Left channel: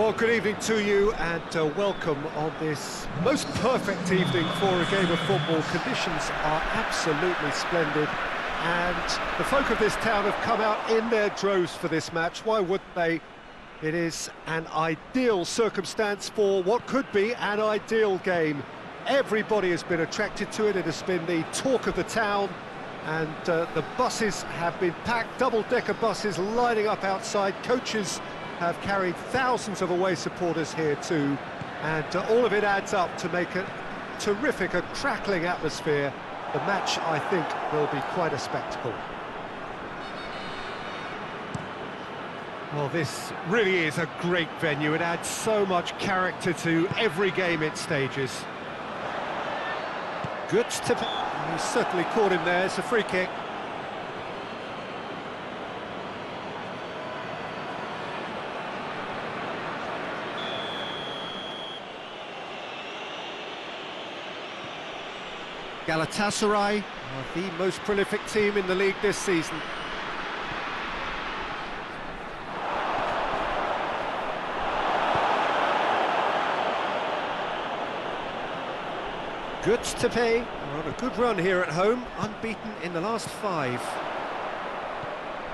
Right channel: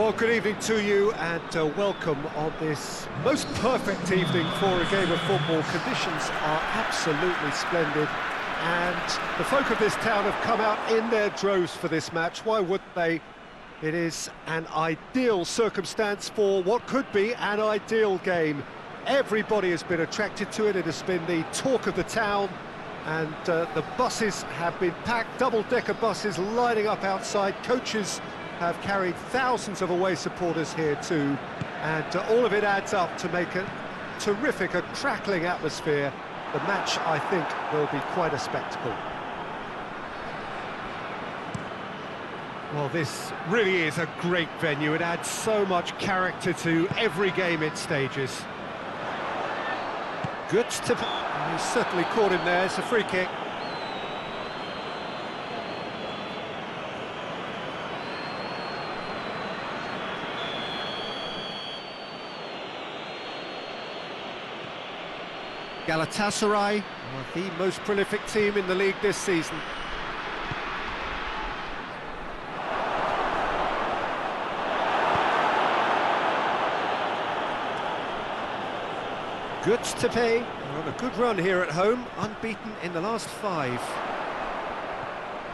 Well, good evening to you and welcome on this most perfect evening for a game of football. Conditions are absolutely splendid and the folk of this town have come out in their droves for this match. Why wouldn't they? It is an ideal circumstance for what could be an ideal game. Everybody has been attracted to it. It has been the talk of the town and the buses have been packed, double-decker buses lining up outside. Coaches have carried thousands of away supporters here too, and all of it adds up to make a terrific, a crackling atmosphere. The match, I think, will be quite a spectacle. Well, this really is a great venue. It adds so much character to every game it stages. Good to... He's certainly caught him there. It's a free kick. Galatasaray are the most prolific team in the league this season. Good to pay. They're on a good run here at home, unbeaten in the last 5.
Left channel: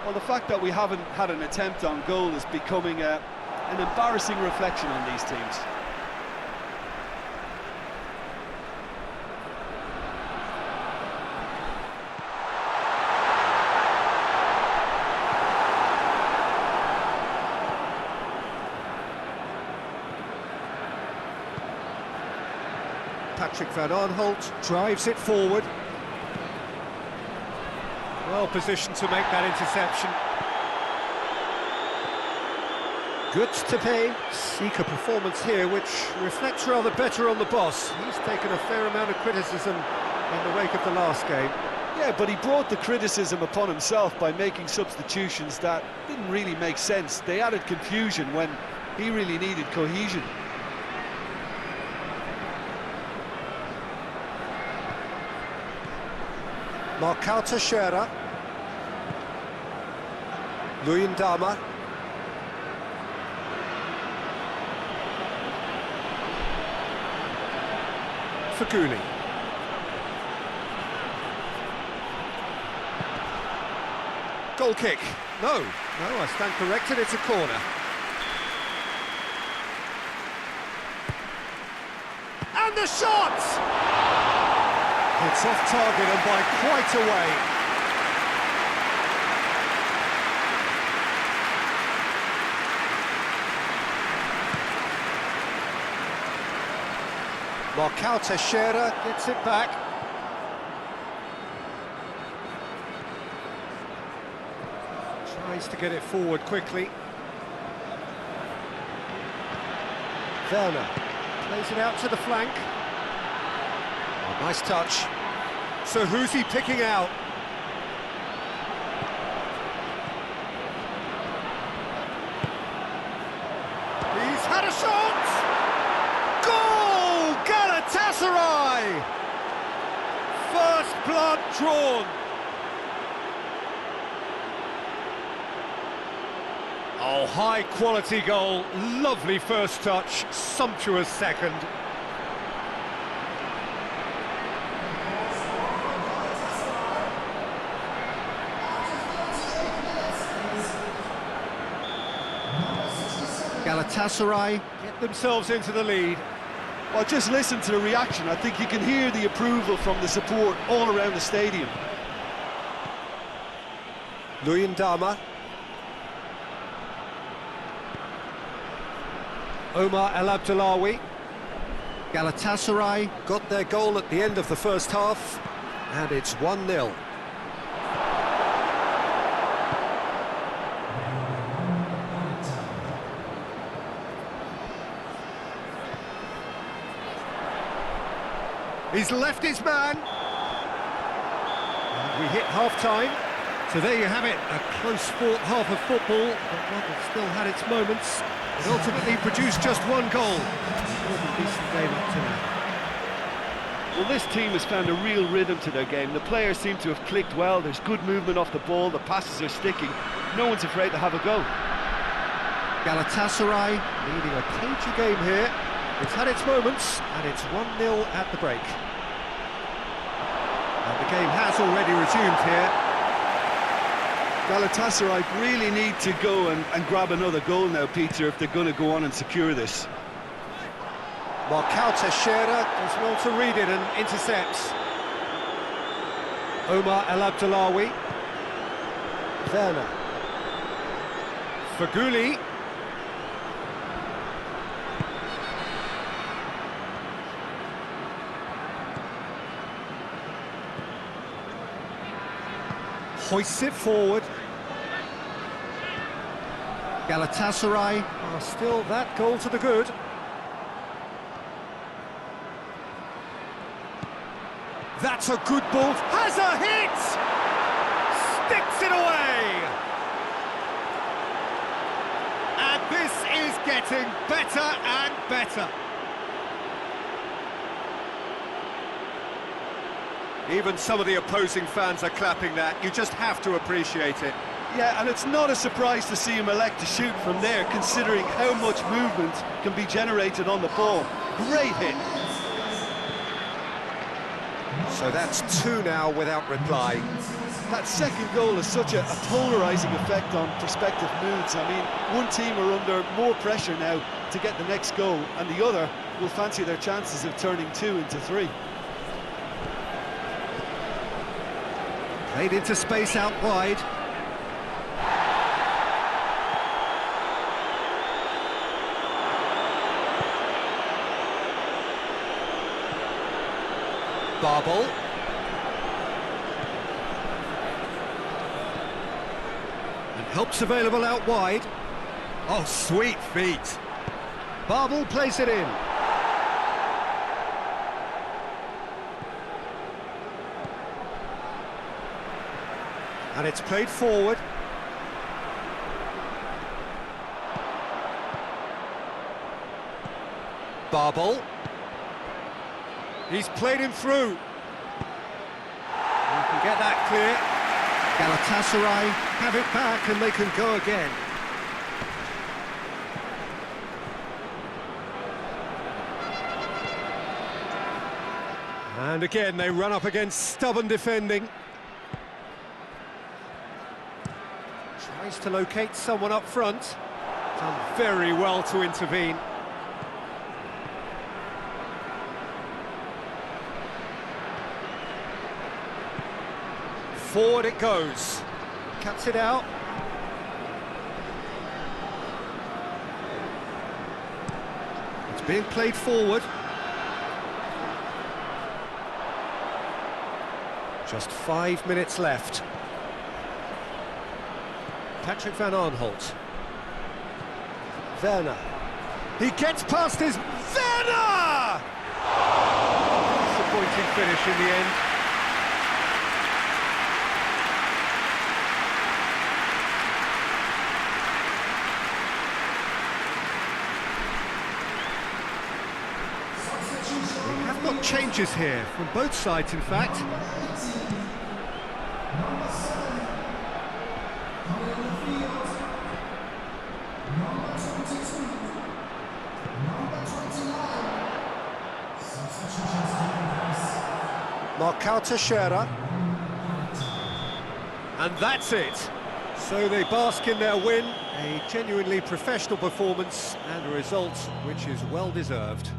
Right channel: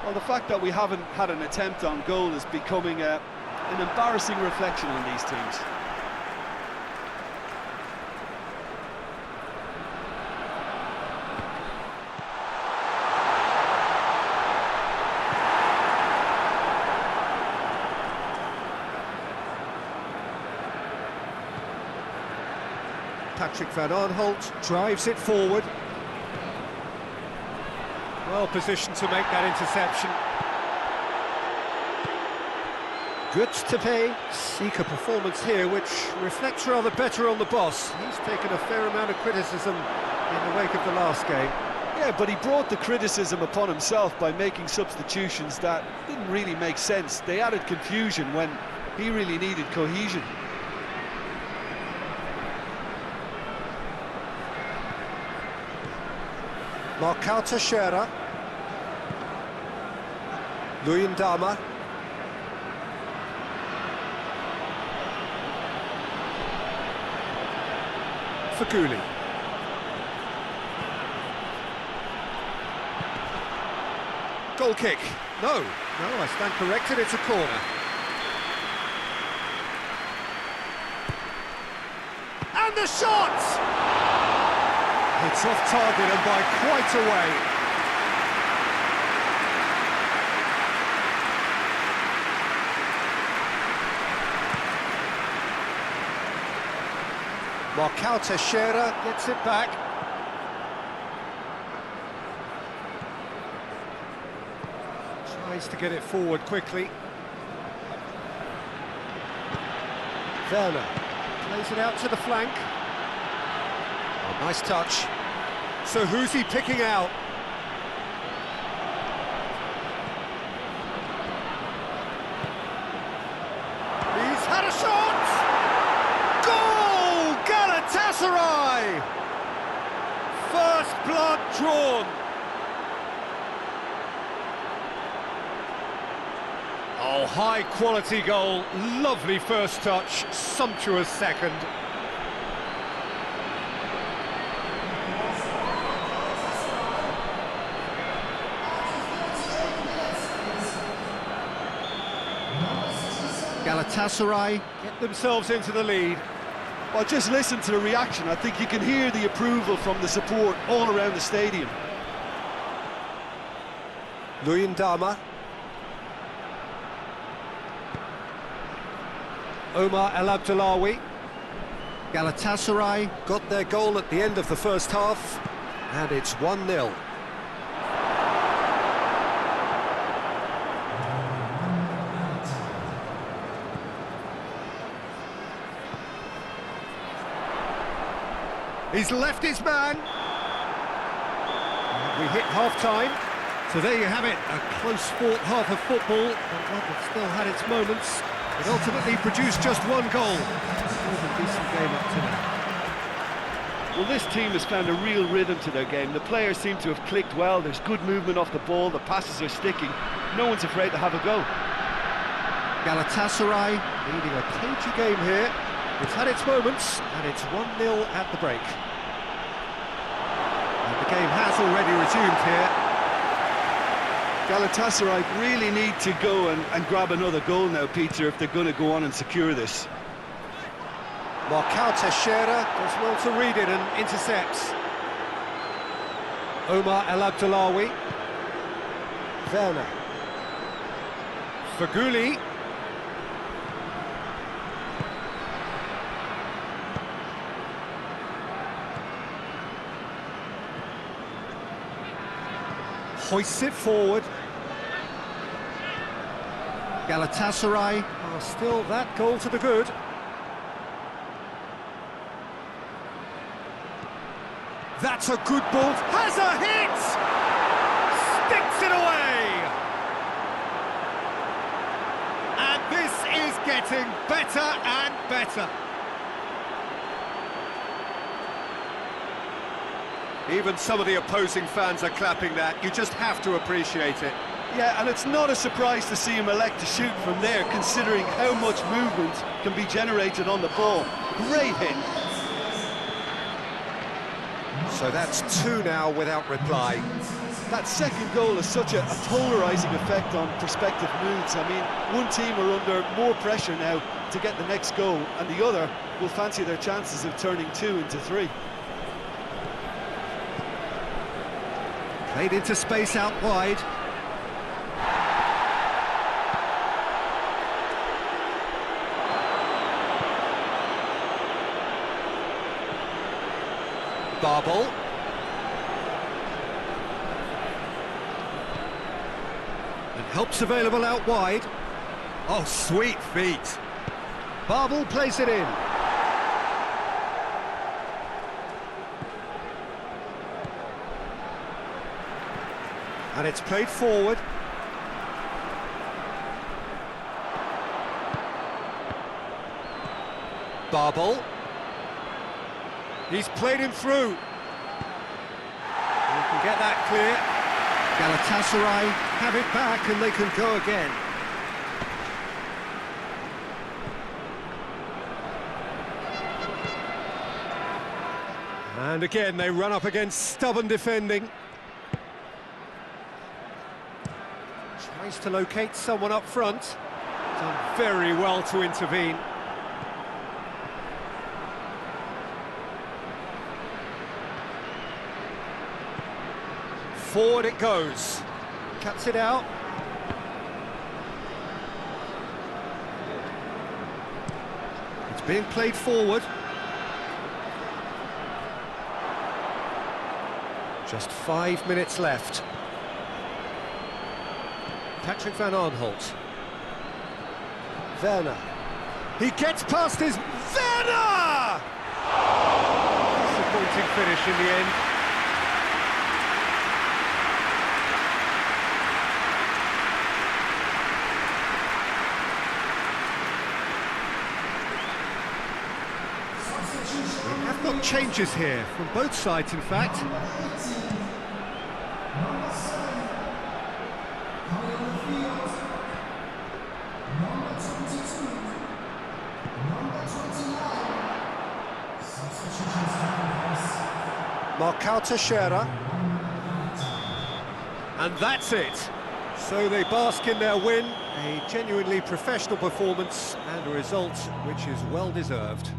Well, the fact that we haven't had an attempt on goal is becoming an embarrassing reflection on these teams. Patrick van Aanholt drives it forward. Well positioned to make that interception. Good to pay. Seek a performance here which reflects rather better on the boss. He's taken a fair amount of criticism in the wake of the last game. Yeah, but he brought the criticism upon himself by making substitutions that didn't really make sense. They added confusion when he really needed cohesion. Marcao Teixeira. Luyendama. Faguli. Goal kick. No, I stand corrected, it's a corner. And the shot! It's off target and by quite a way. Marcao Teixeira gets it back. Tries to get it forward quickly. Werner plays it out to the flank. Oh, nice touch. So who's he picking out? He's had a shot! Goal! Galatasaray! First blood drawn. Oh, high quality goal. Lovely first touch, sumptuous second. Galatasaray get themselves into the lead. Well, just listen to the reaction. I think you can hear the approval from the support all around the stadium. Luyendama. Omar El Abdullawi. Galatasaray got their goal at the end of the first half, and it's 1-0. He's left his man. And we hit half-time. So there you have it, a close-fought half of football, but one that still had its moments. It ultimately produced just one goal. A more than decent game up to now. Well, this team has found a real rhythm to their game. The players seem to have clicked well. There's good movement off the ball. The passes are sticking. No one's afraid to have a go. Galatasaray leading a cagey game here. It's had its moments, and it's 1-0 at the break. And the game has already resumed here. Galatasaray really need to go and grab another goal now, Peter, if they're going to go on and secure this. Teixeira does well to read it and intercepts. Omar El Abdullawi. Werner. Faguli. Hoists it forward. Galatasaray are still that goal to the good. That's a good ball. Has a hit! Sticks it away! And this is getting better and better. Even some of the opposing fans are clapping that. You just have to appreciate it. Yeah, and it's not a surprise to see him elect to shoot from there, considering how much movement can be generated on the ball. Great hit. So that's 2 now without reply. That second goal has such a polarising effect on prospective moods. I mean, one team are under more pressure now to get the next goal, and the other will fancy their chances of turning 2 into 3. Played into space out wide. Barbel. And help's available out wide. Oh, sweet feet. Barbel plays it in. And it's played forward. Barbel. He's played him through. You can get that clear. Galatasaray have it back and they can go again. And again they run up against stubborn defending. Tries to locate someone up front. Done very well to intervene. Forward it goes. Cuts it out. It's being played forward. Just 5 minutes left. Patrick van Arnholt. Werner. He gets past his... Werner! Disappointing finish in the end. We have got changes here, from both sides in fact. Teixeira. And that's it. So they bask in their win, a genuinely professional performance and a result which is well deserved.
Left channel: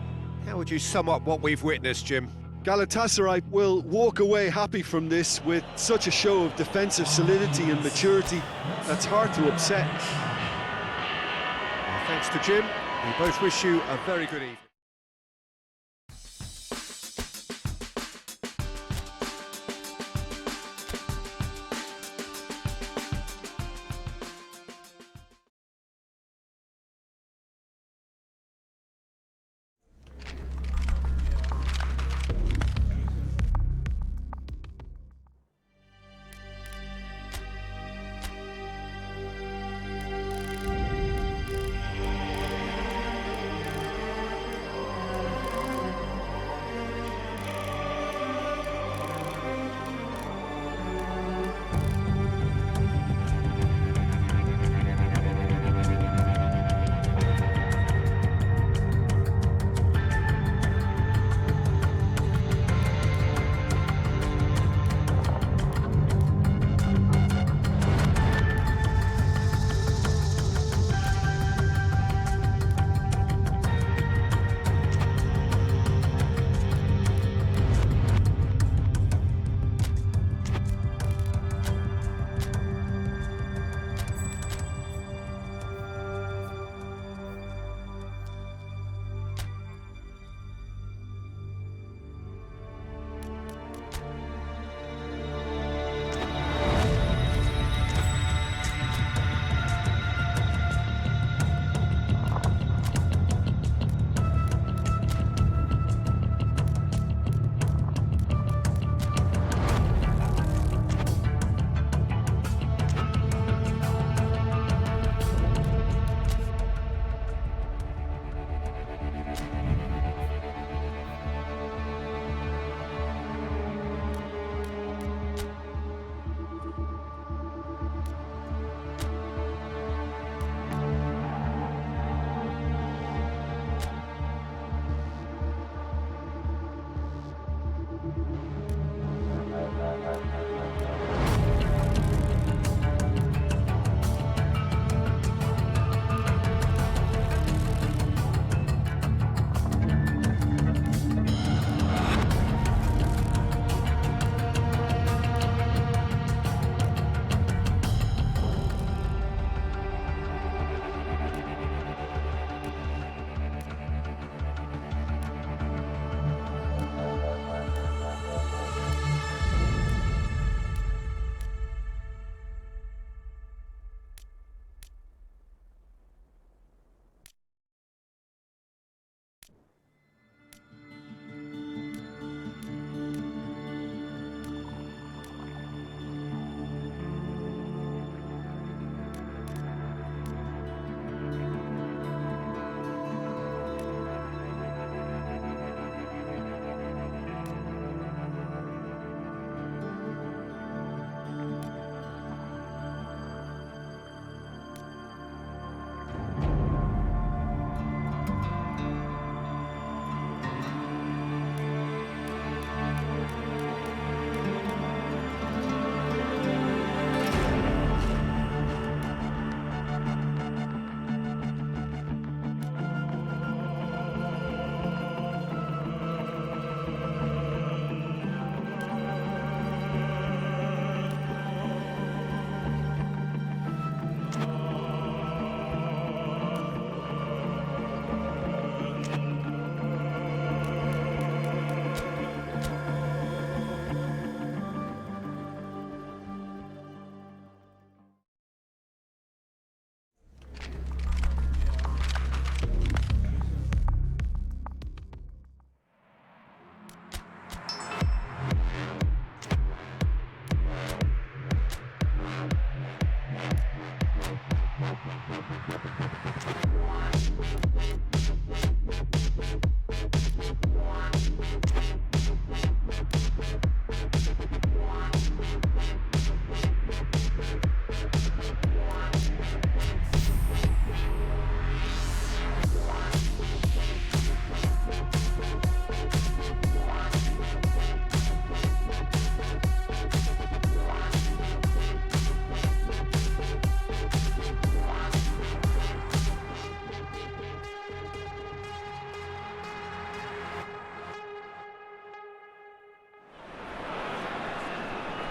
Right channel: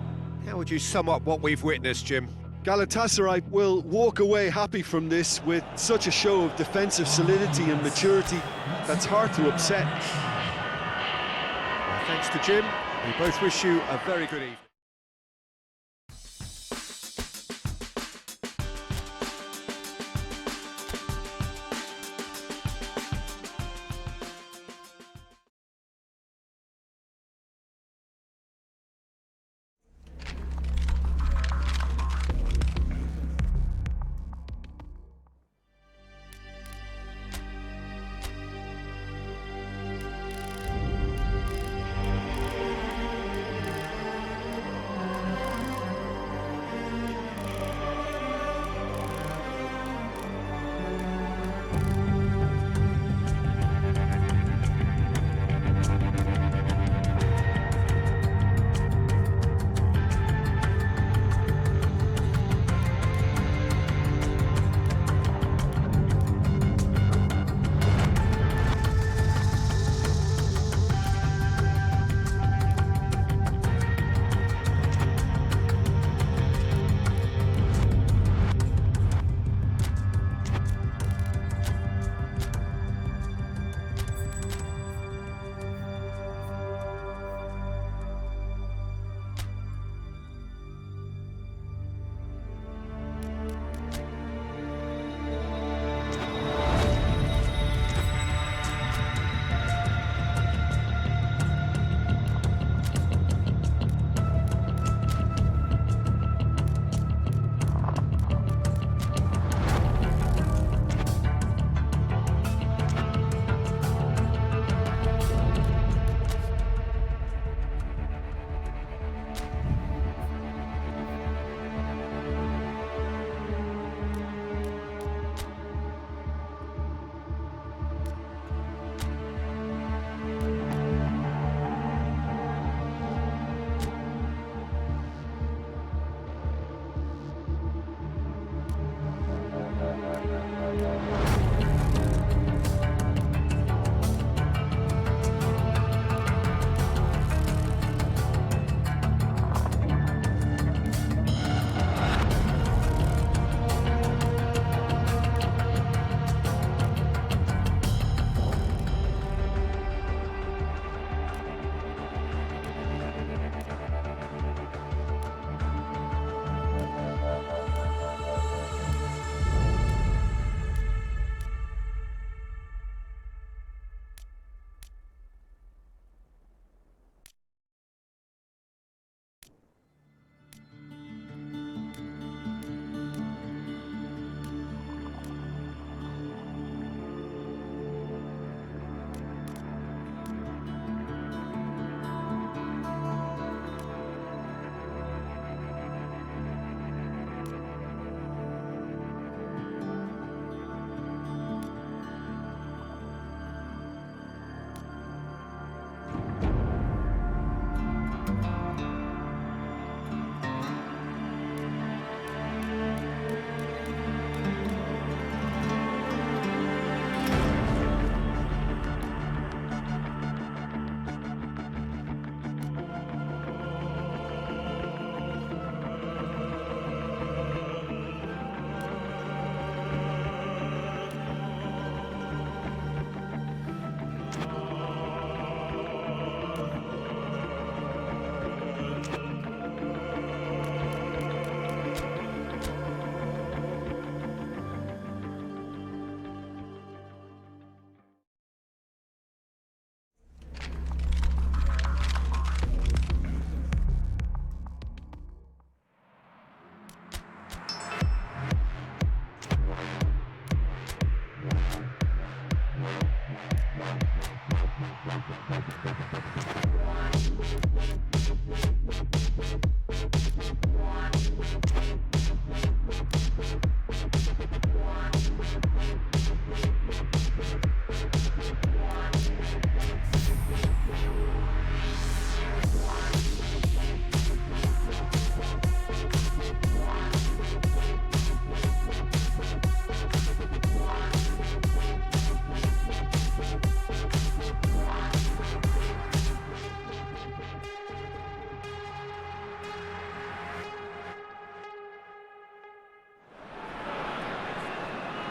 How would you sum up what we've witnessed, Jim? Galatasaray will walk away happy from this with such a show of defensive solidity and maturity that's hard to upset. Well, thanks to Jim. We both wish you a very good evening.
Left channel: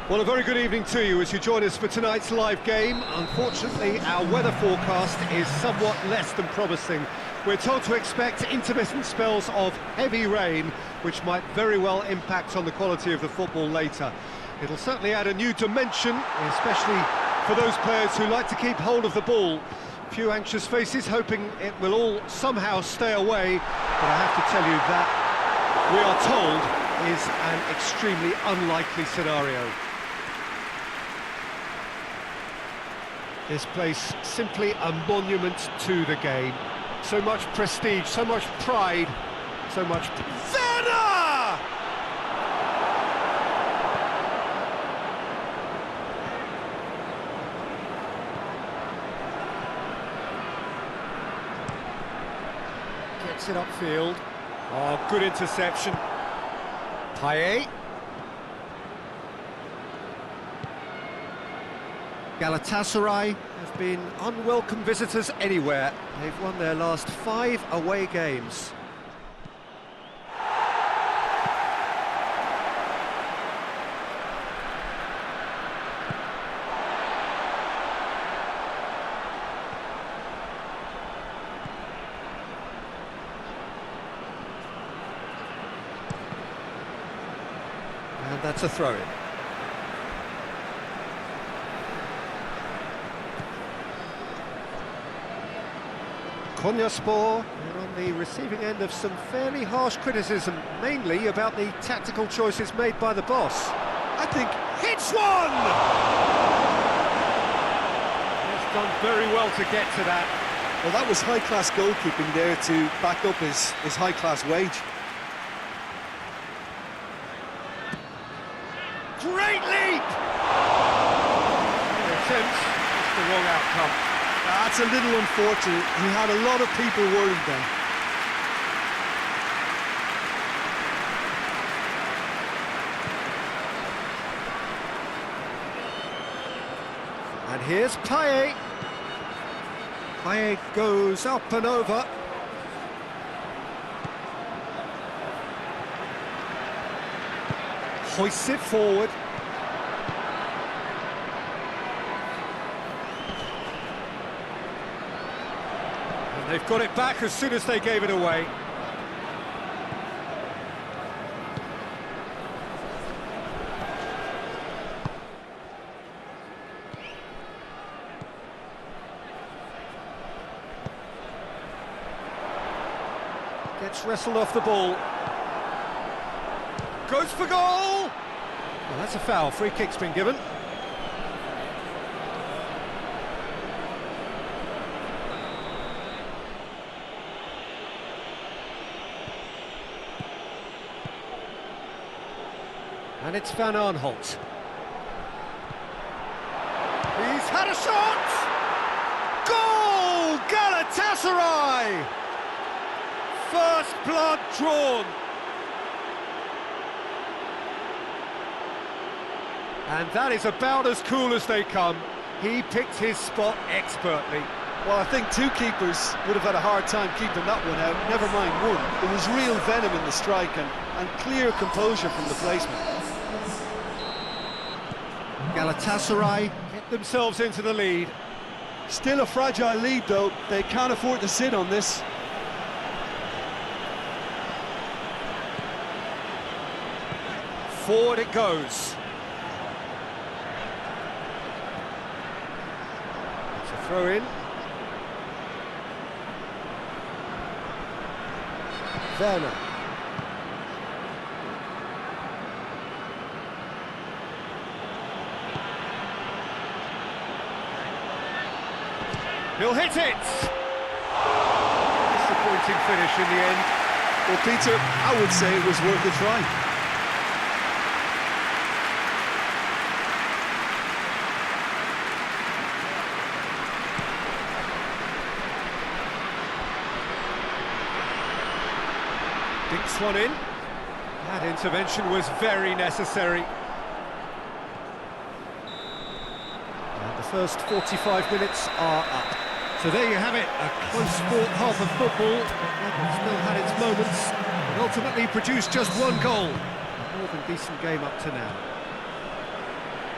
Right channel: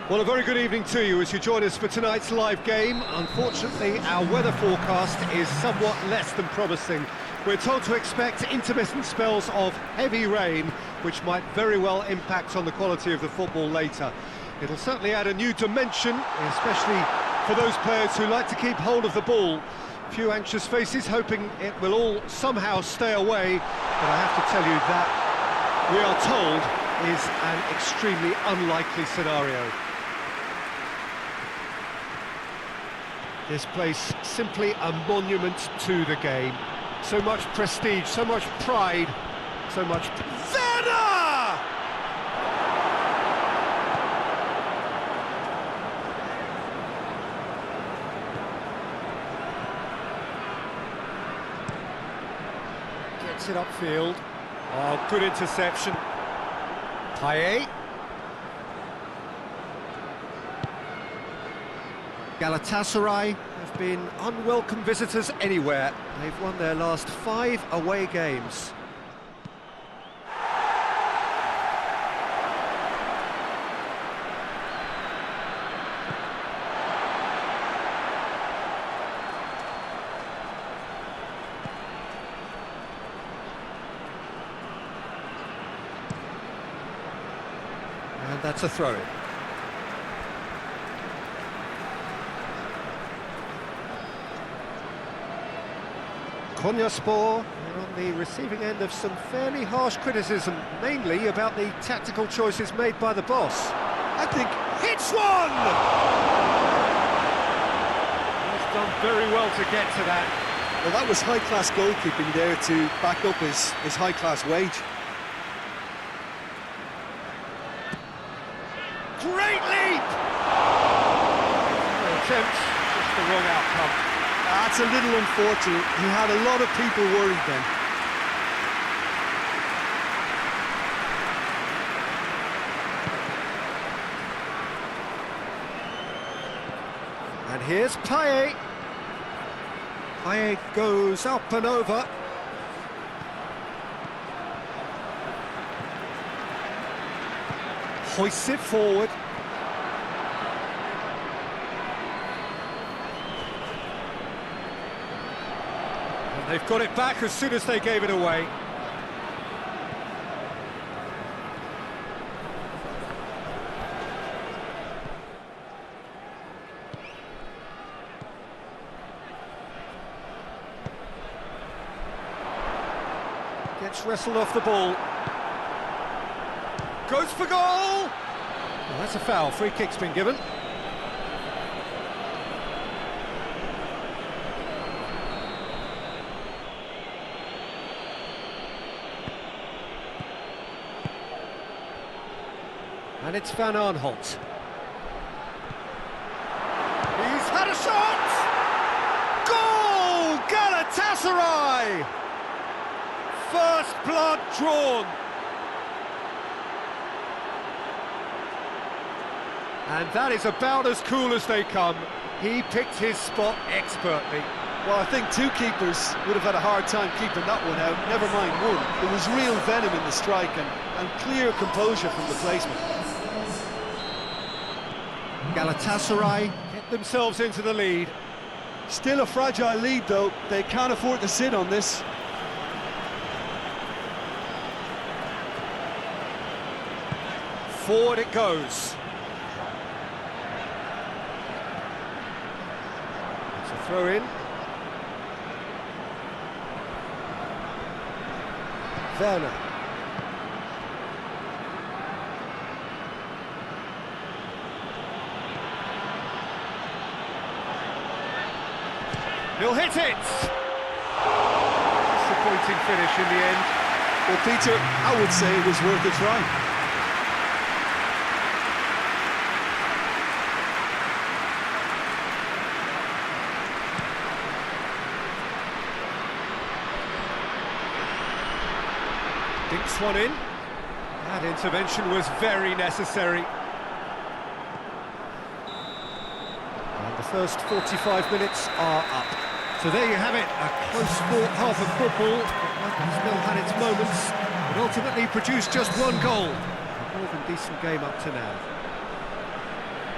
Well, a very good evening to you as you join us for tonight's live game. Unfortunately, our weather forecast is somewhat less than promising. We're told to expect intermittent spells of heavy rain, which might very well impact on the quality of the football later. It'll certainly add a new dimension, especially for those players who like to keep hold of the ball. Few anxious faces hoping it will all somehow stay away, but I have to tell you that we are told is an extremely unlikely scenario. This place simply a monument to the game. So much prestige, so much pride, so much... Werner! Gets it upfield. Oh, good interception. Payet. Galatasaray have been unwelcome visitors anywhere. They've won their last 5 away games. And that's a throw-in. Konyaspor are on the receiving end of some fairly harsh criticism, mainly about the tactical choices made by the boss. I think Hits one! He's done very well to get to that. well, that was high-class goalkeeping there to back up his high-class wage. Great leap! Attempt, just the wrong outcome. That's a little unfortunate. He had a lot of people worried then. And here's Payet. Payet goes up and over. Hoists it forward. And they've got it back as soon as they gave it away. Gets wrestled off the ball. Goes for goal! Well, that's a foul. Free kick's been given. And it's Van Aanholt. He's had a shot! Goal! Galatasaray! First blood drawn. And that is about as cool as they come. He picked his spot expertly. Well, I think 2 keepers would have had a hard time keeping that one out, never mind 1. There was real venom in the strike and clear composure from the placement. Galatasaray get themselves into the lead. Still a fragile lead, though. They can't afford to sit on this. Forward it goes. It's a throw-in. Werner. He'll hit it! Disappointing finish in the end. Well, Peter, I would say it was worth a try. Dinks one in. That intervention was very necessary. And the first 45 minutes are up. So there you have it, a close-fought half of football, but still had its moments, but ultimately produced just 1 goal. A more than decent game up to now.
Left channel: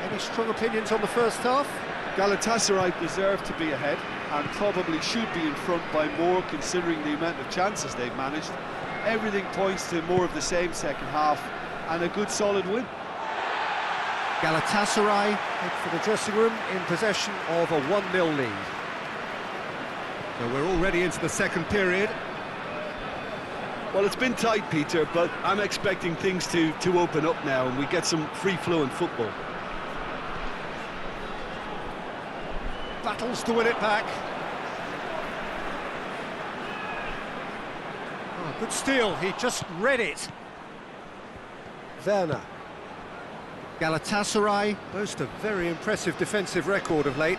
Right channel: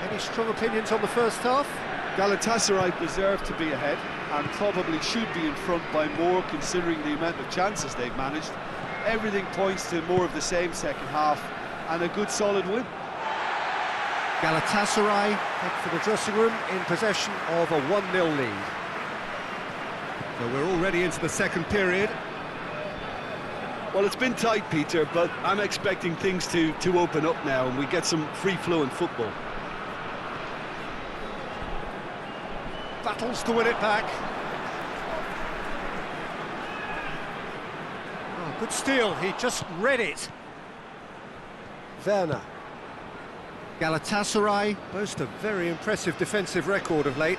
Any strong opinions on the first half? Galatasaray deserve to be ahead and probably should be in front by more considering the amount of chances they've managed. Everything points to more of the same second half and a good solid win. Galatasaray head for the dressing room in possession of a 1-0 lead. So we're already into the second period. Well, it's been tight, Peter, but I'm expecting things to open up now and we get some free-flowing football. Battles to win it back. Oh, good steal, he just read it. Werner. Galatasaray boast a very impressive defensive record of late.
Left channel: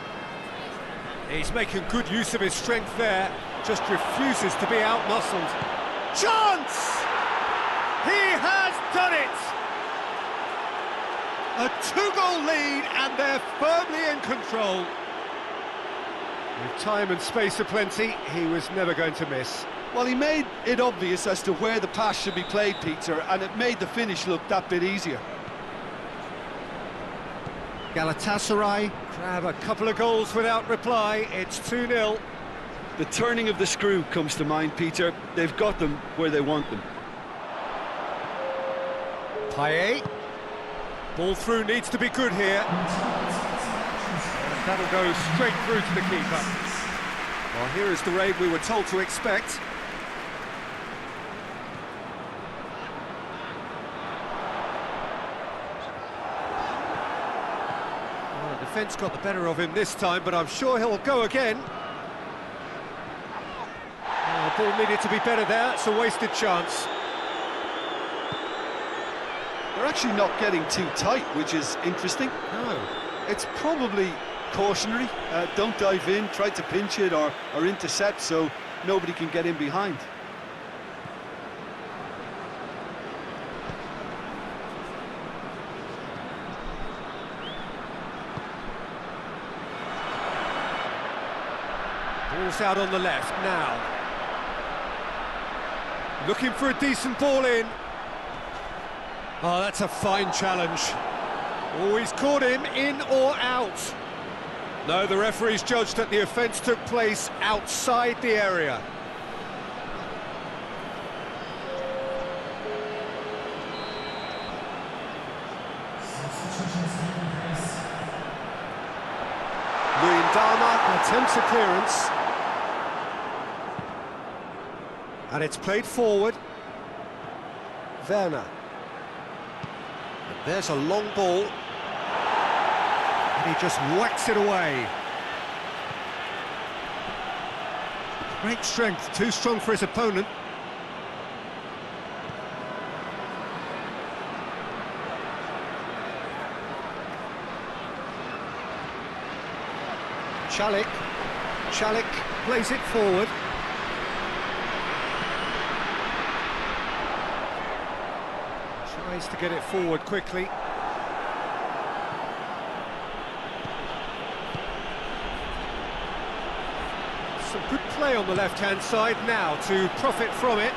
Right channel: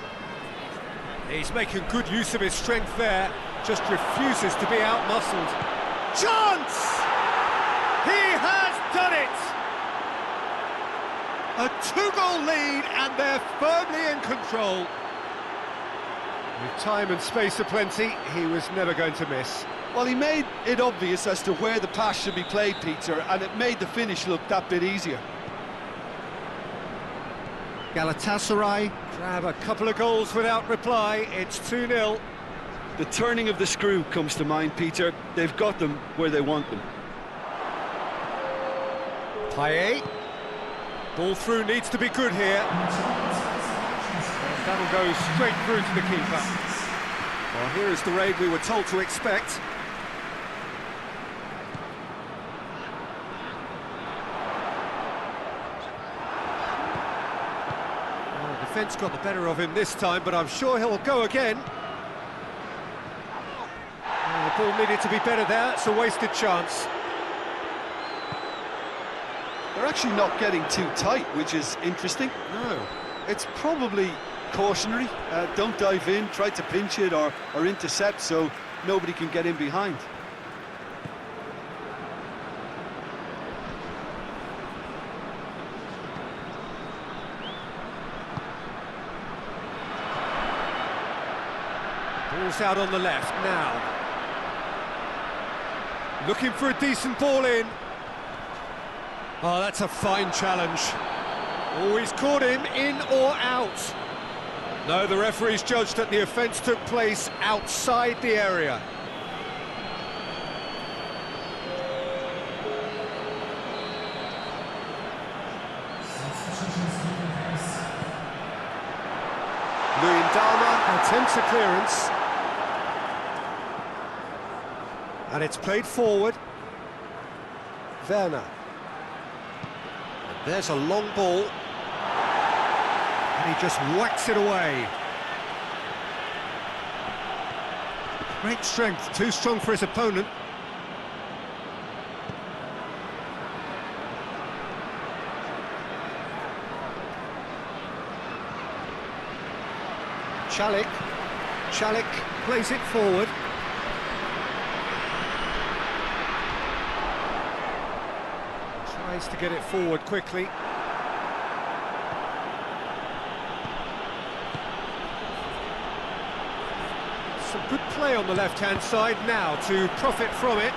He's making good use of his strength there, just refuses to be outmuscled. Chance! He has done it! A 2-goal lead and they're firmly in control. With time and space aplenty, he was never going to miss. Well, he made it obvious as to where the pass should be played, Peter, and it made the finish look that bit easier. Galatasaray grab a couple of goals without reply. It's 2-0. The turning of the screw comes to mind, Peter. They've got them where they want them. Payet. Ball through needs to be good here. And that'll go straight through to the keeper. Well, here is the raid we were told to expect. Well, the defence got the better of him this time, but I'm sure he'll go again. Oh, the ball needed to be better there. It's a wasted chance. They're actually not getting too tight, which is interesting. No. It's probably cautionary. Don't dive in, try to pinch it or intercept so nobody can get in behind. Ball's out on the left now. Looking for a decent ball in. Oh, that's a fine challenge. Oh, he's caught him in or out. No, the referee's judged that the offence took place outside the area. Luyendama attempts a clearance. And it's played forward. Werner. And there's a long ball. And he just whacks it away. Great strength, too strong for his opponent. Chalik plays it forward. Tries to get it forward quickly. Some good play on the left-hand side now to profit from it.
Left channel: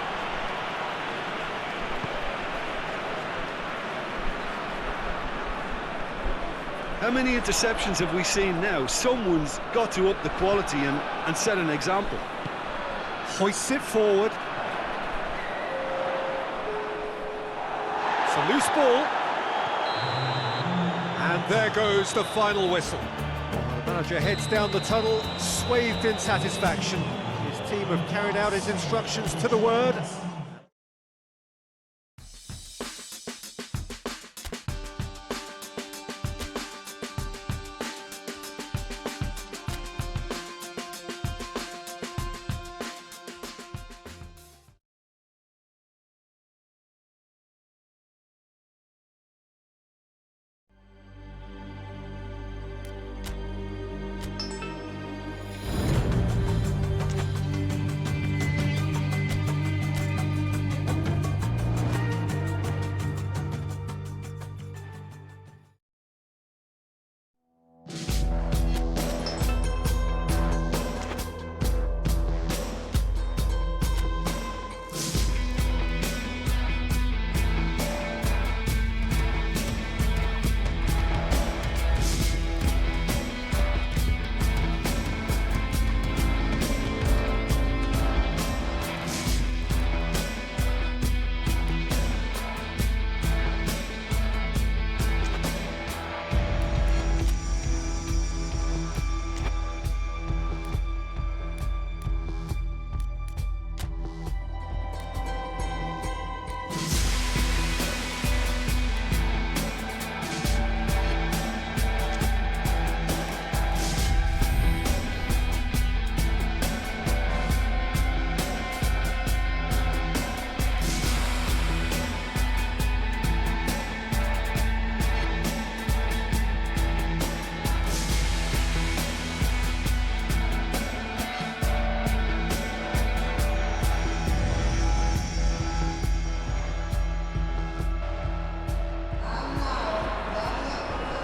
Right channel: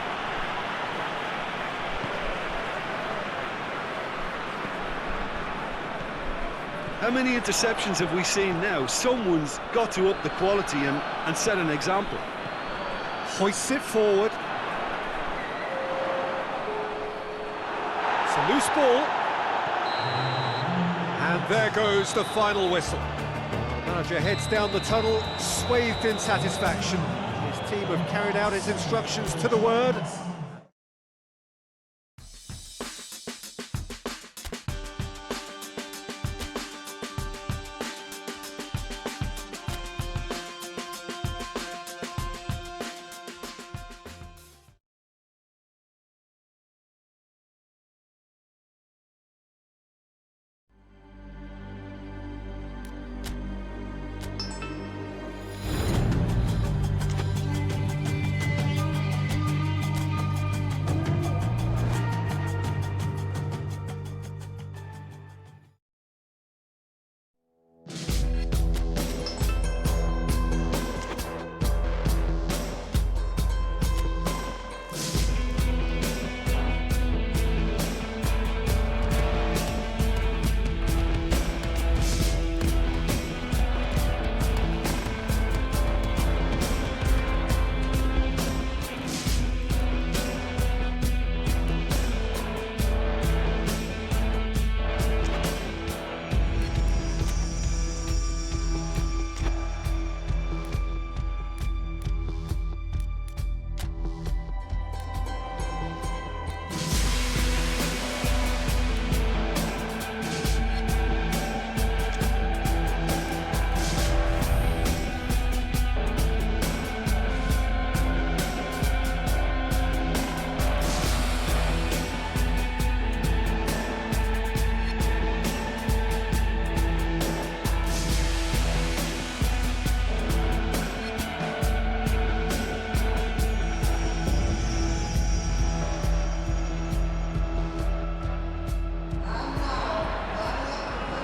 How many interceptions have we seen now? Someone's got to up the quality and set an example. Hoists it forward. It's a loose ball. And there goes the final whistle. Well, the manager heads down the tunnel, swathed in satisfaction. His team have carried out his instructions to the word.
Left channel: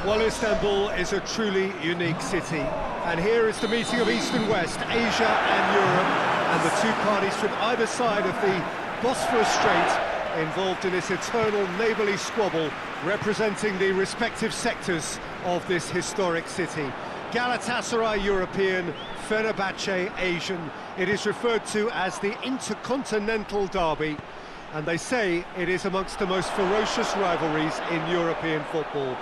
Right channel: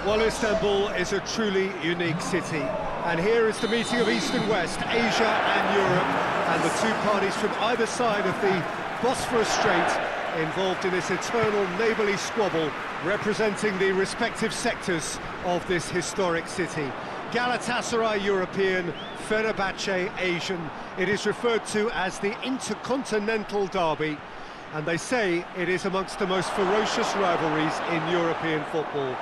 Well, Istanbul is a truly unique city, and here is the meeting of East and West, Asia and Europe, and the two parties from either side of the Bosphorus Strait involved in this eternal neighbourly squabble, representing the respective sectors of this historic city. Galatasaray European, Fenerbahce Asian. It is referred to as the Intercontinental Derby, and they say it is amongst the most ferocious rivalries in European football.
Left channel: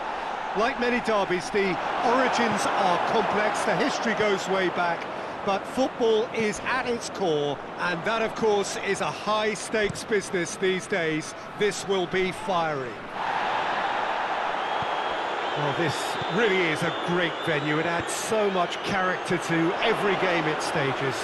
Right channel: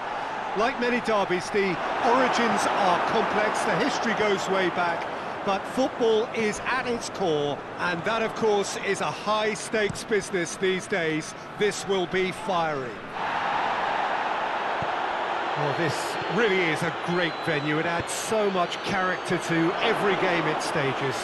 Like many derbies, the origins are complex, the history goes way back, but football is at its core, and that, of course, is a high-stakes business these days. This will be fiery. Well, this really is a great venue. It adds so much character to every game it stages.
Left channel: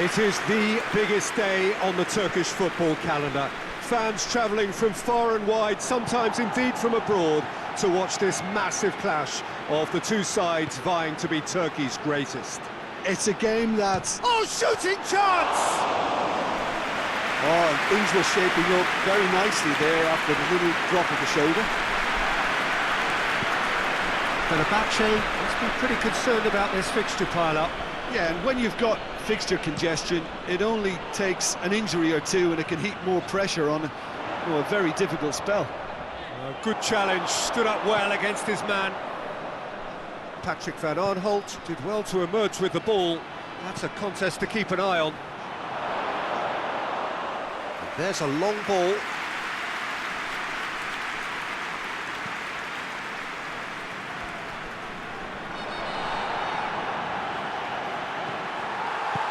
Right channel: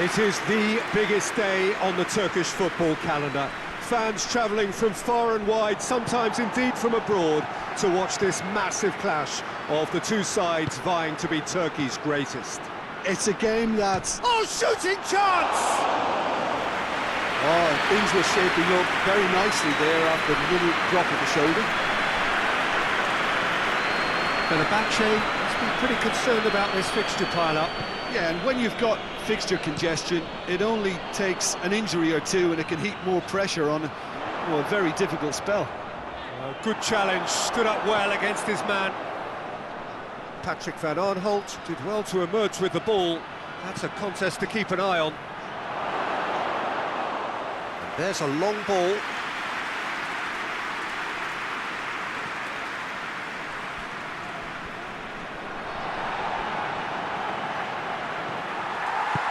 It is the biggest day on the Turkish football calendar. Fans travelling from far and wide, sometimes indeed from abroad, to watch this massive clash of the two sides vying to be Turkey's greatest. It's a game that's... Oh, shooting chance! Oh, and things were shaping up very nicely there after the little drop of the shoulder. Fenerbahce must be pretty concerned about this fixture pile-up. Yeah, and when you've got fixture congestion, it only takes an injury or two and it can heap more pressure on a very difficult spell. Good challenge, stood up well against his man. Patrick van Aanholt did well to emerge with the ball. That's a contest to keep an eye on. And there's a long ball.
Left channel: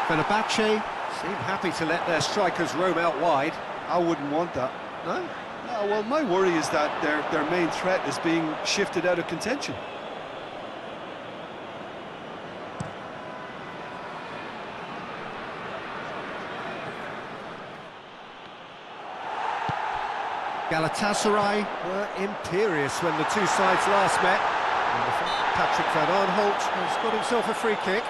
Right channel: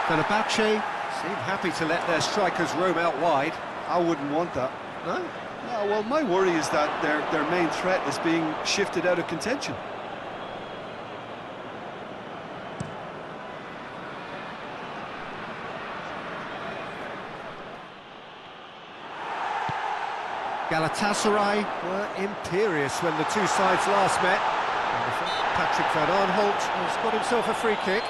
Fenerbahce seem happy to let their strikers roam out wide. I wouldn't want that. No? No, well, my worry is that their main threat is being shifted out of contention. Galatasaray were imperious when the two sides last met. Patrick van Aanholt has got himself a free kick.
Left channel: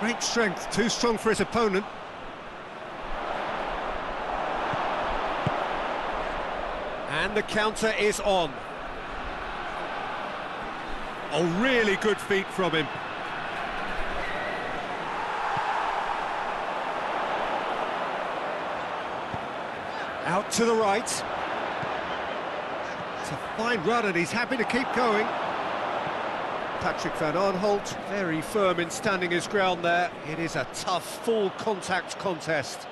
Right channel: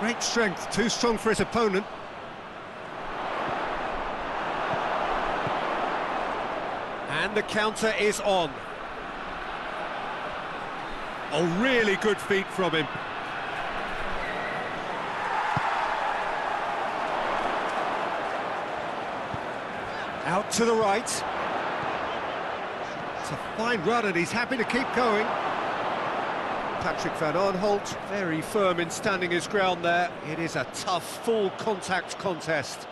Great strength, too strong for his opponent. And the counter is on. Oh, really good feet from him. Out to the right. It's a fine run and he's happy to keep going. Patrick van Aanholt, very firm in standing his ground there. It is a tough, full-contact contest.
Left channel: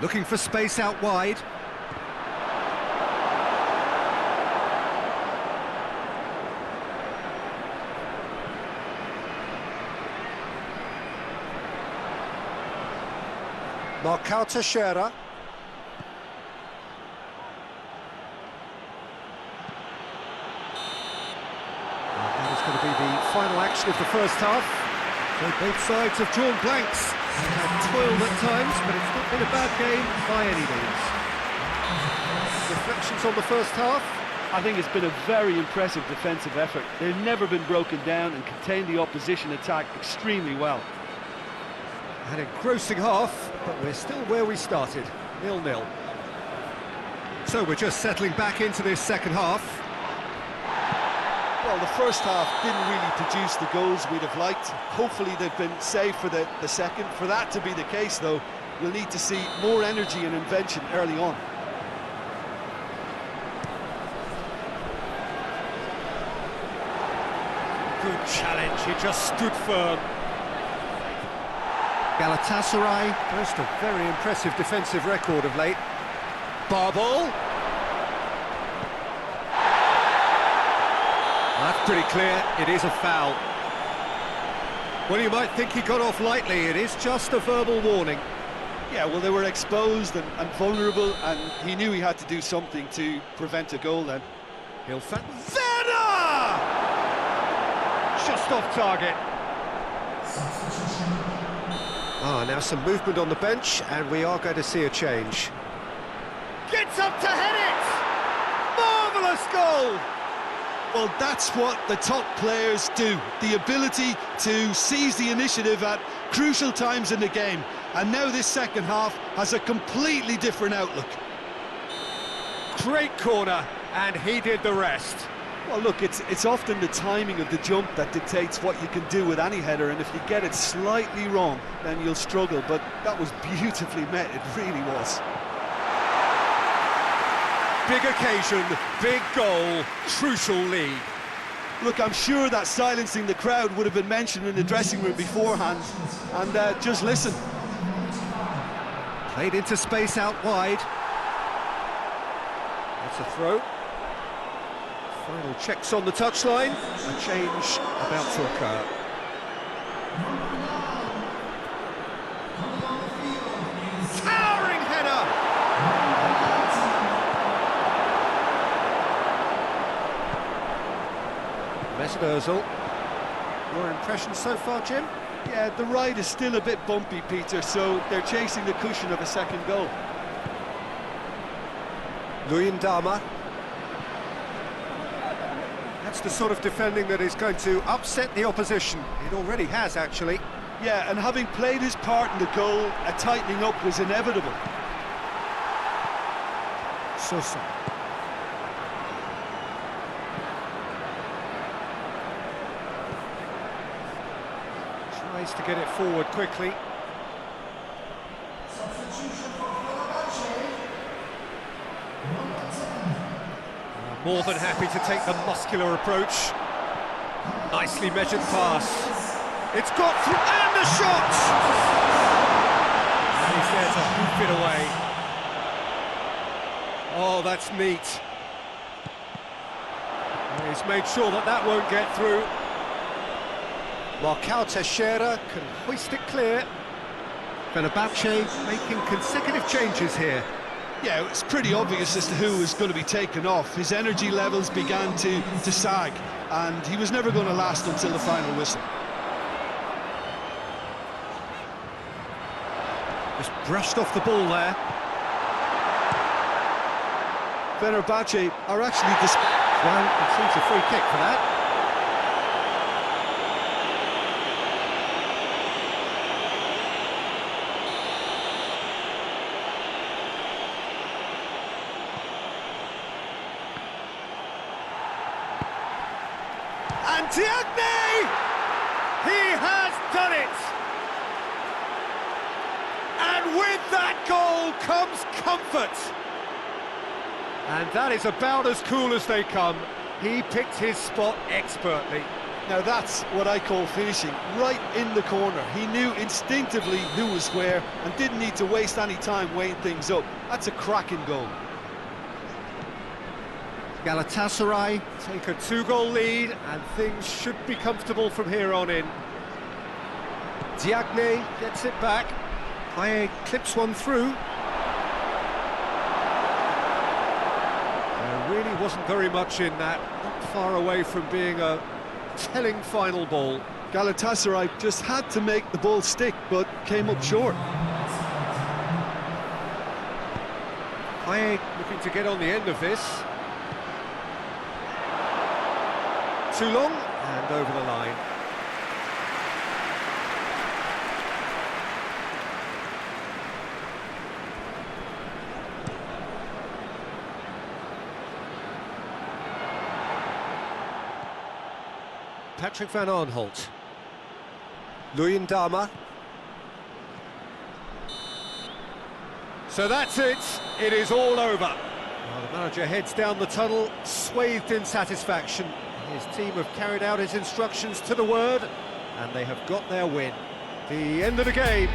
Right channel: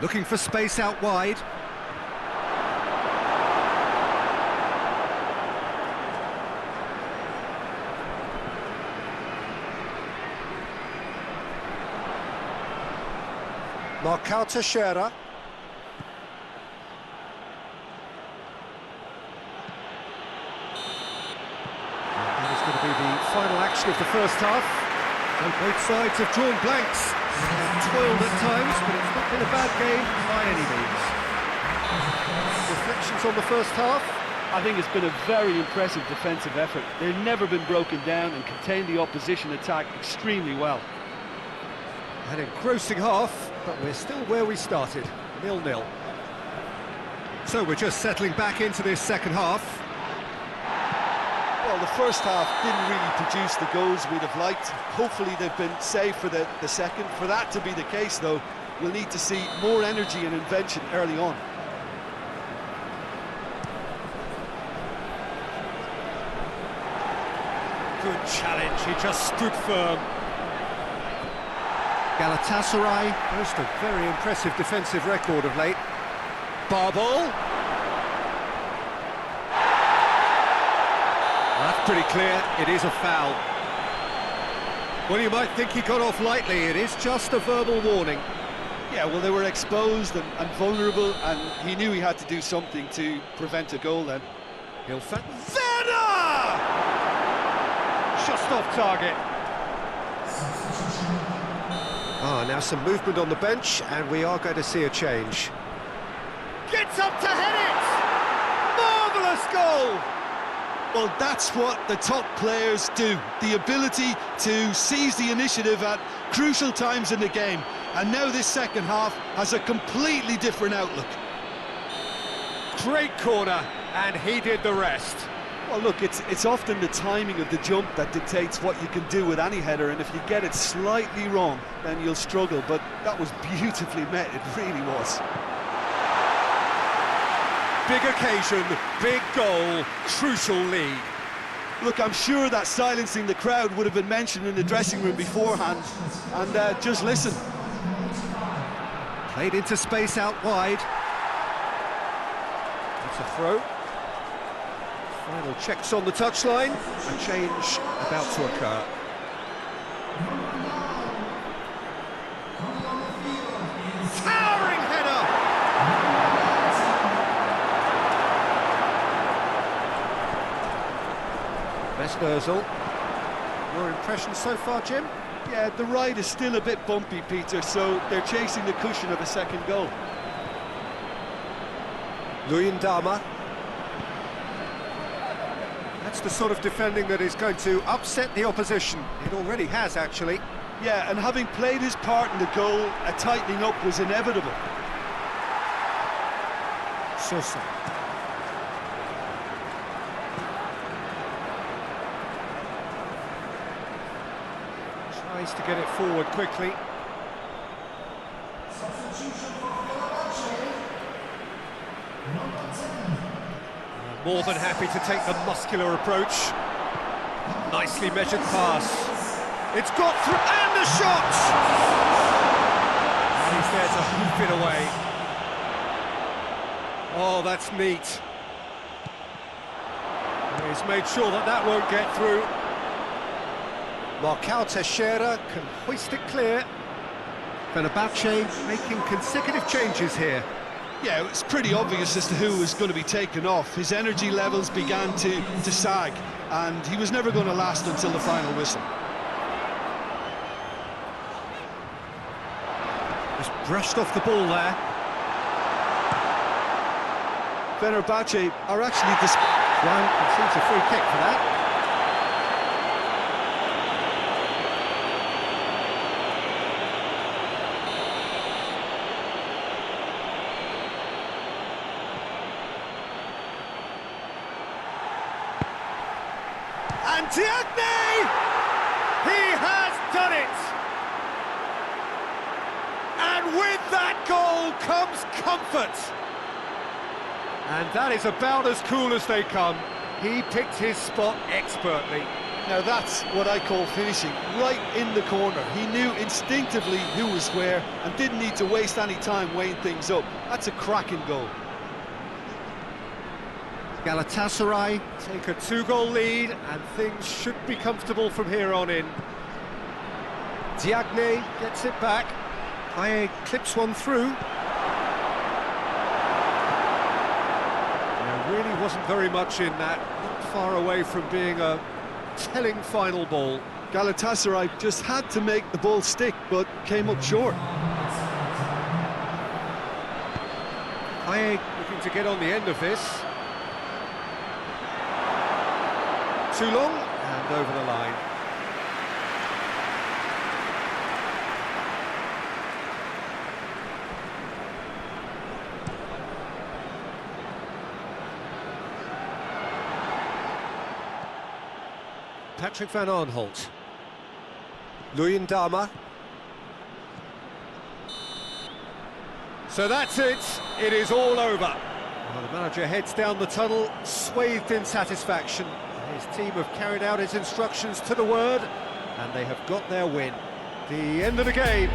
Looking for space out wide. Marcao Teixeira. That is going to be the final action of the first half. So both sides have drawn blanks. They have toiled at times, but it's not been a bad game by any means. Reflections on the first half? I think it's been a very impressive defensive effort. They've never been broken down and contained the opposition attack extremely well. An engrossing half, but we're still where we started, 0-0. So we're just settling back into this second half. Well, the first half didn't really produce the goals we'd have liked. Hopefully they've been saved for the second. For that to be the case, though, we'll need to see more energy and invention early on. Good challenge, he just stood firm. Galatasaray boast a very impressive defensive record of late. Barbol. That's pretty clear, it is a foul. Well, you might think he got off lightly, it is just a verbal warning. Yeah, well, they were exposed and vulnerable, and he knew he had to do something to prevent a goal then. Werner! Just off target. Ah, now some movement on the bench, and we are going to see a change. Gets up to head it! Marvellous goal! Well, that's what the top players do. The ability to seize the initiative at crucial times in the game. And now this second half has a completely different outlook. Great corner, and he did the rest. Well, look, it's often the timing of the jump that dictates what you can do with any header, and if you get it slightly wrong, then you'll struggle. But that was beautifully met, it really was. Big occasion, big goal, crucial lead. Look, I'm sure that silencing the crowd would have been mentioned in the dressing room beforehand. And just listen. Played into space out wide. That's a throw. Final checks on the touchline. A change about to occur. Towering header! Mesut Ozil. Your impressions so far, Jim? Yeah, the ride is still a bit bumpy, Peter, so they're chasing the cushion of a second goal. Luyendama. That's the sort of defending that is going to upset the opposition. It already has, actually. Yeah, and having played his part in the goal, a tightening up was inevitable. Sosa. Tries to get it forward quickly. More than happy to take the muscular approach. Nicely measured pass. It's got through, and the shot! And he's there to hoof it away. Oh, that's neat. He's made sure that that won't get through. Marcao Teixeira can hoist it clear. Fenerbahce making consecutive changes here. Yeah, it's pretty obvious as to who was going to be taken off. His energy levels began to sag, and he was never going to last until the final whistle. Just brushed off the ball there. Fenerbahce are actually One conceives a free kick for that. And Diagne! He has done it! And with that goal comes comfort. And that is about as cool as they come. He picked his spot expertly. Now that's what I call finishing, right in the corner. He knew instinctively who was where and didn't need to waste any time weighing things up. That's a cracking goal. Galatasaray take a 2-goal lead, and things should be comfortable from here on in. Diagne gets it back. Paye clips one through. There really wasn't very much in that, not far away from being a telling final ball. Galatasaray just had to make the ball stick, but came up short. Paye looking to get on the end of this. Too long, and over the line. Patrick van Aanholt. Luyendama. So that's it. It is all over. Well, the manager heads down the tunnel, swathed in satisfaction. His team have carried out his instructions to the word, and they have got their win. The end of the game.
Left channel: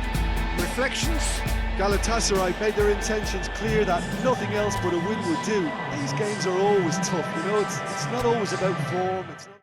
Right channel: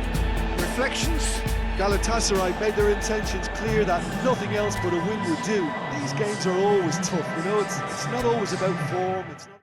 Reflections? Galatasaray made their intentions clear that nothing else but a win would do. These games are always tough, you know, it's not always about form, it's not...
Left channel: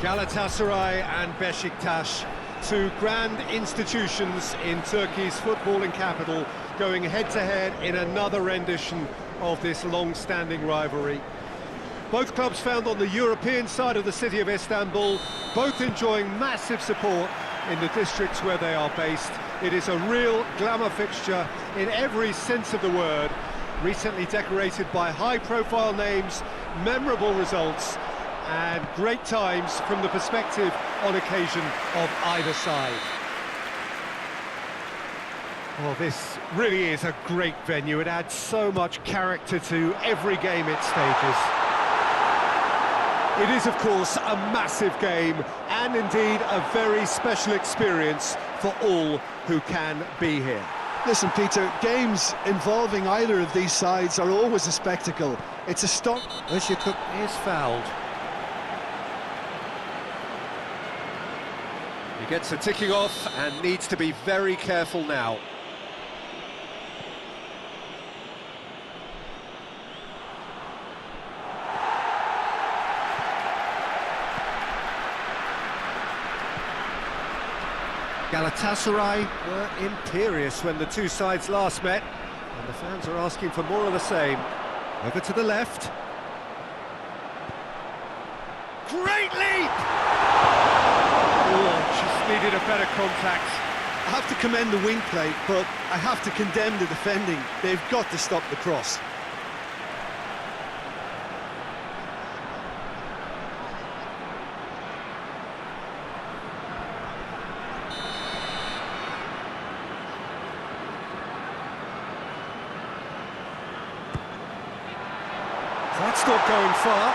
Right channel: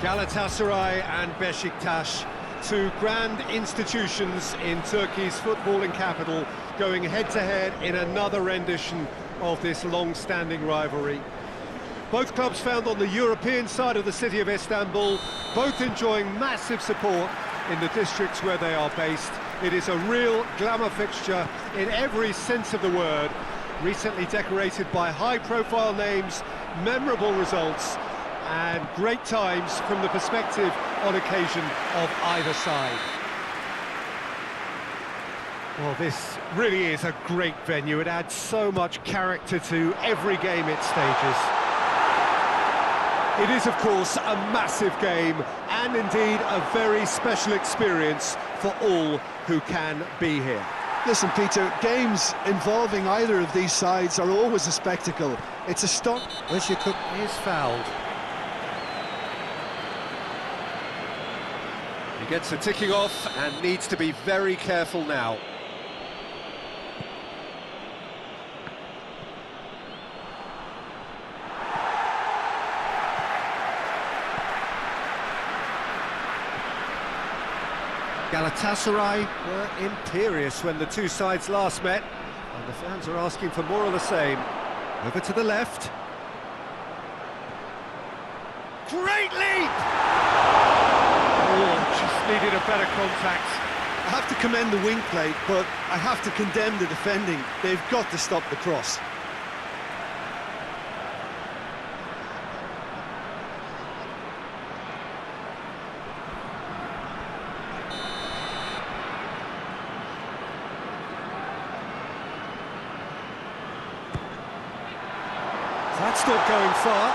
Galatasaray and Beşiktaş, two grand institutions in Turkey's footballing capital, going head-to-head in another rendition of this long-standing rivalry. Both clubs found on the European side of the city of Istanbul, both enjoying massive support in the districts where they are based. It is a real glamour fixture in every sense of the word, recently decorated by high-profile names, memorable results, and great times from the perspective on occasion of either side. Well, this really is a great venue. It adds so much character to every game it stages. It is, of course, a massive game and indeed a very special experience for all who can be here. Listen, Peter, games involving either of these sides are always a spectacle. It's a stunt. Özyakup is fouled. He gets a ticking off and needs to be very careful now. Galatasaray were imperious when the two sides last met, and the fans are asking for more of the same. Over to the left. Great leap! Oh, just needed a better contact. I have to commend the wing play, but I have to condemn the defending. They've got to stop the cross. That's not going far.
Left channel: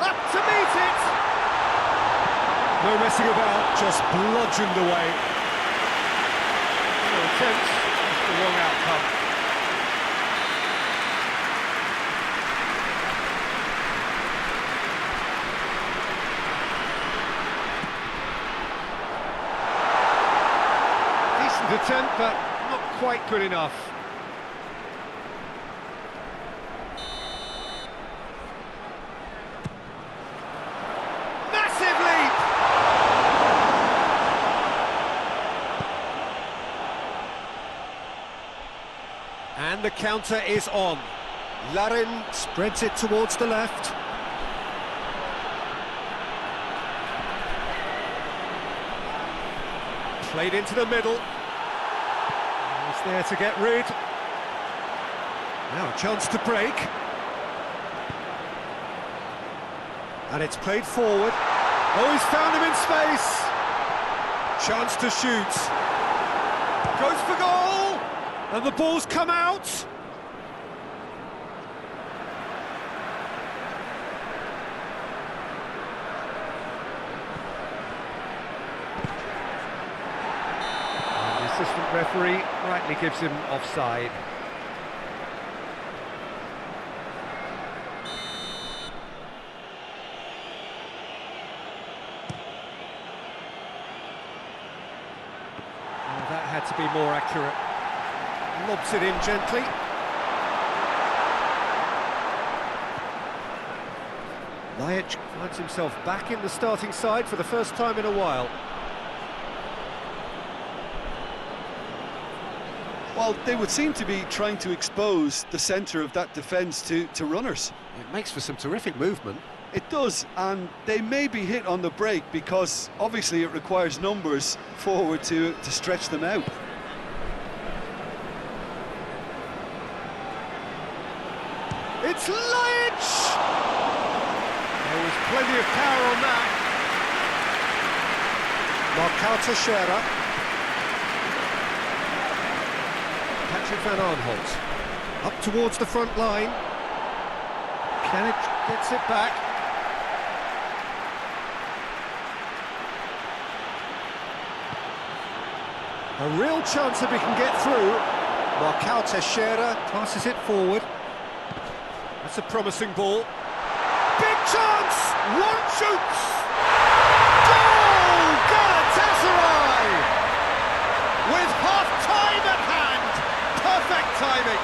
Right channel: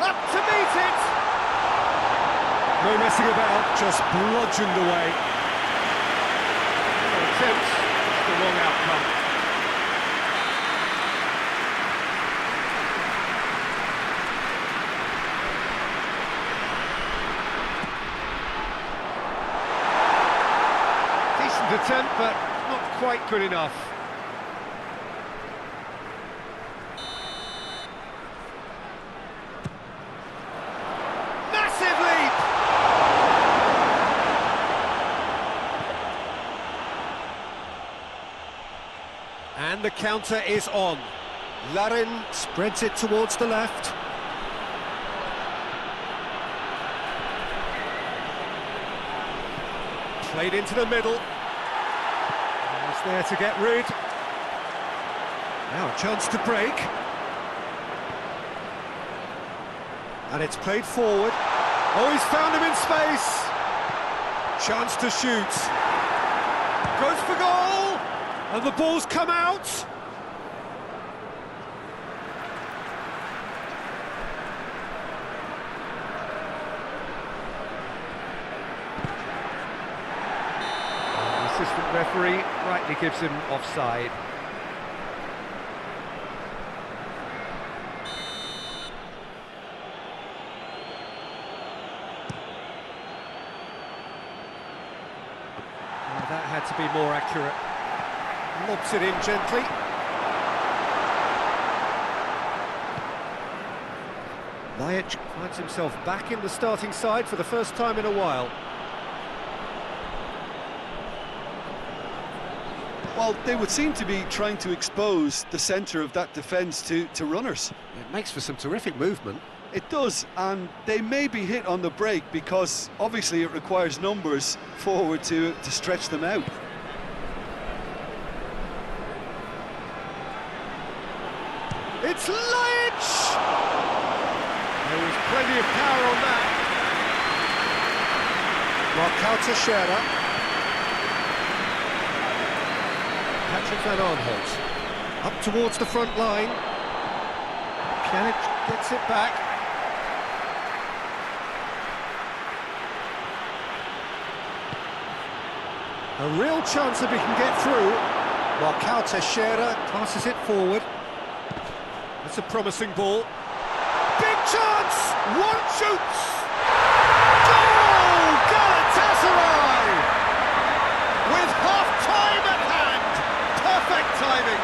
Up to meet it! No messing about, just bludgeoned away. No attempt, just the wrong outcome. Decent attempt, but not quite good enough. And the counter is on. Larin spreads it towards the left. Played into the middle. He's there to get rid. Now a chance to break. And it's played forward. Oh, he's found him in space. Chance to shoot. Goes for goal. And the ball's come out. And the assistant referee rightly gives him offside. Oh, that had to be more accurate. Lobs it in gently. Lajic finds himself back in the starting side for the first time in a while. Well, they would seem to be trying to expose the centre of that defence to runners. It makes for some terrific movement. It does, and they may be hit on the break because obviously it requires numbers forward to stretch them out. It's Lajic! There was plenty of power on that. Marcao Teixeira. Patrick van Arnholt. Up towards the front line. Pjanic gets it back. A real chance if he can get through. Marcao Teixeira passes it forward. That's a promising ball. Big chance! One shoots! Goal! Galatasaray! With half-time at hand. Perfect timing.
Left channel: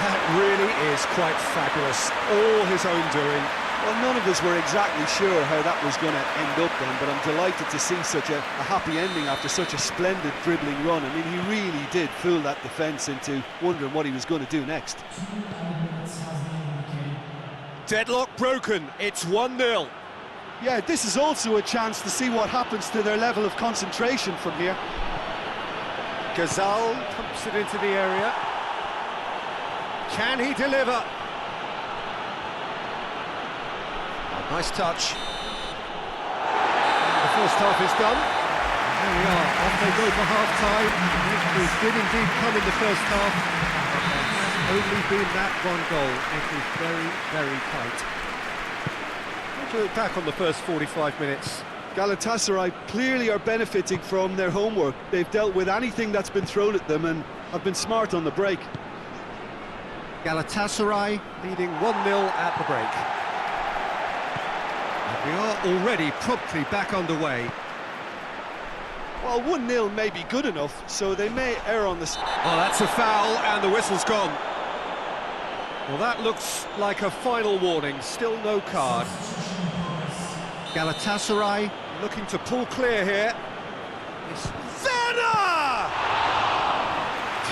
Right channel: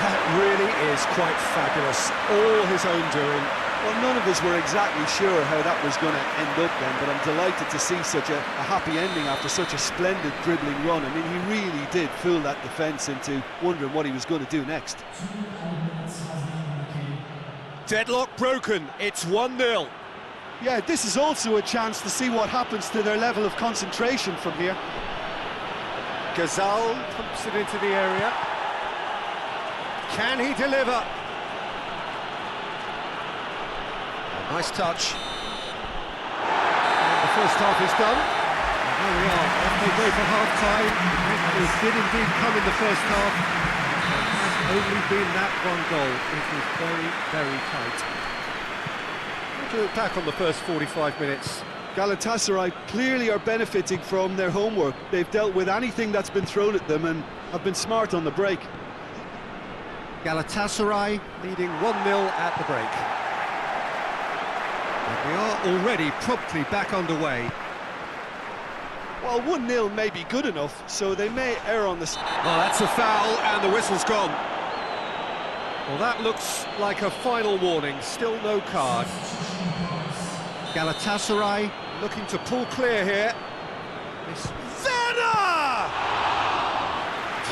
That really is quite fabulous. All his own doing. Well, none of us were exactly sure how that was going to end up then, but I'm delighted to see such a happy ending after such a splendid dribbling run. I mean, he really did fool that defence into wondering what he was going to do next. Deadlock broken, it's 1-0. Yeah, this is also a chance to see what happens to their level of concentration from here. Gazal pumps it into the area. Can he deliver? Oh, nice touch. And the first half is done. And there we are, off they go for half-time. The breakthroughs did indeed come in the first half, but there has only been that one goal. It is very, very tight. How do you look back on the first 45 minutes? Galatasaray clearly are benefiting from their homework. They've dealt with anything that's been thrown at them and have been smart on the break. Galatasaray leading 1-0 at the break. And we are already promptly back underway. Well, 1-0 may be good enough, so they may err on this. Well, that's a foul, and the whistle's gone. Well, that looks like a final warning. Still no card. Galatasaray looking to pull clear here. It's Werner!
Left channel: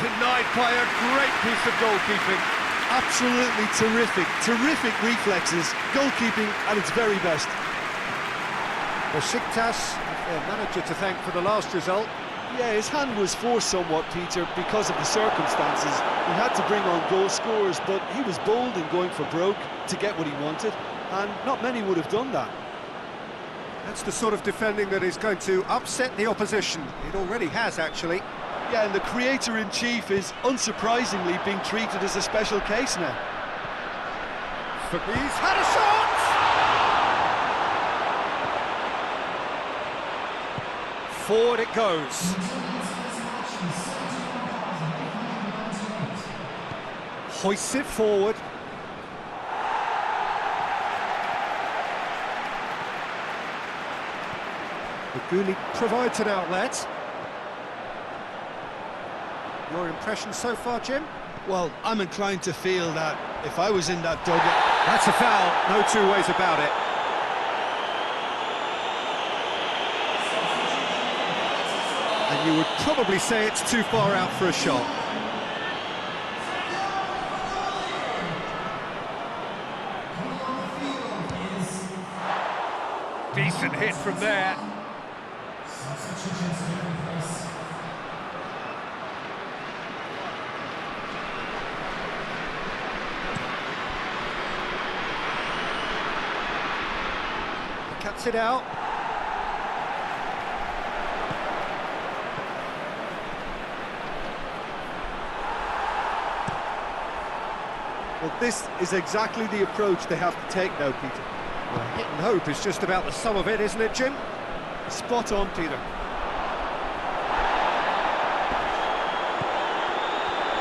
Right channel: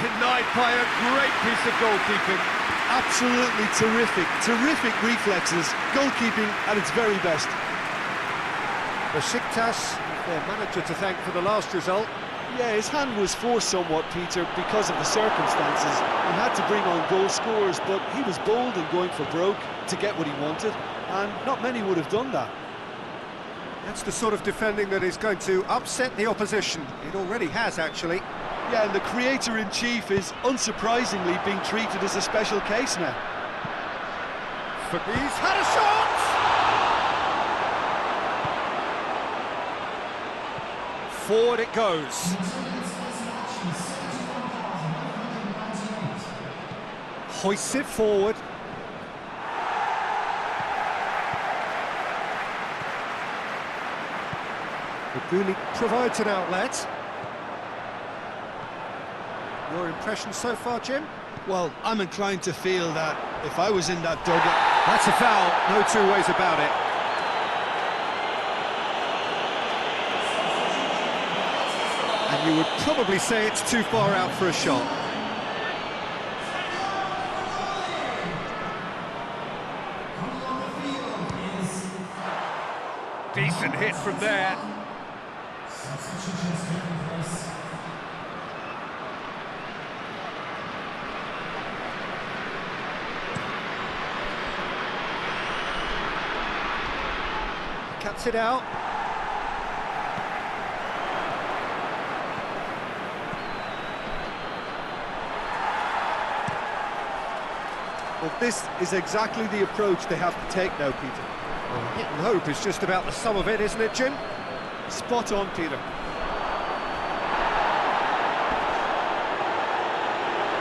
Denied by a great piece of goalkeeping. Absolutely terrific reflexes, goalkeeping at its very best. Besiktas have their manager to thank for the last result. Yeah, his hand was forced somewhat, Peter, because of the circumstances. He had to bring on goal scorers, but he was bold in going for broke to get what he wanted, and not many would have done that. That's the sort of defending that is going to upset the opposition. It already has, actually. Yeah, and the creator-in-chief is, unsurprisingly, being treated as a special case now. He's had a shot! Forward it goes. Hoists it forward. Guli provides an outlet. Your impression so far, Jim? Well, I'm inclined to feel that if I was in that dugout... That's a foul, no two ways about it. And you would probably say it's too far out for a shot. Decent hit from there. Cuts it out. Well, this is exactly the approach they have to take now, Peter. Well, hit and hope is just about the sum of it, isn't it, Jim? Spot on, Peter.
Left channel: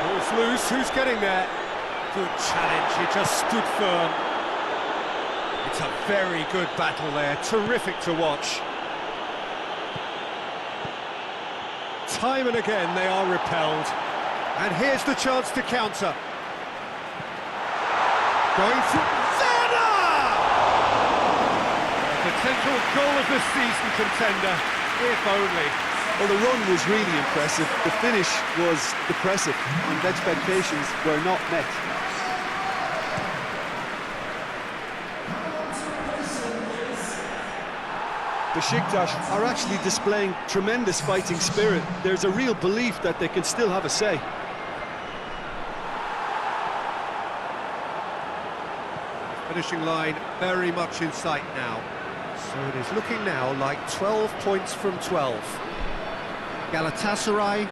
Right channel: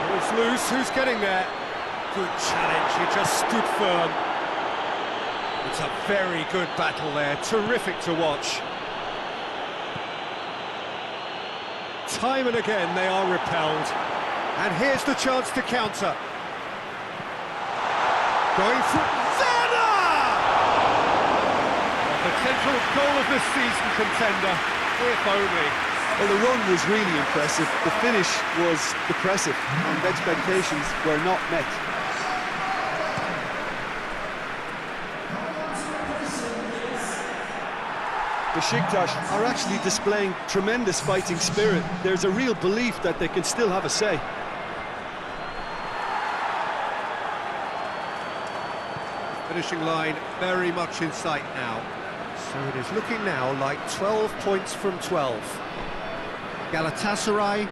Ball's loose, who's getting there? Good challenge, he just stood firm. It's a very good battle there, terrific to watch. Time and again they are repelled. And here's the chance to counter. Going through... Werner! A potential goal of the season contender, if only. Well, the run was really impressive, the finish was depressive, and expectations were not met. Besiktas are actually displaying tremendous fighting spirit. There's a real belief that they can still have a say. Finishing line very much in sight now. So it is looking now like 12 points from 12. Galatasaray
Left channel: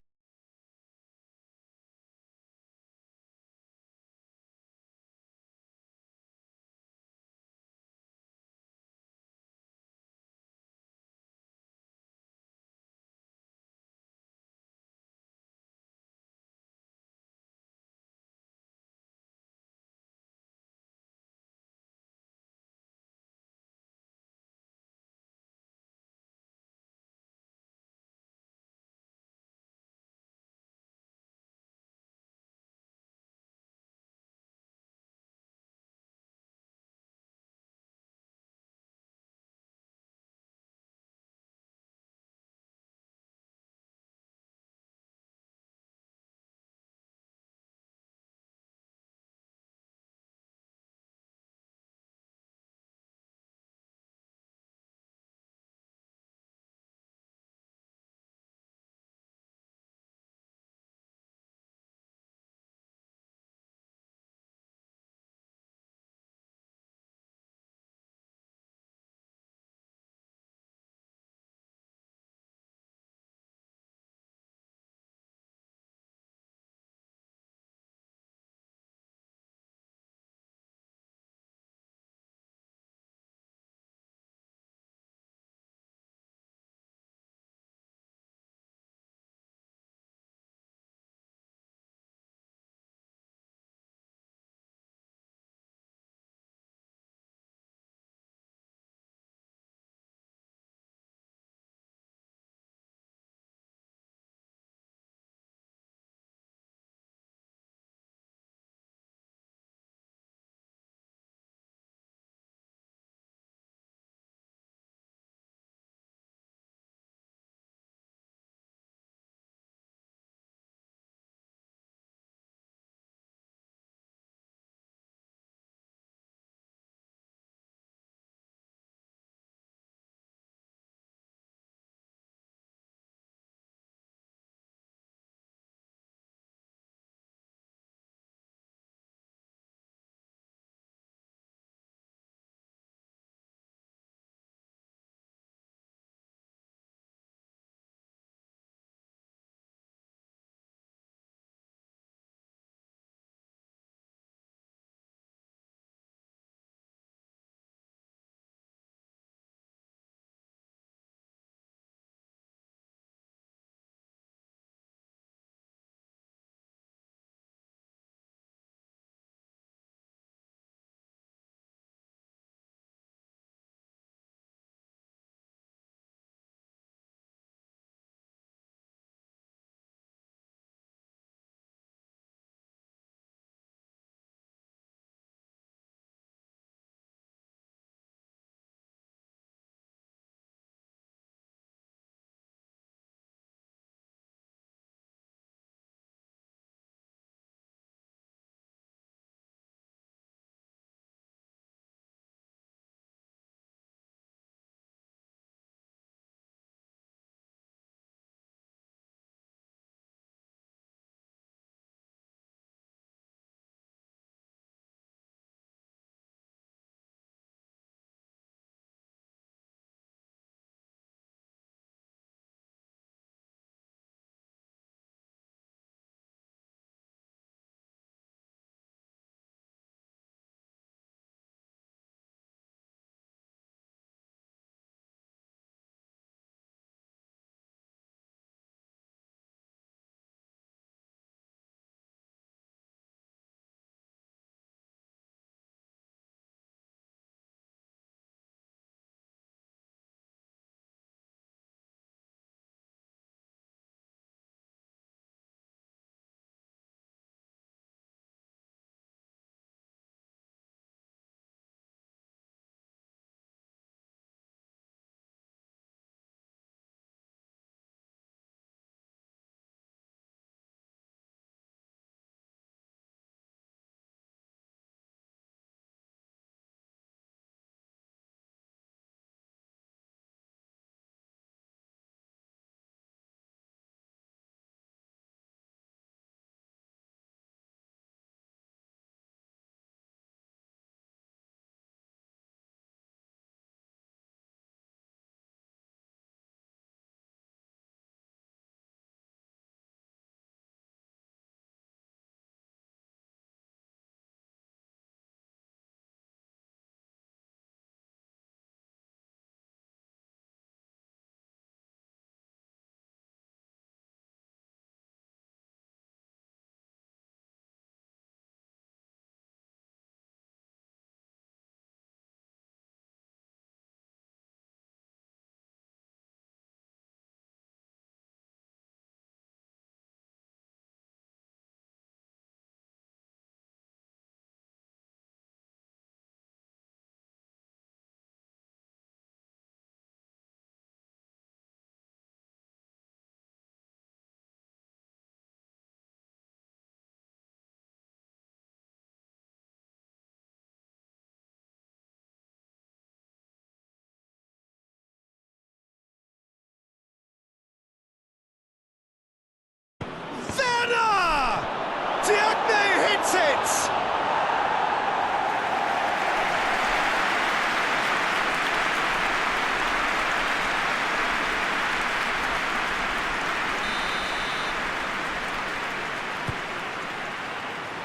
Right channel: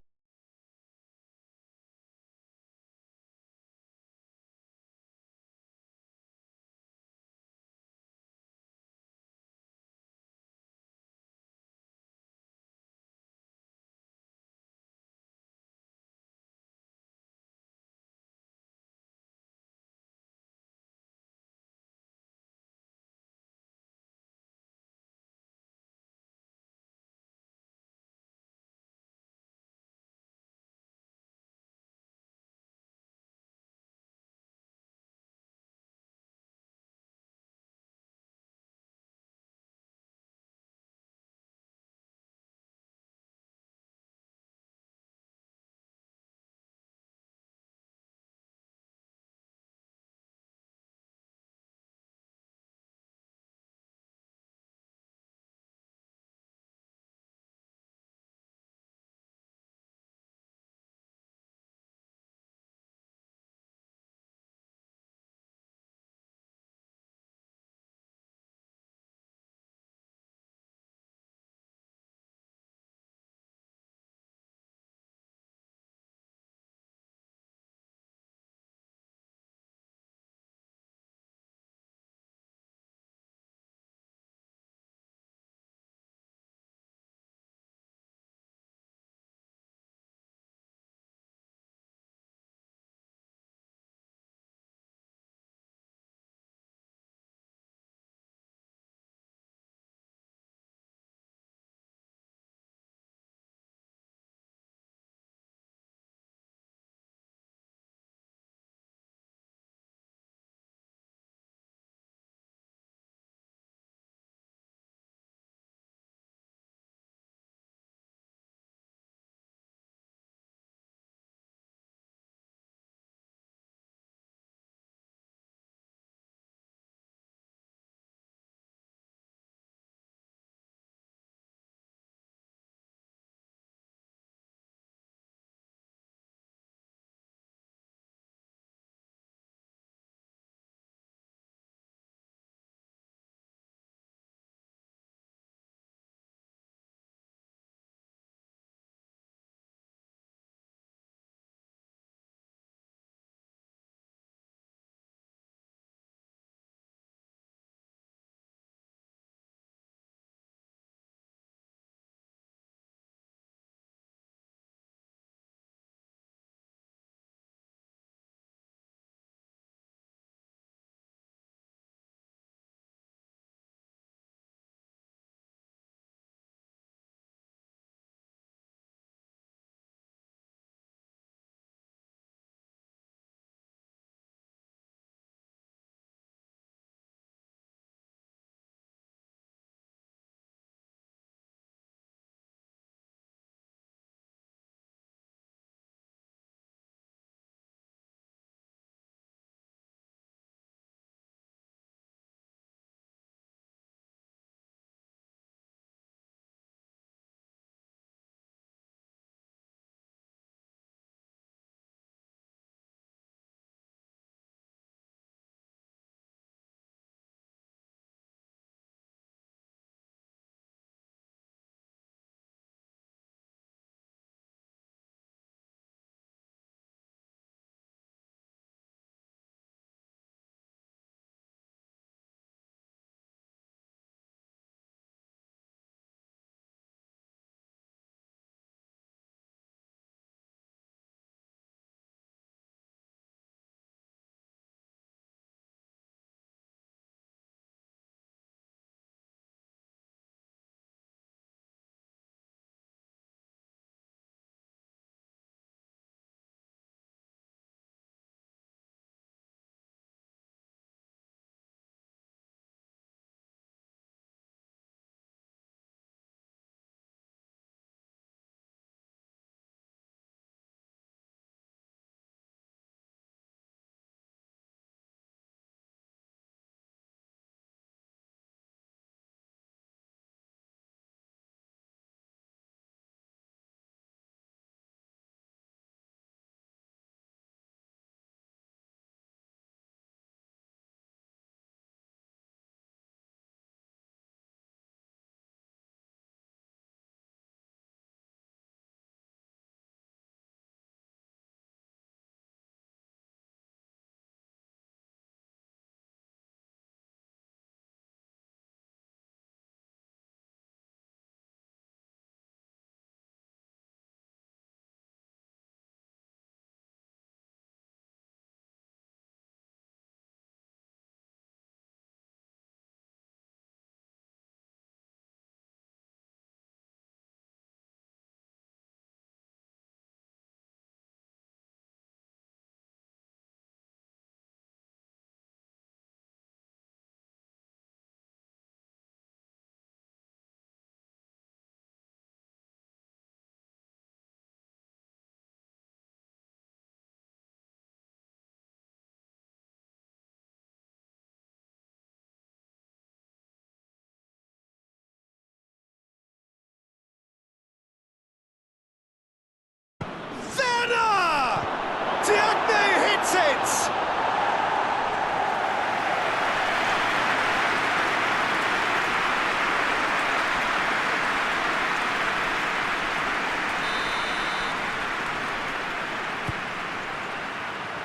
Diagne hits it!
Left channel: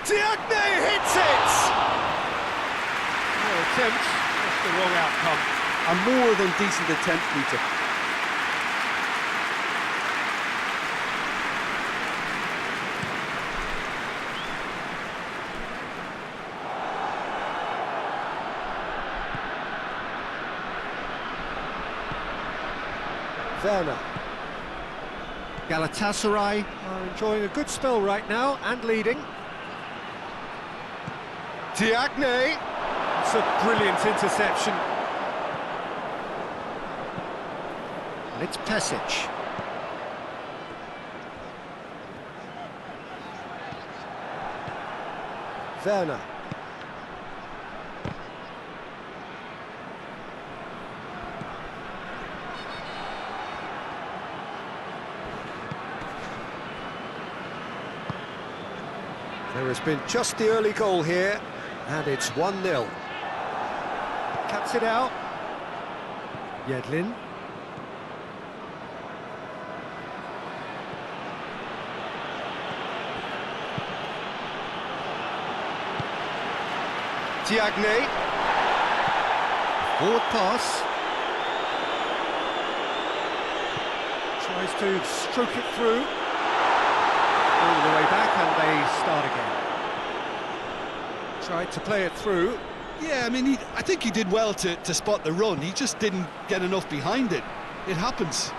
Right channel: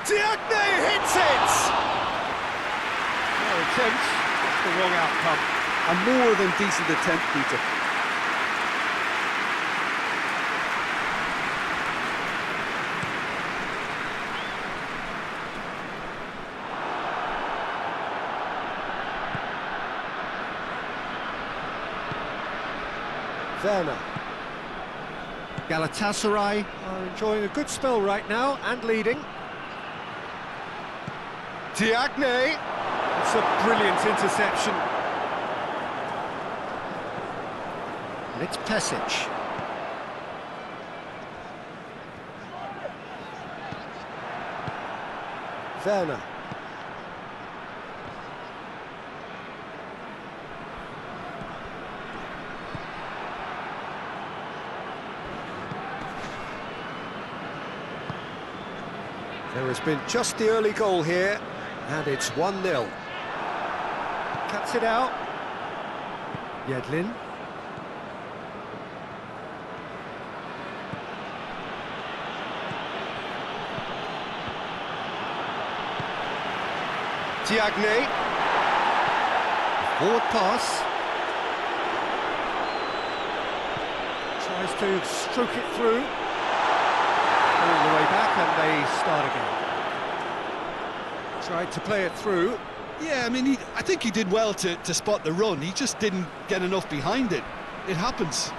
Diagne hits it! No attempt, just the wrong outcome. A more than decent attempt, Peter. Werner. Galatasaray are enjoying a good spell right now and leading. Diagne. It's a brilliant interception. And it's Pesic. Werner. There has been just the early goal here, and it's 1-0. Cuts it out. Yedlin. Diagne. Forward pass. Tries to stroke it through. All the way back, and they start again. Tried to play it through. Yeah, I mean, I think he did well to spot the run. He just didn't get enough behind it. It happens.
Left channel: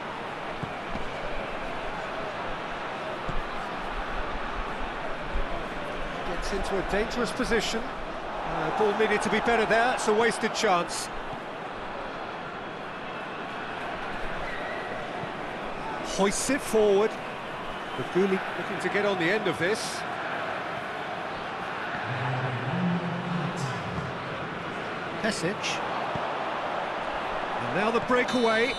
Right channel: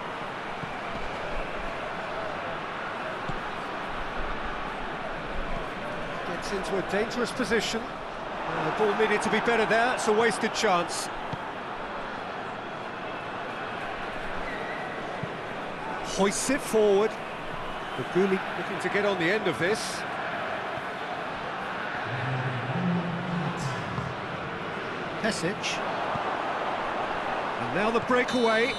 Gets into a dangerous position. Ball needed to be better there. It's a wasted chance. Hoists it forward. Baguli looking to get on the end of this. Pesic. And now the breakaway. And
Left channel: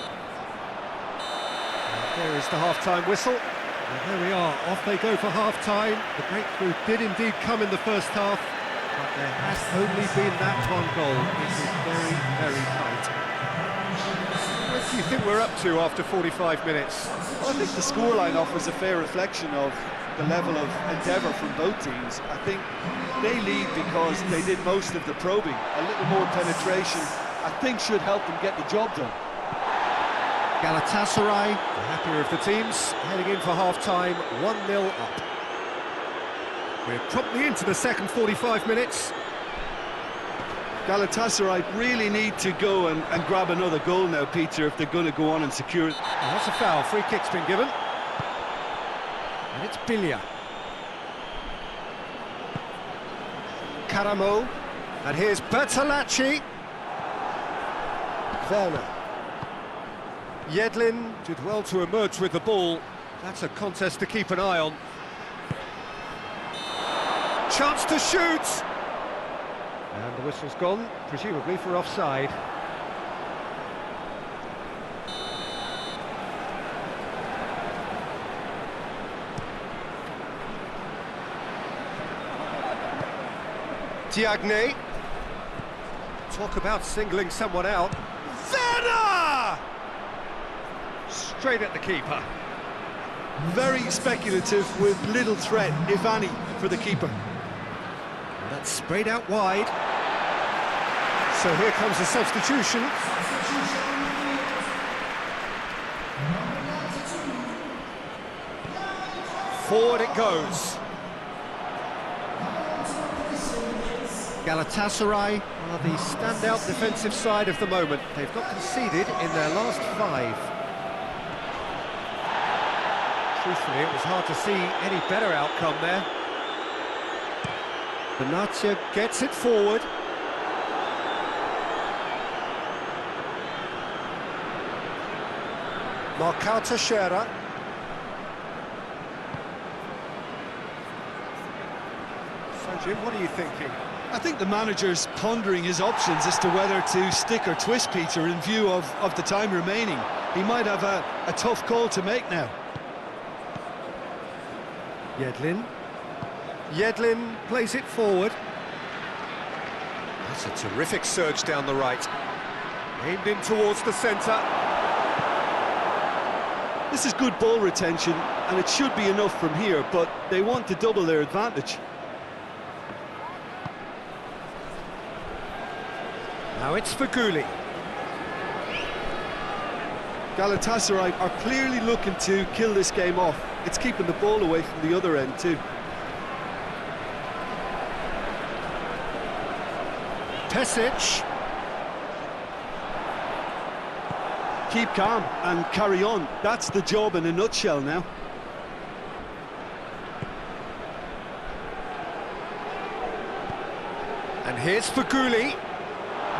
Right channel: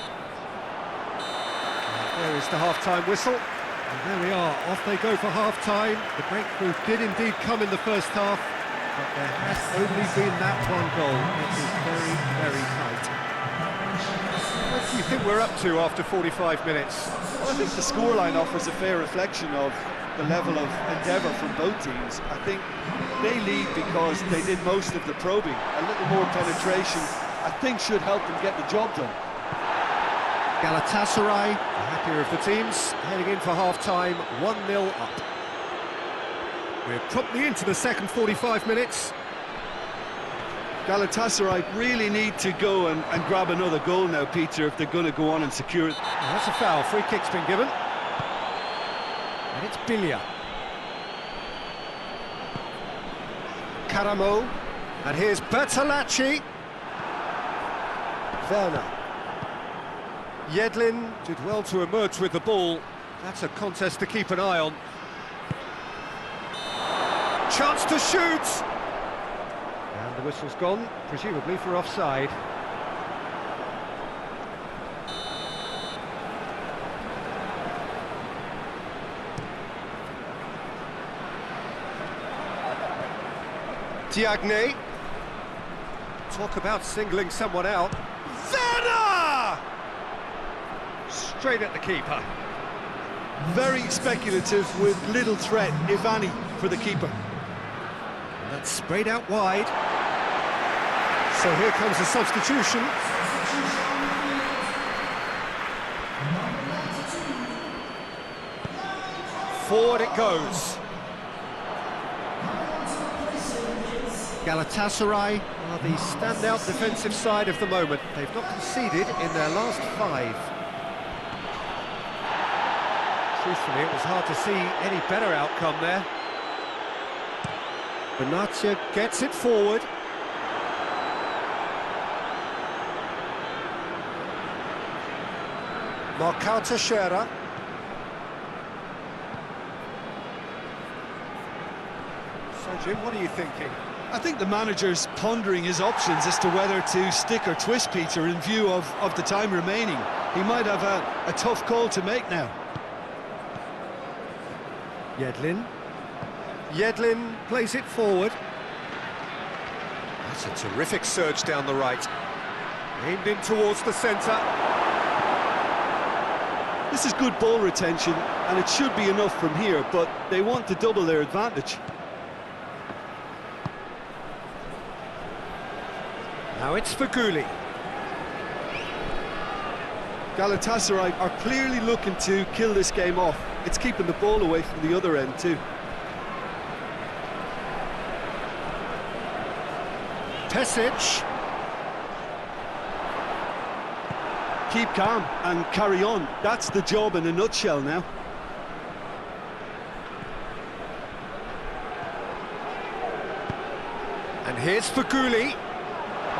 there is the half-time whistle. And there we are, off they go for half-time. The breakthrough did indeed come in the first half, but there has only been that one goal. It is very, very tight. What do you think we're up to after 45 minutes? Well, I think the scoreline offers a fair reflection of the level of endeavour from both teams. I think they lead because they did most of the probing. A little more penetration, I think, should help them get the job done. Galatasaray, the happier of the teams, heading in for half-time, 1-0 up. We're promptly into the second 45 minutes. Galatasaray really need to go and grab another goal now, Peter, if they're going to go on and secure it. Oh, that's a foul. Free kick's been given. And it's Bilia. Karamo. And here's Bertolacci. Werner. Yedlin did well to emerge with the ball. That's a contest to keep an eye on. Chance to shoot! And the whistle's gone, presumably for offside. Diagne. Talk about singling someone out. Werner! Straight at the keeper. Very speculative with little threat, if any, for the keeper. And that's sprayed out wide. So here comes a substitution. Forward it goes. Galatasaray are the standout defensive side of the moment. They've not conceded in their last 5. Truthfully, it was hard to see any better outcome there. Benatia gets it forward. Marcao Teixeira. So, Jim, what are you thinking? I think the manager's pondering his options as to whether to stick or twist, Peter, in view of the time remaining. He might have a tough call to make now. Yedlin. Yedlin plays it forward. That's a terrific surge down the right. Aimed in towards the centre. This is good ball retention, and it should be enough from here, but they want to double their advantage. Now it's Faguli. Galatasaray are clearly looking to kill this game off. It's keeping the ball away from the other end too. Pesic. Keep calm and carry on. That's the job in a nutshell now. And here's Faguli,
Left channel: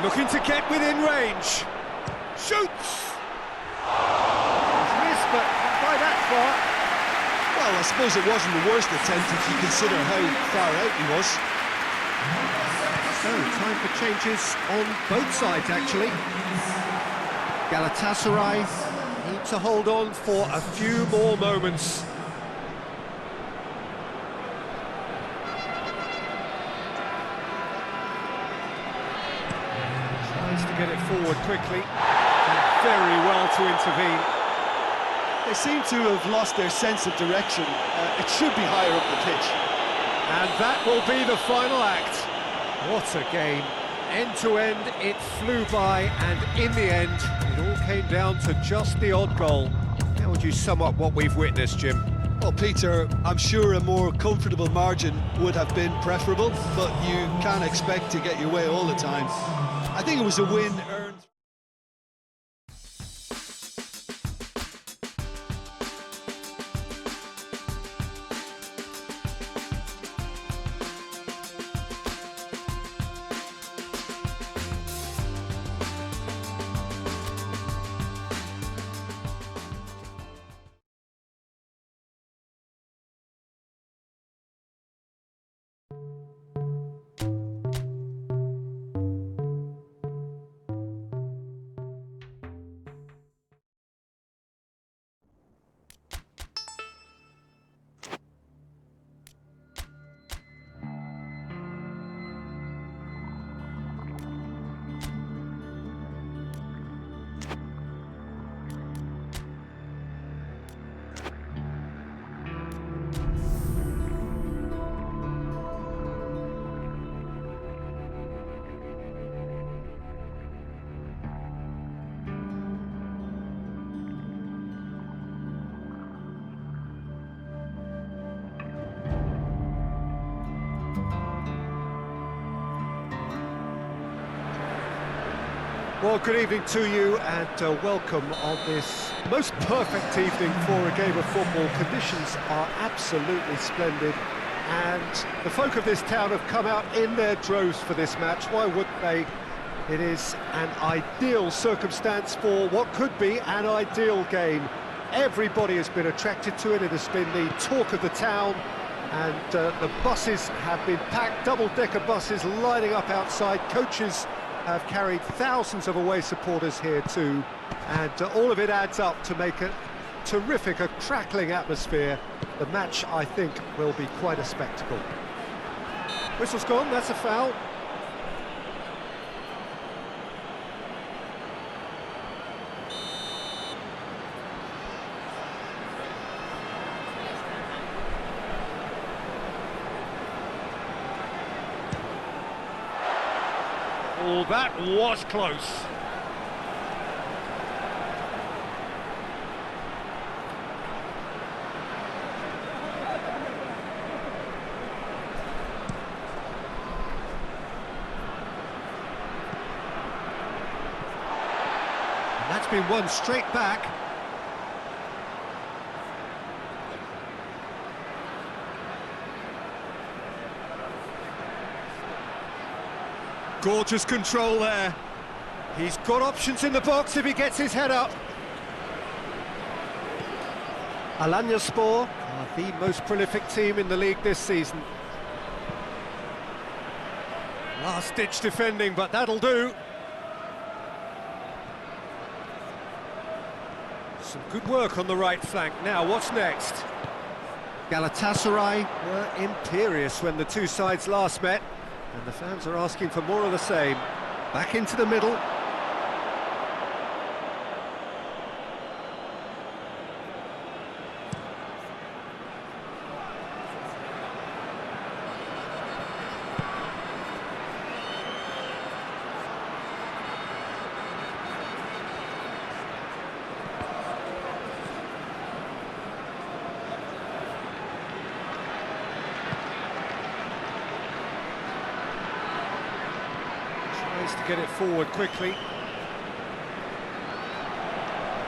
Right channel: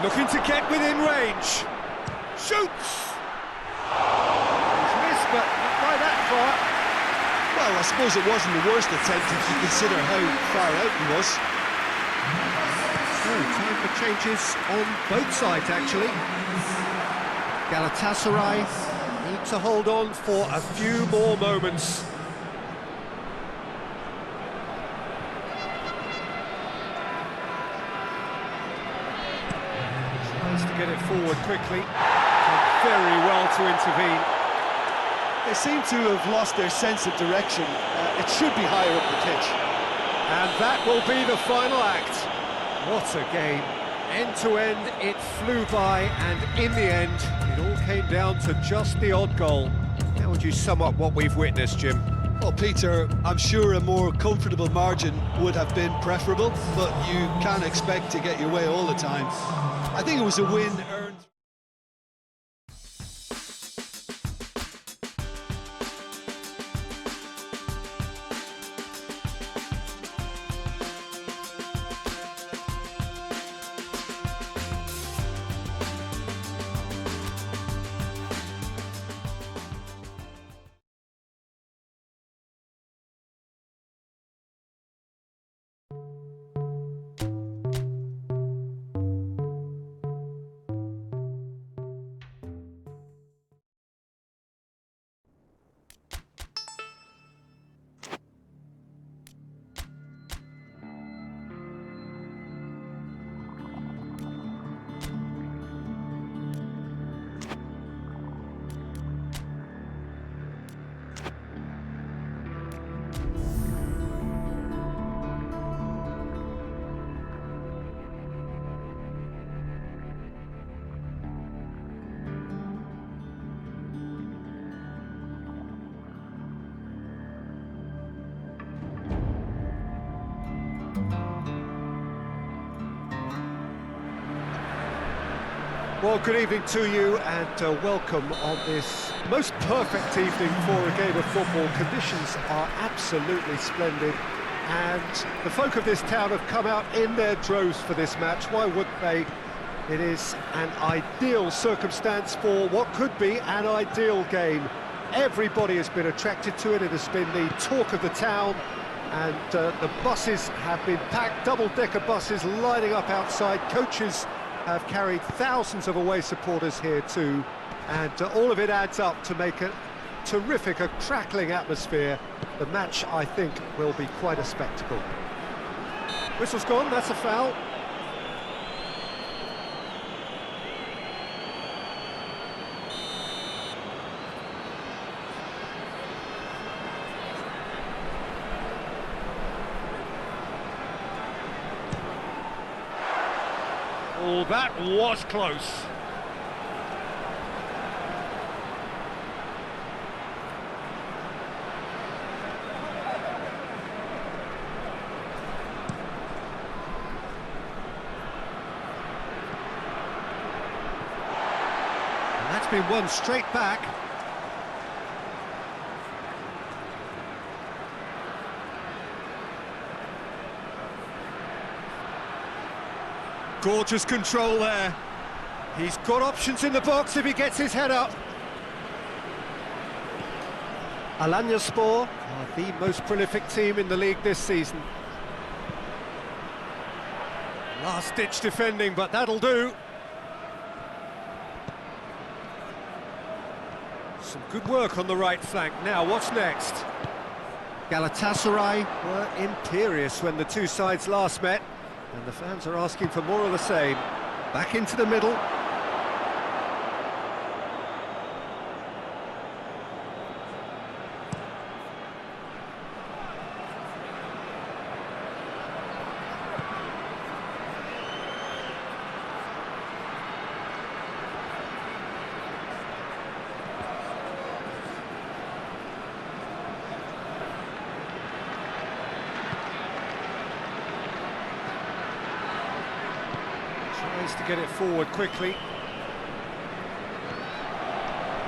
looking to get within range. Shoots! He's missed, but not by that far. Well, I suppose it wasn't the worst attempt if you consider how far out he was. So, time for changes on both sides, actually. Galatasaray need to hold on for a few more moments. Tries to get it forward quickly. Done very well to intervene. They seem to have lost their sense of direction. It should be higher up the pitch. And that will be the final act. What a game. End to end, it flew by, and in the end, it all came down to just the odd goal. How would you sum up what we've witnessed, Jim? Well, Peter, I'm sure a more comfortable margin would have been preferable, but you can't expect to get your way all the time. I think it was a win earned. Well, good evening to you, and welcome on this most perfect evening for a game of football. Conditions are absolutely splendid, and the folk of this town have come out in their droves for this match. Why wouldn't they? It is an ideal circumstance for what could be an ideal game. Everybody has been attracted to it. It has been the talk of the town, and the buses have been packed, double-decker buses lining up outside. Coaches have carried thousands of away supporters here too, and all of it adds up to make a terrific, a crackling atmosphere. The match, I think, will be quite a spectacle. Whistle's gone, that's a foul. Oh, that was close. And that's been won straight back. Gorgeous control there. He's got options in the box if he gets his head up. Alanyaspor are the most prolific team in the league this season. Last-ditch defending, but that'll do. Some good work on the right flank. Now, what's next? Galatasaray were imperious when the two sides last met, and the fans are asking for more of the same. Back into the middle. Tries to get it forward quickly.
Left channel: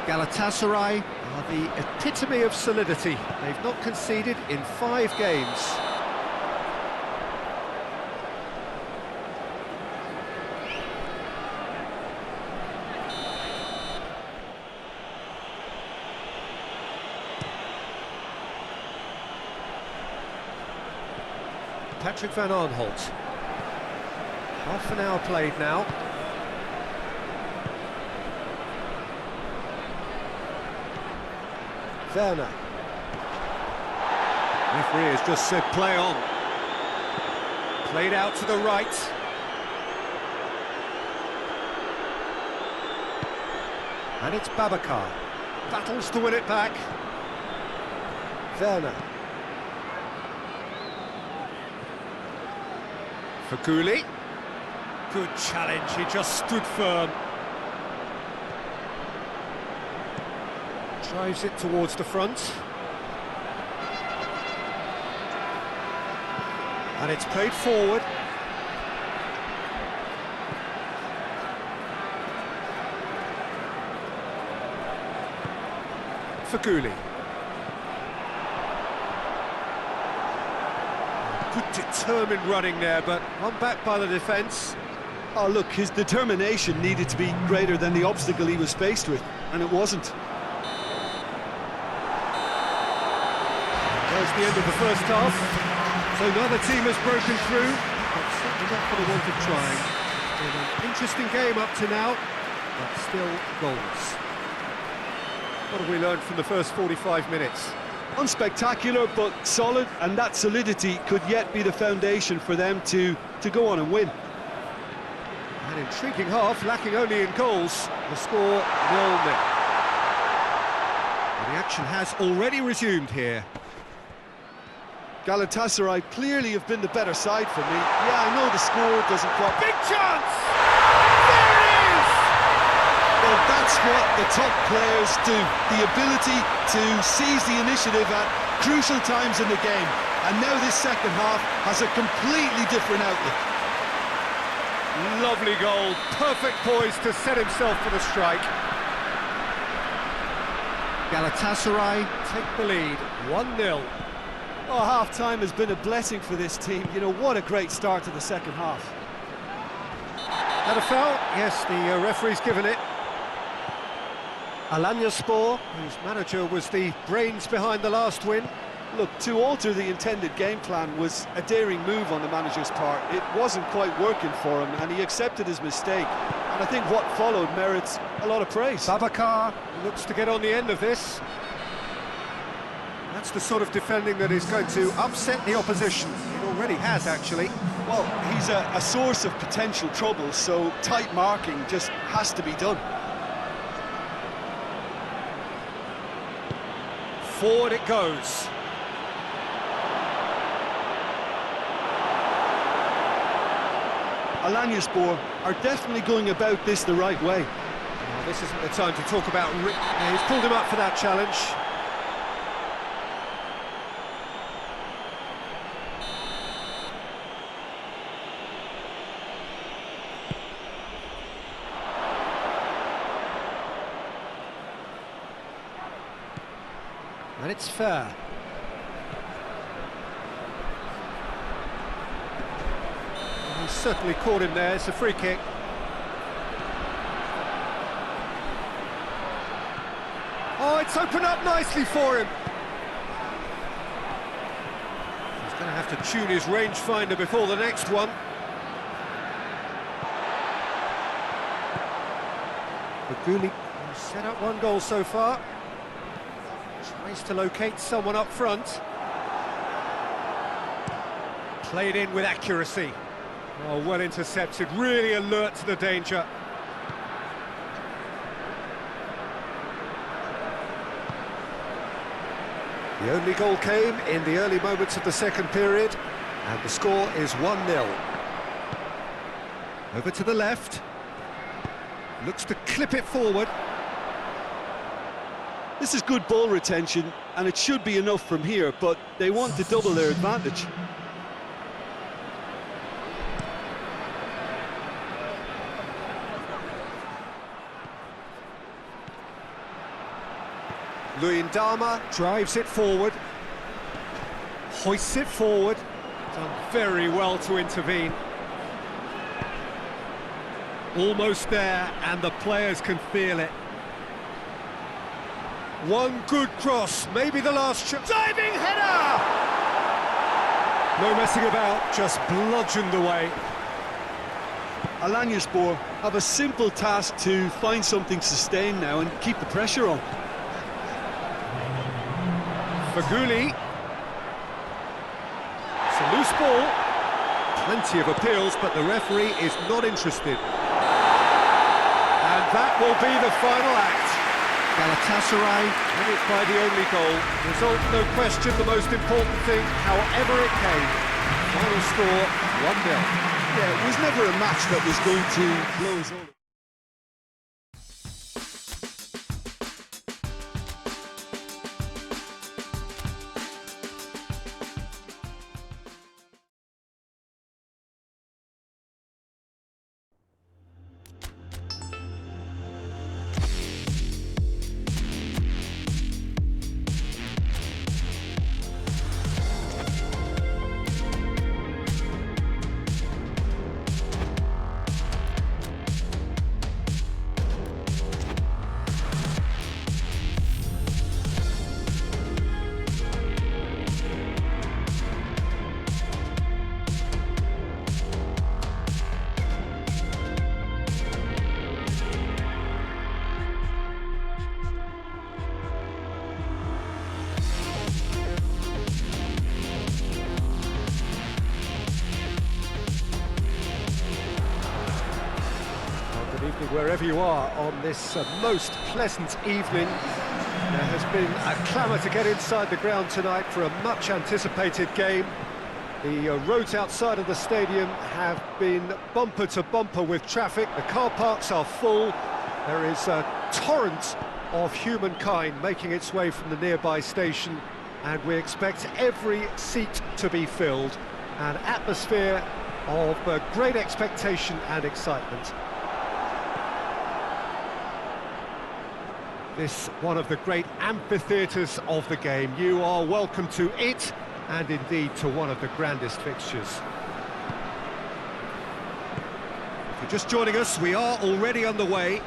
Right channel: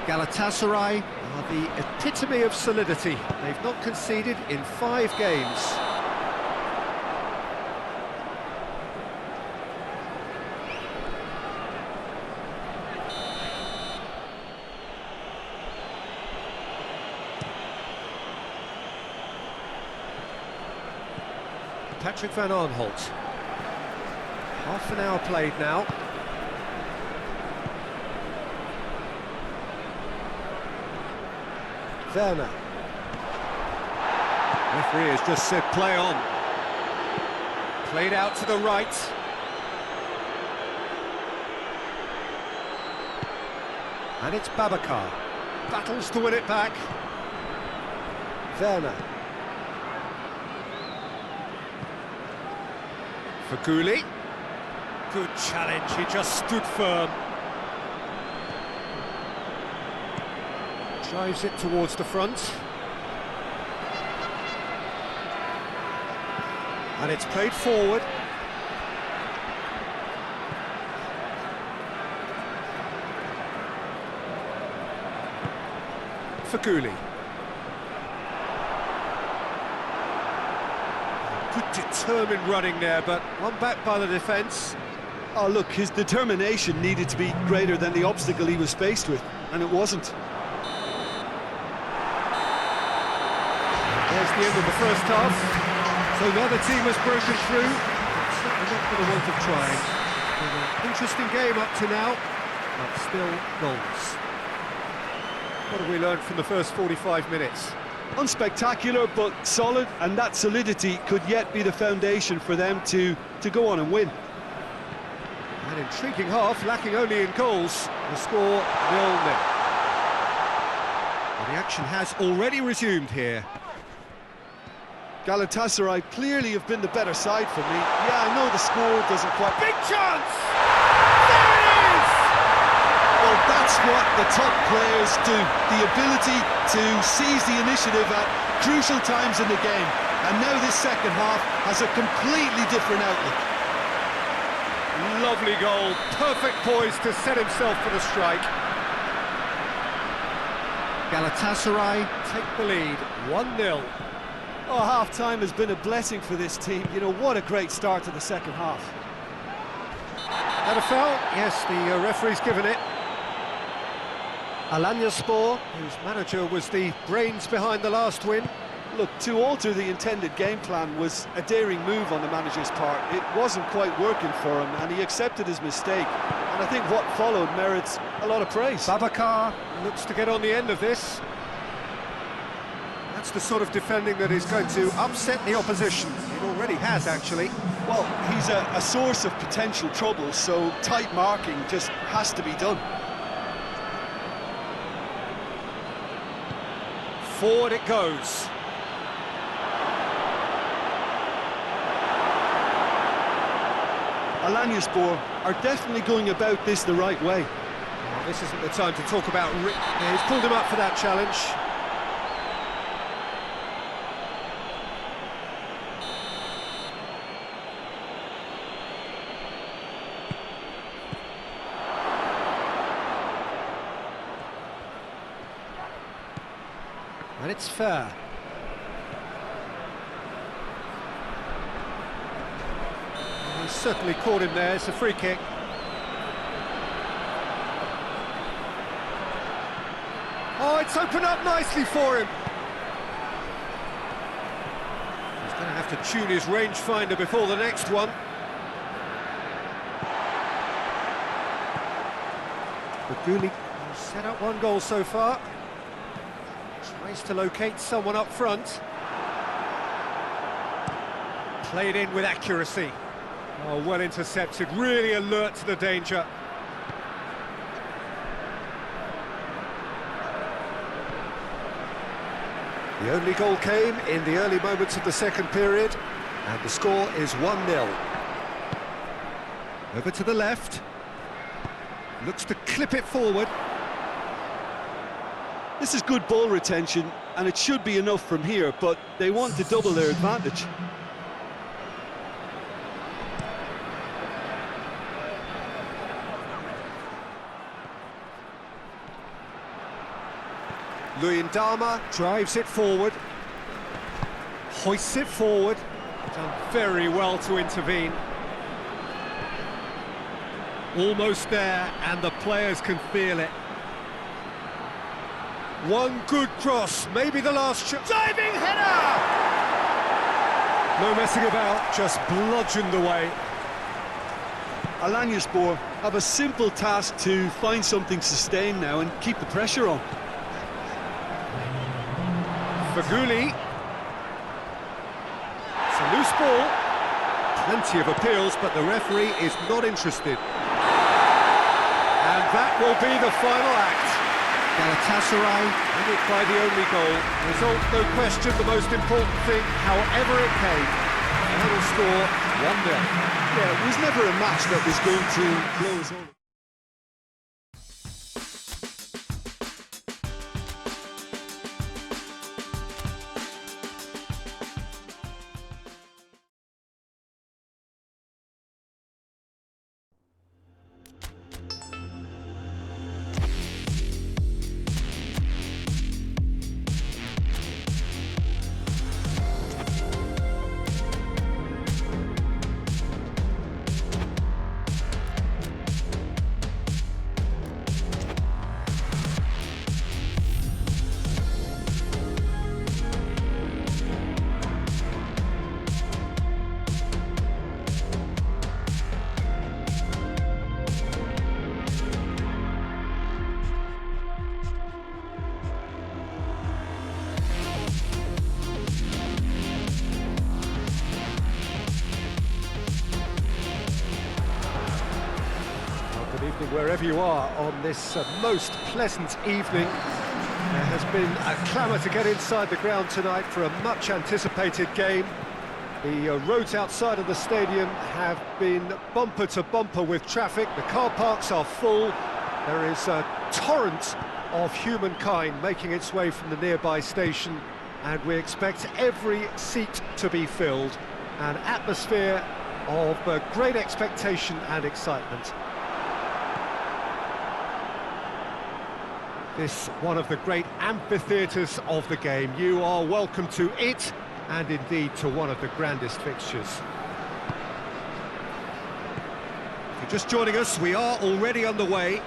Galatasaray are the epitome of solidity. They've not conceded in 5 games. Patrick van Aanholt. Half an hour played now. Werner. Referee has just said play on. Played out to the right. And it's Babacar. Battles to win it back. Werner. Faguli. Good challenge, he just stood firm. Drives it towards the front. And it's played forward. Faguli. Good determined running there, but one back by the defence. Oh, look, his determination needed to be greater than the obstacle he was faced with, and it wasn't. There's the end of the first half. So neither team has broken through, but certainly not for the want of trying. It's been an interesting game up to now, but still goalless. What have we learned from the first 45 minutes? Unspectacular, but solid, and that solidity could yet be the foundation for them to go on and win. An intriguing half, lacking only in goals. The score 0-0. Well, the action has already resumed here. Galatasaray clearly have been the better side for me. Yeah, I know the score doesn't quite... Big chance! There it is! Well, that's what the top players do. The ability to seize the initiative at crucial times in the game. And now this second half has a completely different outlook. Lovely goal, perfect poise to set himself for the strike. Galatasaray take the lead, 1-0. Oh, half-time has been a blessing for this team. You know, what a great start to the second half. Had a foul? Yes, the referee's given it. Alanyaspor, whose manager was the brains behind the last win. Look, to alter the intended game plan was a daring move on the manager's part. It wasn't quite working for him, and he accepted his mistake. And I think what followed merits a lot of praise. Babacar looks to get on the end of this. That's the sort of defending that is going to upset the opposition. It already has, actually. Well, he's a source of potential trouble, so tight marking just has to be done. Forward it goes. Alanyaspor are definitely going about this the right way. Well, this isn't the time to talk about... Yeah, he's pulled him up for that challenge. And it's fair. Well, he's certainly caught him there. It's a free kick. Oh, it's opened up nicely for him. He's going to have to tune his rangefinder before the next one. Faguli has set up one goal so far. Tries to locate someone up front. Played in with accuracy. Oh, well intercepted, really alert to the danger. The only goal came in the early moments of the second period, and the score is 1-0. Over to the left. Looks to clip it forward. This is good ball retention, and it should be enough from here, but they want to double their advantage. Luyendama drives it forward, hoists it forward, done very well to intervene. Almost there, and the players can feel it. One good cross, maybe the last shot. Diving header! No messing about, just bludgeoned away. Alanyaspor have a simple task to find something sustained now and keep the pressure on. Faguli. It's a loose ball. Plenty of appeals, but the referee is not interested. And that will be the final act. Galatasaray win it by the only goal. Result, no question, the most important thing, however it came. Final score, 1-0. Yeah, it was never a match that was going to blow us all. Good evening wherever you are on this most pleasant evening. There has been a clamour to get inside the ground tonight for a much anticipated game. The roads outside of the stadium have been bumper to bumper with traffic. The car parks are full. There is a torrent of humankind making its way from the nearby station, and we expect every seat to be filled. An atmosphere of great expectation and excitement. This one of the great amphitheatres of the game. You are welcome to it, and indeed to one of the grandest fixtures. If you're just joining us, we are already underway.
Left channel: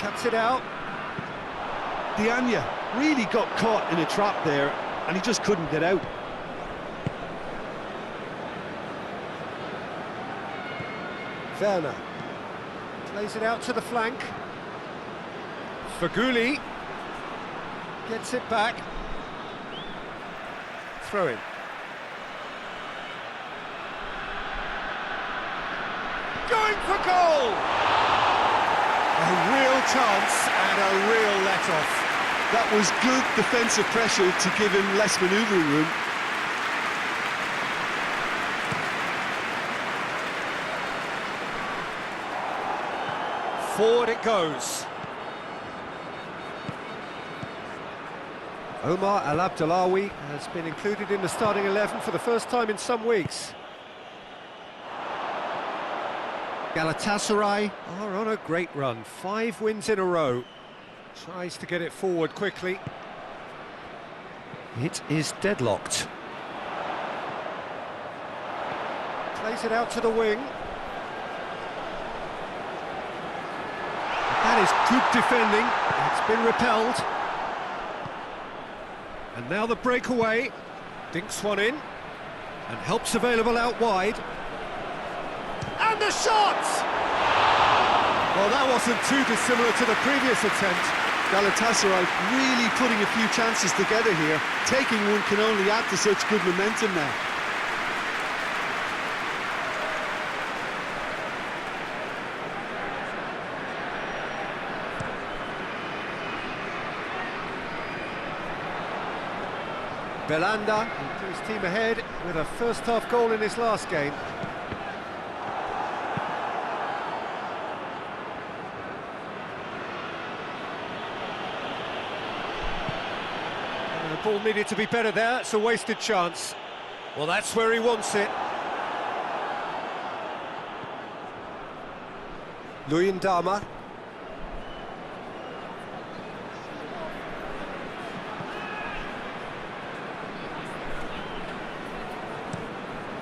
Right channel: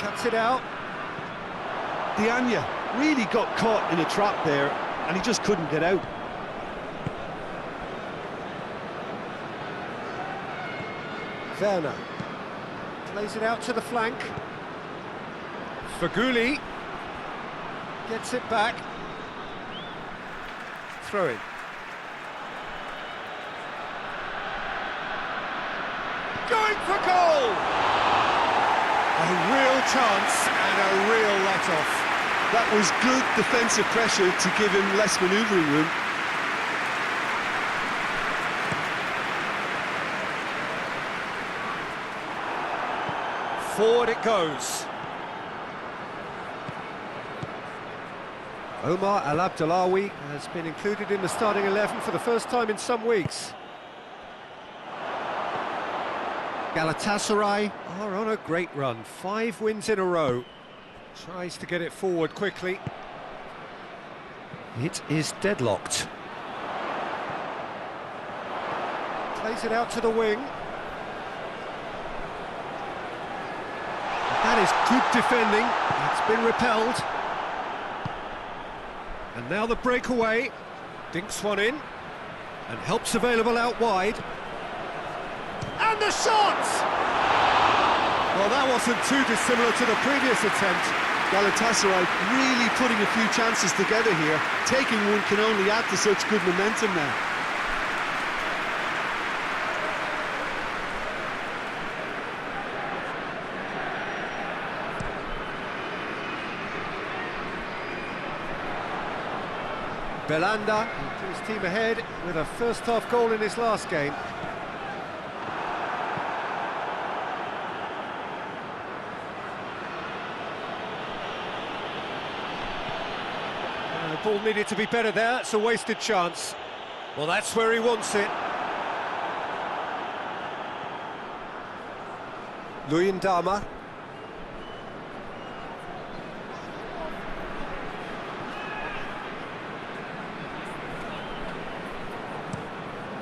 Cuts it out. Dianya really got caught in a trap there, and he just couldn't get out. Werner plays it out to the flank. Faguli gets it back. Throw in. Going for goal! A real chance and a real let-off. That was good defensive pressure to give him less manoeuvring room. Forward it goes. Omar Al-Abdullawi has been included in the starting 11 for the first time in some weeks. Galatasaray are on a great run, 5 wins in a row. Tries to get it forward quickly. It is deadlocked. Plays it out to the wing. That is good defending. It's been repelled. And now the breakaway. Dinks one in. And help's available out wide. And the shot! Well, that wasn't too dissimilar to the previous attempt. Galatasaray really putting a few chances together here. Taking one can only add to such good momentum now. Belanda put his team ahead with a first-half goal in his last game. The ball needed to be better there, it's a wasted chance. Well, that's where he wants it. Luyendama.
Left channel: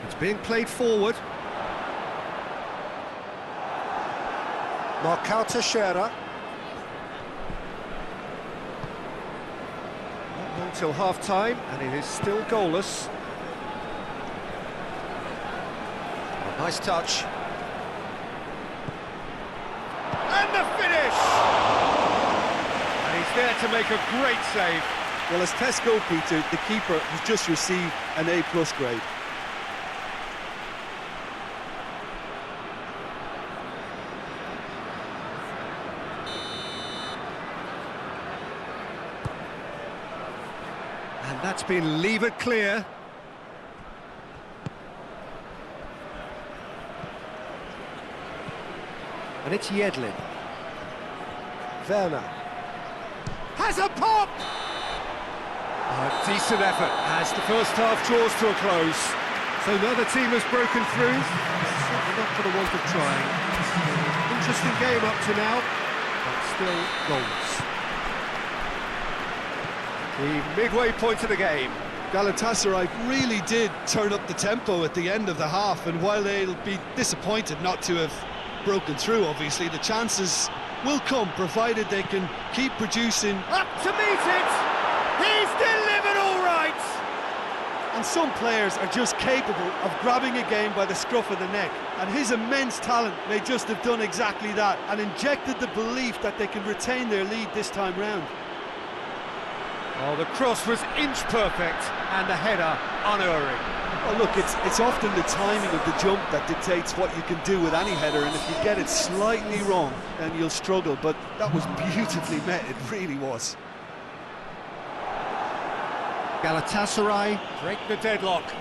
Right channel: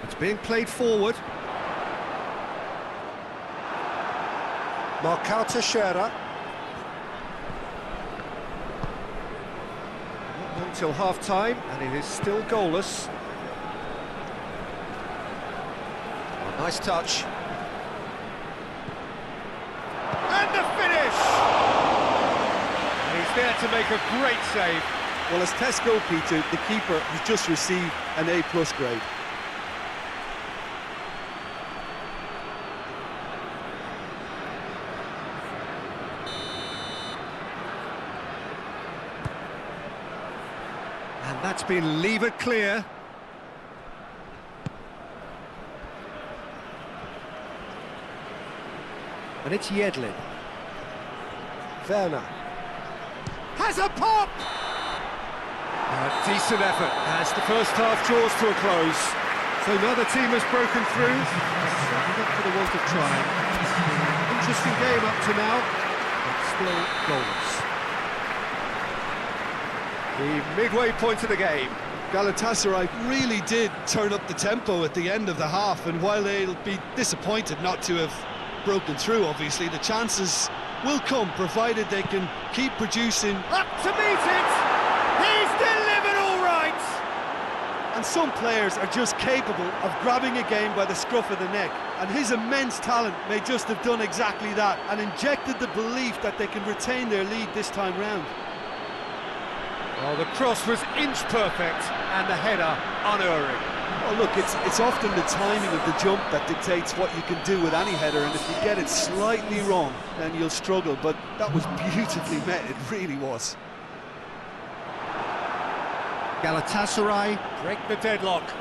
It's being played forward. Marcao Teixeira. Not long till half-time, and it is still goalless. Oh, nice touch. And the finish! And he's there to make a great save. Well, as tests go, Peter, the keeper has just received an A+ grade. And that's been levered clear. And it's Yedlin. Werner. Has a pop! A decent effort as the first half draws to a close. So neither team has broken through, but certainly not for the want of trying. It's been an interesting game up to now, but still goalless. The midway point of the game. Galatasaray really did turn up the tempo at the end of the half, and while they'll be disappointed not to have broken through, obviously, the chances will come, provided they can keep producing. Up to meet it! He's delivered all right! And some players are just capable of grabbing a game by the scruff of the neck, and his immense talent may just have done exactly that, and injected the belief that they can retain their lead this time round. Oh, the cross was inch perfect, and the header unerring. Well, look, it's often the timing of the jump that dictates what you can do with any header, and if you get it slightly wrong, then you'll struggle, but that was beautifully met, it really was. Galatasaray break the deadlock.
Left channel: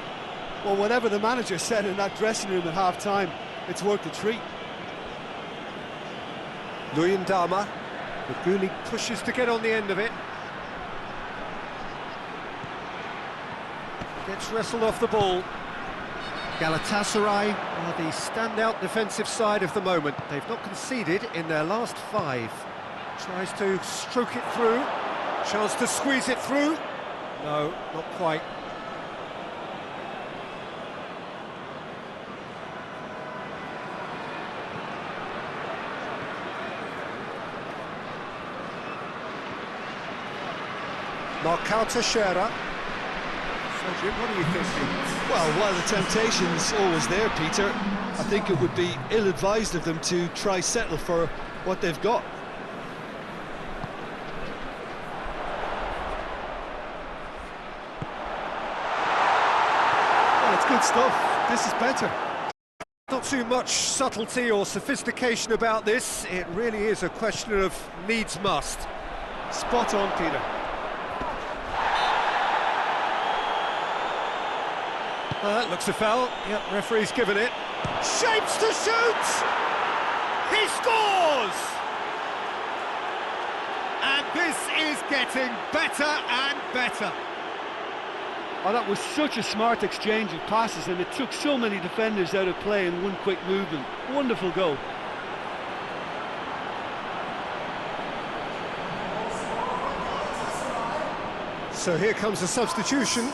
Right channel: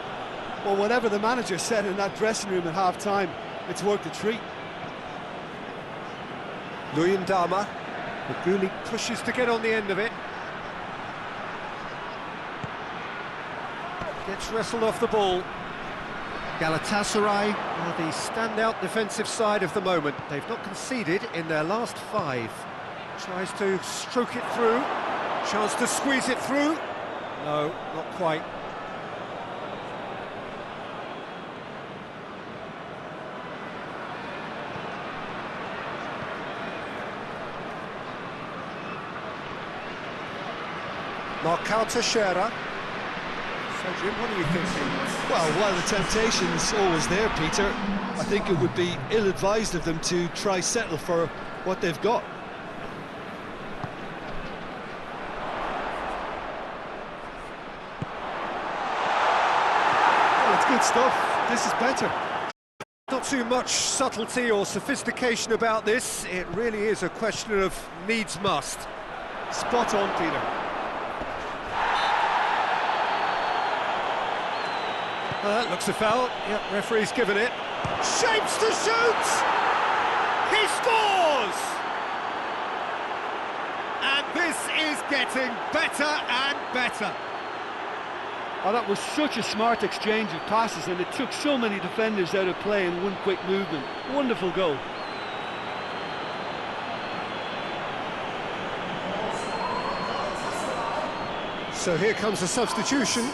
Well, whatever the manager said in that dressing room at half-time, it's worked a treat. Luyendama. Maguli pushes to get on the end of it. Gets wrestled off the ball. Galatasaray are the standout defensive side of the moment. They've not conceded in their last 5. Tries to stroke it through. Chance to squeeze it through. No, not quite. Marcao Teixeira. So, Jim, what are you thinking? Well, while the temptation's always there, Peter, I think it would be ill-advised of them to try settle for what they've got. Well, it's good stuff. This is better. Not too much subtlety or sophistication about this. It really is a question of needs must. Spot on, Peter. Looks a foul. Yep, referee's given it. Shapes to shoot! He scores! And this is getting better and better. Oh, that was such a smart exchange of passes, and it took so many defenders out of play in one quick movement. Wonderful goal. So here comes a substitution.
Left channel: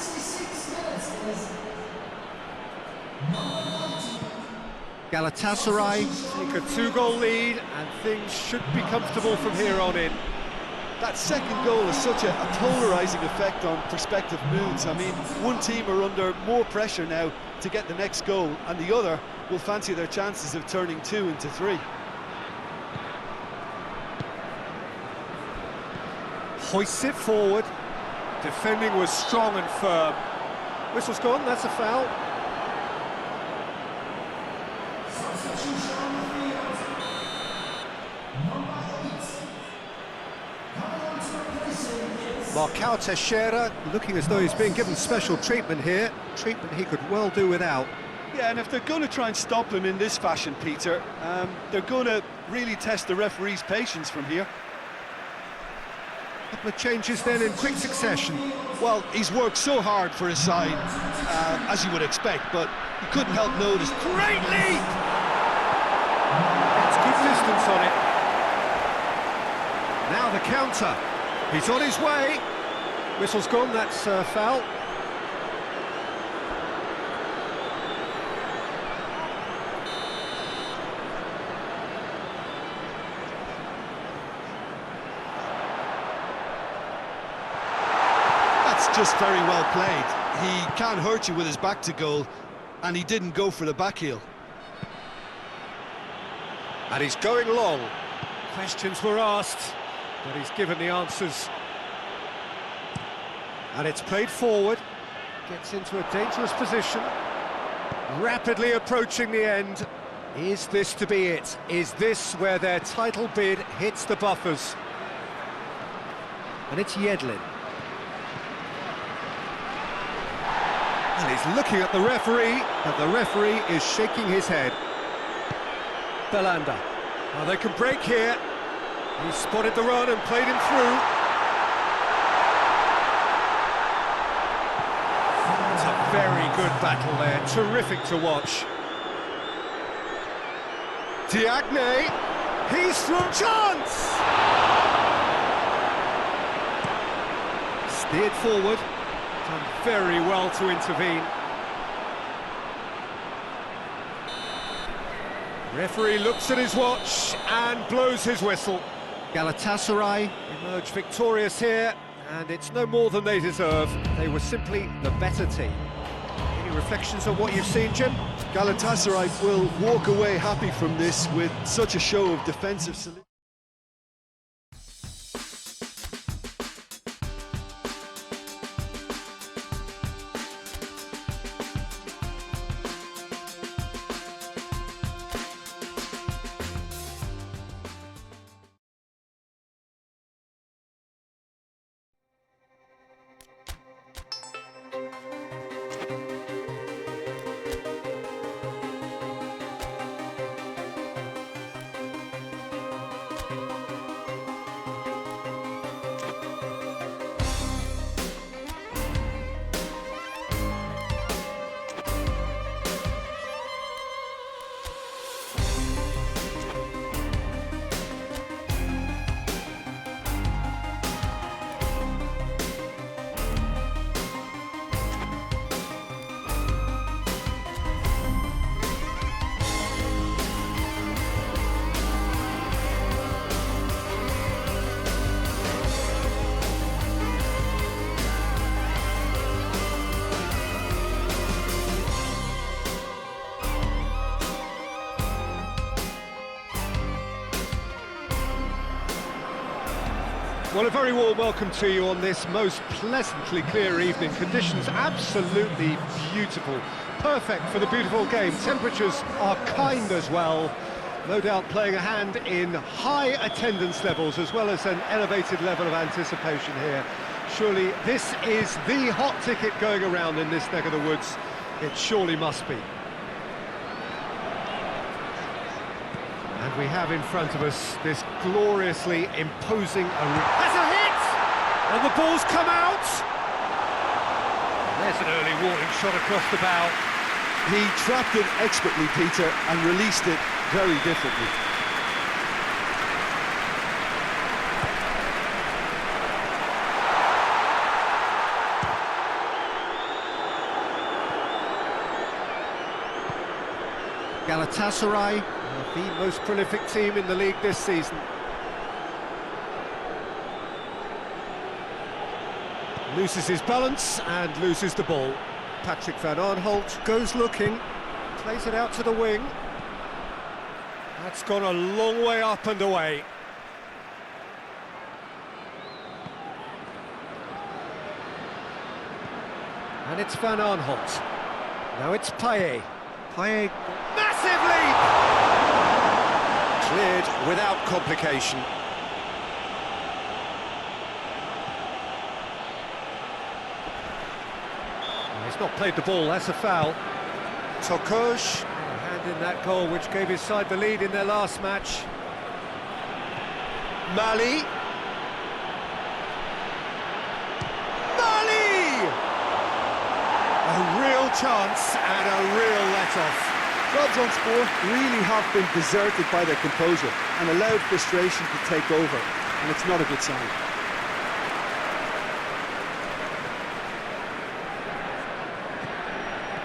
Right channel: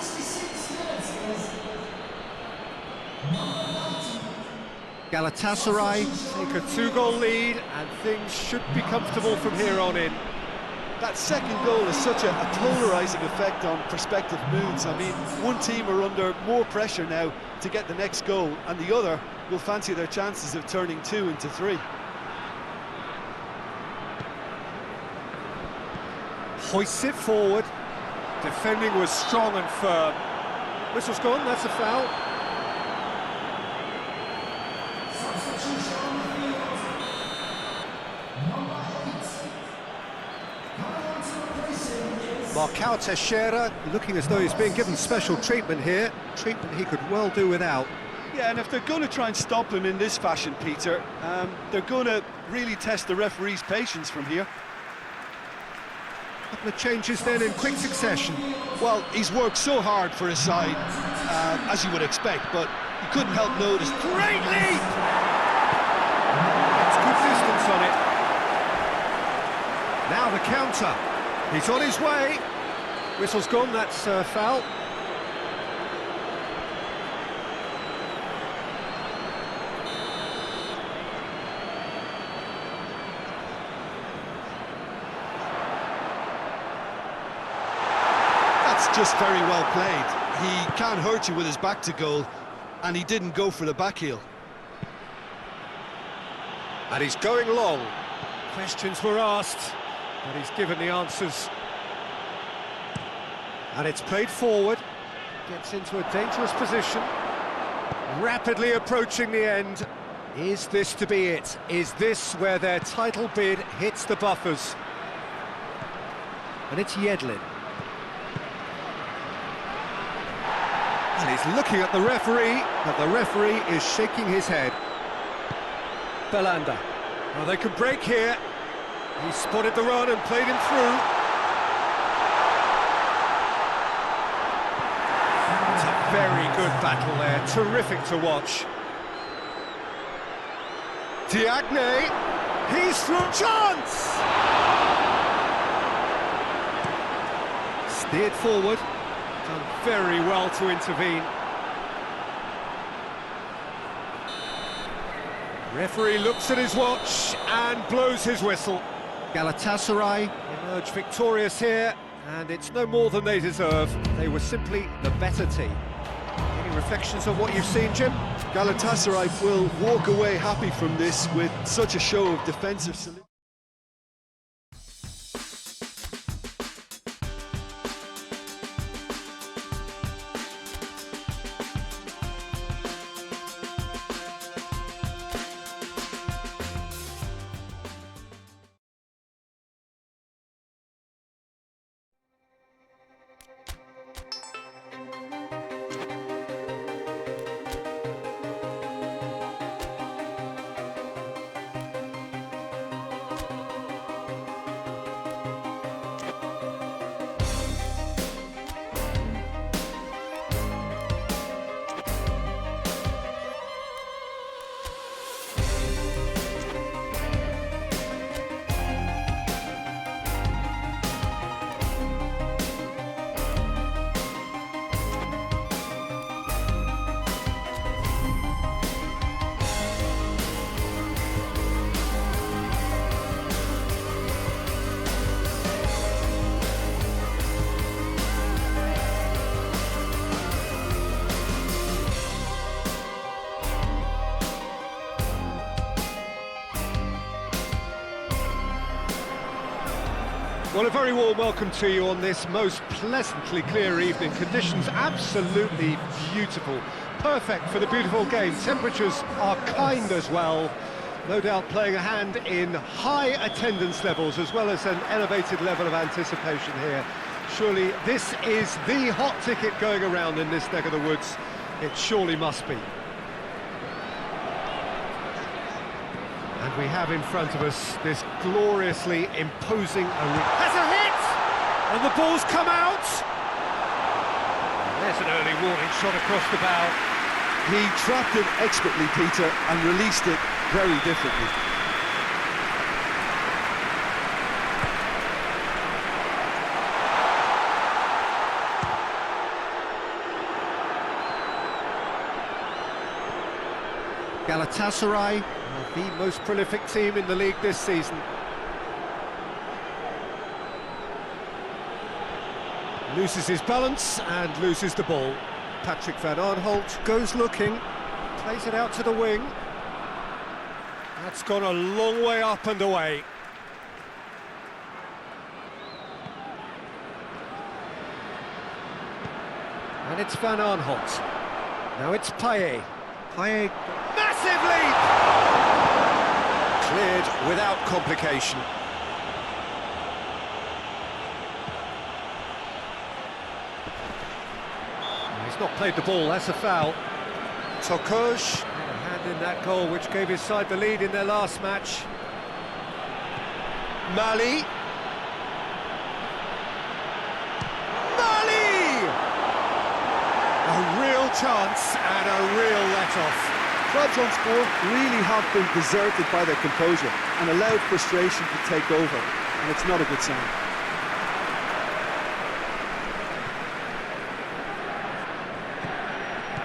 Galatasaray take a 2-goal lead, and things should be comfortable from here on in. That second goal has such a polarising effect on prospective moods. I mean, one team are under more pressure now to get the next goal, and the other will fancy their chances of turning 2 into 3. Hoists it forward. Defending was strong and firm. Whistle's gone, that's a foul. Marcao Teixeira looking as though he's being given special treatment here. Treatment he could well do without. Yeah, and if they're going to try and stop him in this fashion, Peter, they're going to really test the referee's patience from here. Couple of changes then in quick succession. Well, he's worked so hard for his side, as you would expect, but you couldn't help notice. Great leap! Gets good distance on it. Now the counter. He's on his way. Whistle's gone, that's a foul. That's just very well played. He can't hurt you with his back to goal, and he didn't go for the back heel. And he's going long. Questions were asked, but he's given the answers. And it's played forward. Gets into a dangerous position. Rapidly approaching the end. Is this to be it? Is this where their title bid hits the buffers? And it's Yedlin. And he's looking at the referee, but the referee is shaking his head. Belanda. Well, they can break here. He spotted the run and played him through. It's a very good battle there, terrific to watch. Diagne, he's through, chance! Steered forward, done very well to intervene. Referee looks at his watch and blows his whistle. Galatasaray emerge victorious here, and it's no more than they deserve. They were simply the better team. Any reflections on what you've seen, Jim? Galatasaray will walk away happy from this with such a show of defensive solidity. Well, a very warm welcome to you on this most pleasantly clear evening. Conditions absolutely beautiful. Perfect for the beautiful game. Temperatures are kind as well. No doubt playing a hand in high attendance levels as well as an elevated level of anticipation here. Surely this is the hot ticket going around in this neck of the woods. It surely must be. And we have in front of us this gloriously imposing arena. Has a hit! And the ball's come out! There's an early warning shot across the bow. He trapped it expertly, Peter, and released it very differently. Galatasaray are the most prolific team in the league this season. Loses his balance and loses the ball. Patrick van Aanholt goes looking, plays it out to the wing. That's gone a long way up and away. And it's Van Aanholt. Now it's Payet. Payet, massive leap! Cleared without complication. He's not played the ball, that's a foul. Tokoj had a hand in that goal which gave his side the lead in their last match. Mali. Mali! A real chance and a real let-off. Trabzonspor really have been deserted by their composure and allowed frustration to take over, and it's not a good sign.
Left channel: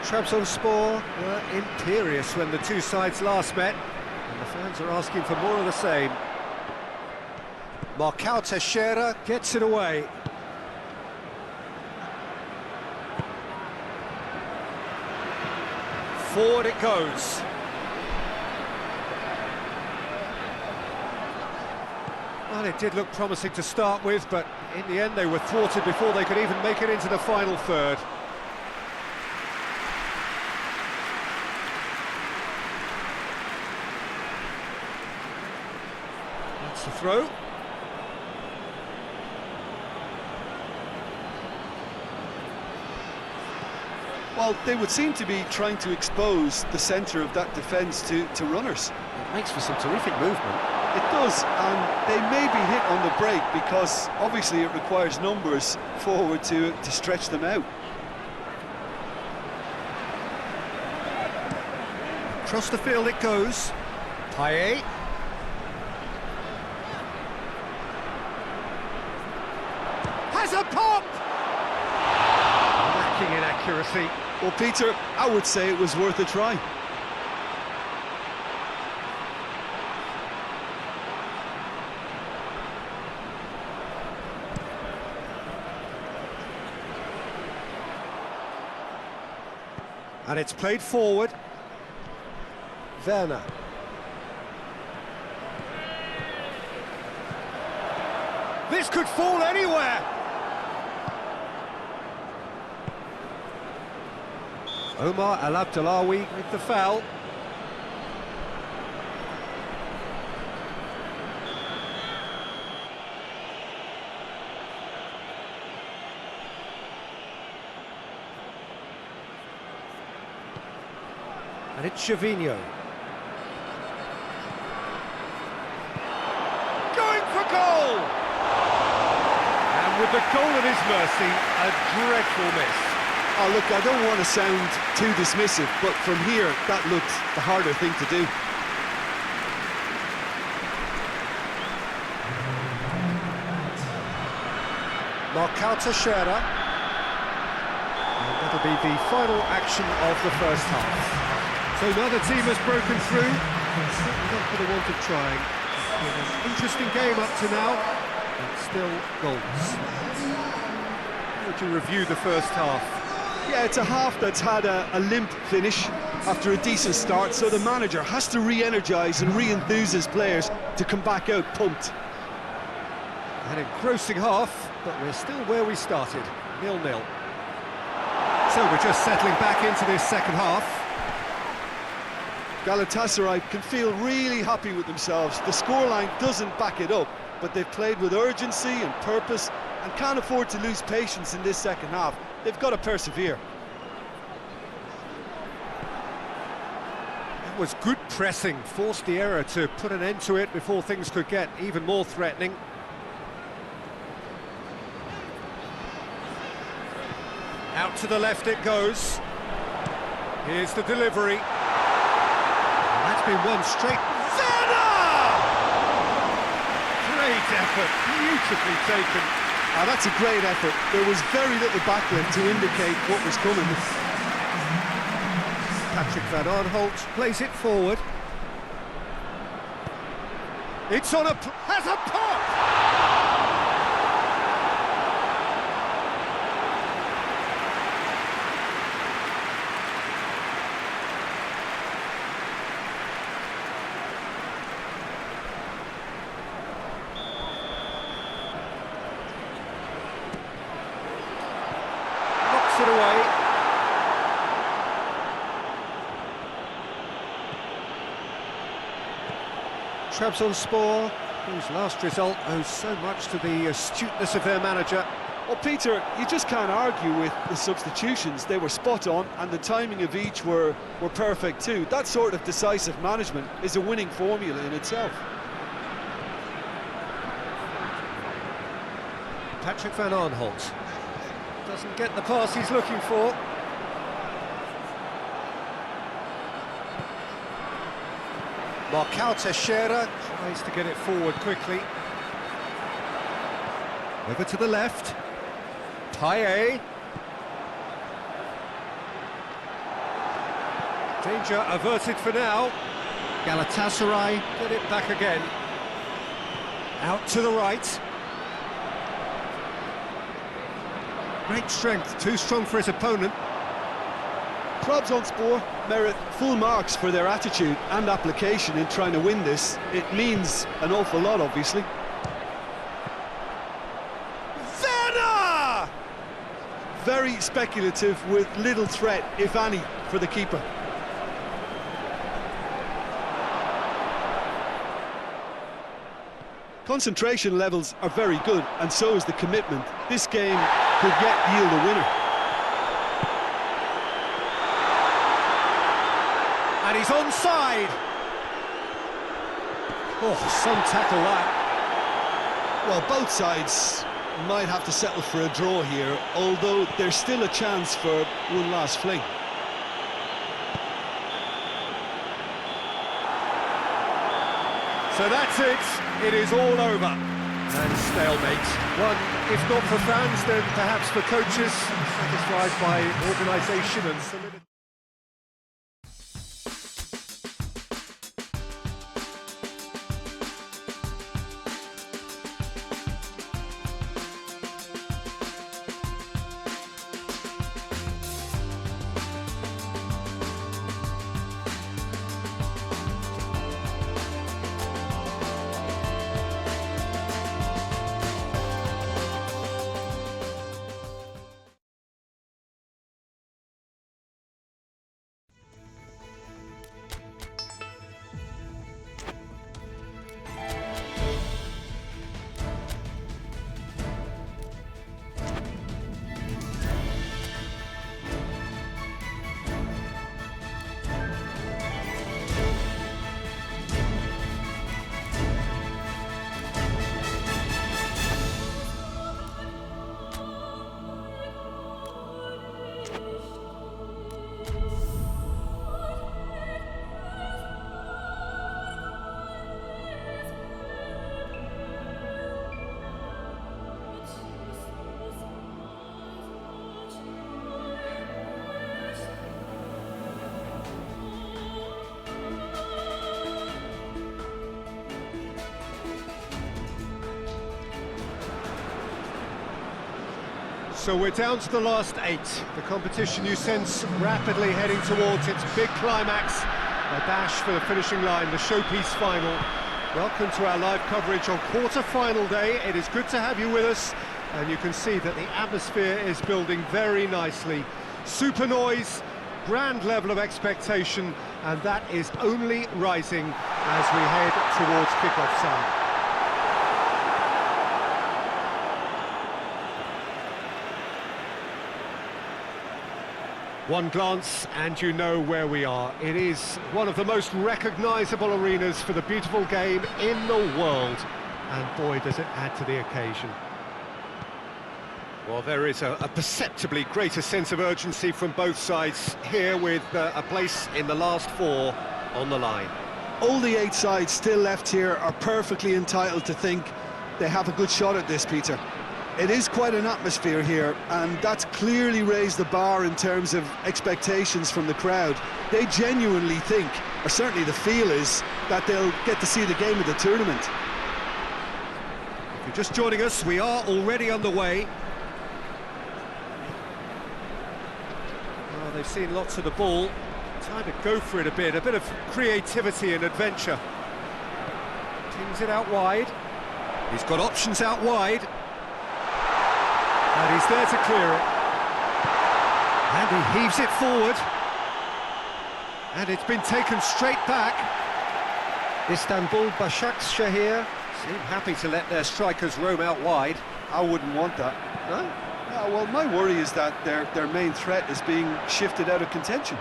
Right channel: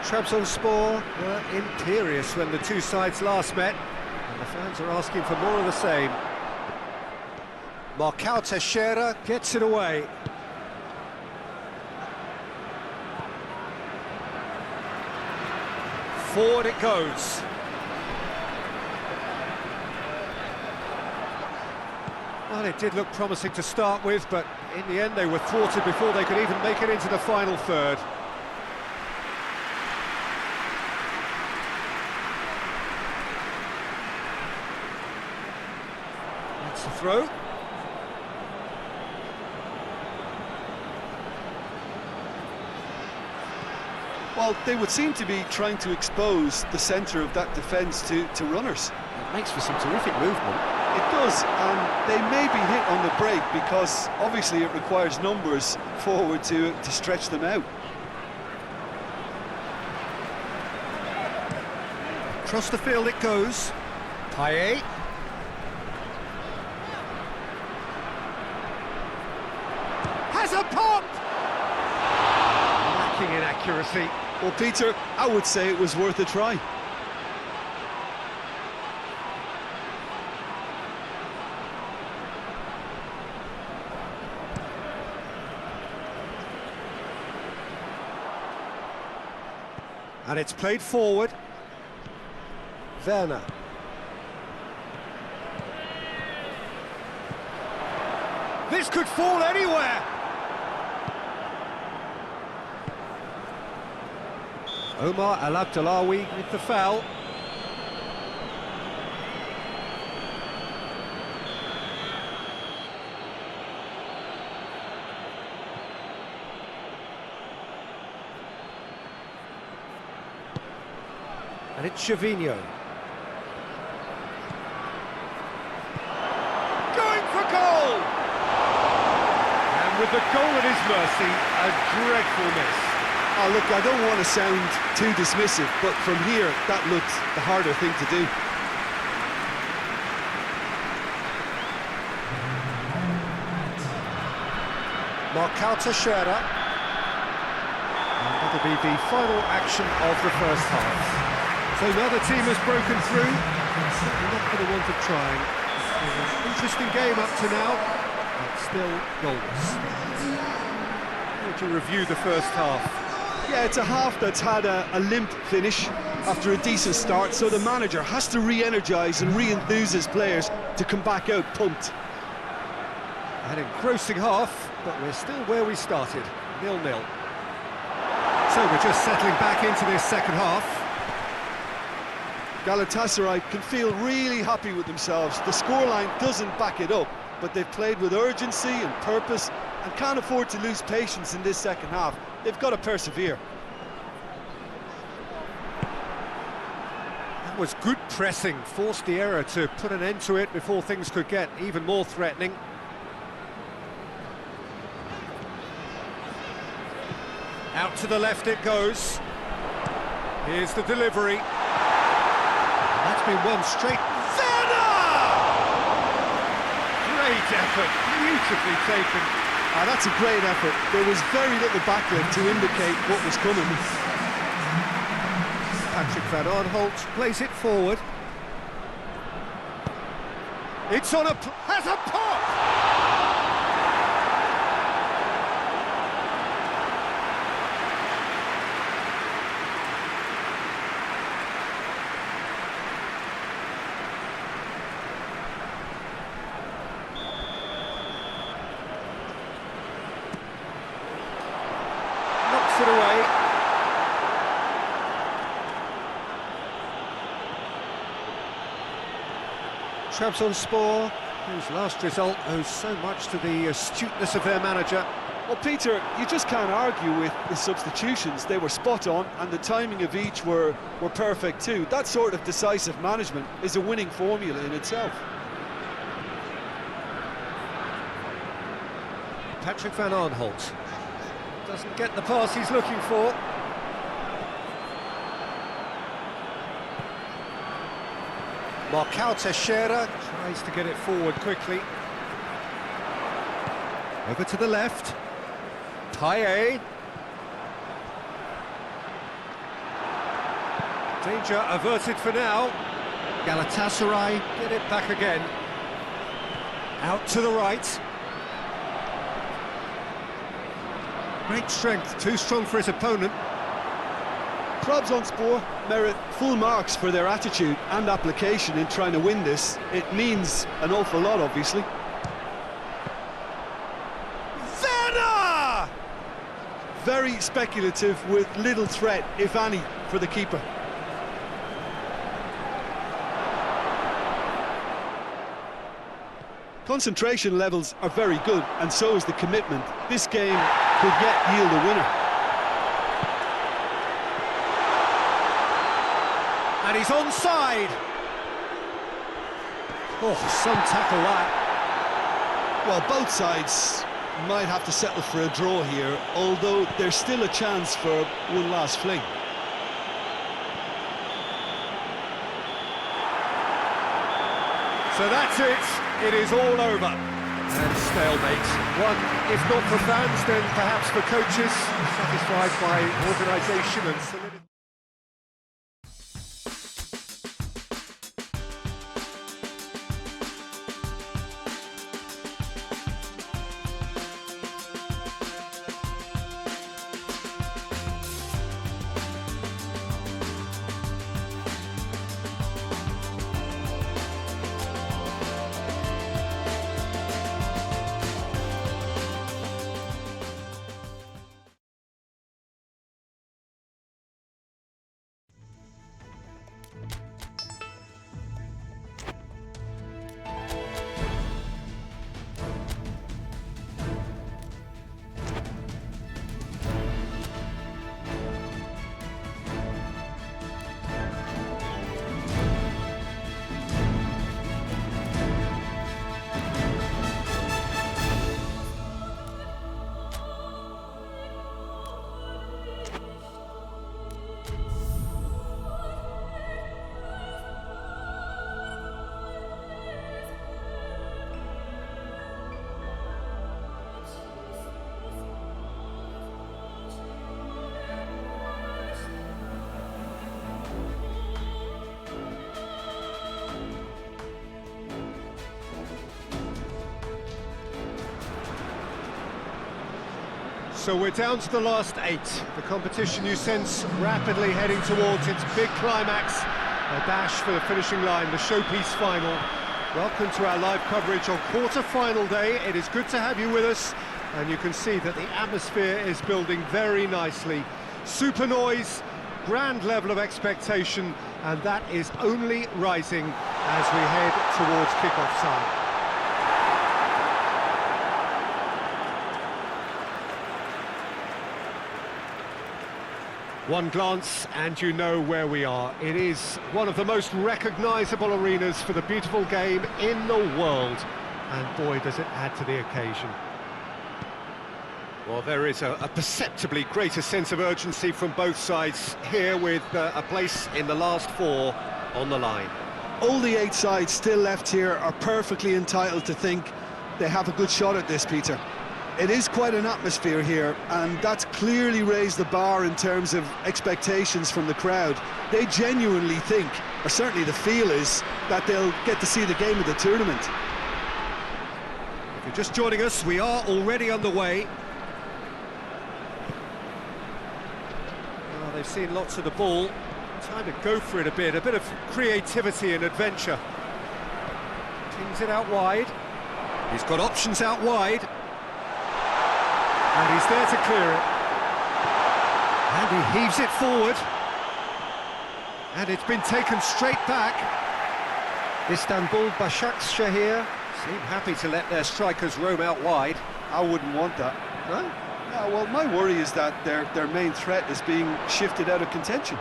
Trabzonspor were imperious when the two sides last met, and the fans are asking for more of the same. Marcao Teixeira gets it away. Forward it goes. Well, it did look promising to start with, but in the end they were thwarted before they could even make it into the final third. That's the throw. Well, they would seem to be trying to expose the centre of that defence to runners. It makes for some terrific movement. It does, and they may be hit on the break because obviously it requires numbers forward to stretch them out. Across the field it goes. Payet. Has a pop! Lacking in accuracy. Well, Peter, I would say it was worth a try. And it's played forward. Werner. This could fall anywhere. Omar Al Abdullawi with the foul. And it's Gervinho. Going for goal! And with the goal at his mercy, a dreadful miss. Oh, look, I don't want to sound too dismissive, but from here, that looked the harder thing to do. Marcao Teixeira. And that'll be the final action of the first half. So neither team has broken through, and certainly not for the want of trying. It's been an interesting game up to now, but still goalless. How would you review the first half? Yeah, it's a half that's had a limp finish after a decent start, so the manager has to re-energise and re-enthuse his players to come back out pumped. An engrossing half, but we're still where we started, 0-0. So we're just settling back into this second half. Galatasaray can feel really happy with themselves. The scoreline doesn't back it up, but they've played with urgency and purpose and can't afford to lose patience in this second half. They've got to persevere. That was good pressing, forced the error to put an end to it before things could get even more threatening. Out to the left it goes. Here's the delivery. And that's been one straight. Werner! Great effort, beautifully taken. Ah, that's a great effort. There was very little backlift to indicate what was coming. Patrick Van Aanholt plays it forward. It's on has a pop! puts it away. Trabzonspor, whose last result owes so much to the astuteness of their manager. Well, Peter, you just can't argue with the substitutions. They were spot on, and the timing of each were perfect too. That sort of decisive management is a winning formula in itself. Patrick van Arnholt doesn't get the pass he's looking for. Marcao Teixeira tries to get it forward quickly. Over to the left. Payet. Danger averted for now. Galatasaray get it back again. Out to the right. Great strength, too strong for his opponent. Trabzonspor merit full marks for their attitude and application in trying to win this. It means an awful lot, obviously. Werner! Very speculative with little threat, if any, for the keeper. Concentration levels are very good, and so is the commitment. This game could yet yield a winner. And he's onside. Oh, some tackle that. Well, both sides might have to settle for a draw here, although there's still a chance for one last fling. So that's it. It is all over. And stalemate. One, if not for fans, then perhaps for coaches, satisfied by organisation and solidity. So we're down to the last 8. The competition you sense rapidly heading towards its big climax. A dash for the finishing line, the showpiece final. Welcome to our live coverage on quarter-final day. It is good to have you with us, and you can see that the atmosphere is building very nicely. Super noise, grand level of expectation, and that is only rising as we head towards kick-off time. One glance and you know where we are. It is one of the most recognisable arenas for the beautiful game in the world. And boy, does it add to the occasion. Well, there is a perceptibly greater sense of urgency from both sides here, with a place in the last 4 on the line. All the 8 sides still left here are perfectly entitled to think they have a good shot at this, Peter. It is quite an atmosphere here, and that's clearly raised the bar in terms of expectations from the crowd. They genuinely think, or certainly the feel is, that they'll get to see the game of the tournament. If you're just joining us, we are already underway. Well, they've seen lots of the ball. Time to go for it a bit of creativity and adventure. Tings it out wide. He's got options out wide. And he's there to clear it. And he heaves it forward. And it's been taken straight back. Istanbul Başakşehir seem happy to let their strikers roam out wide. I wouldn't want that. No? Yeah, well, my worry is that their main threat is being shifted out of contention.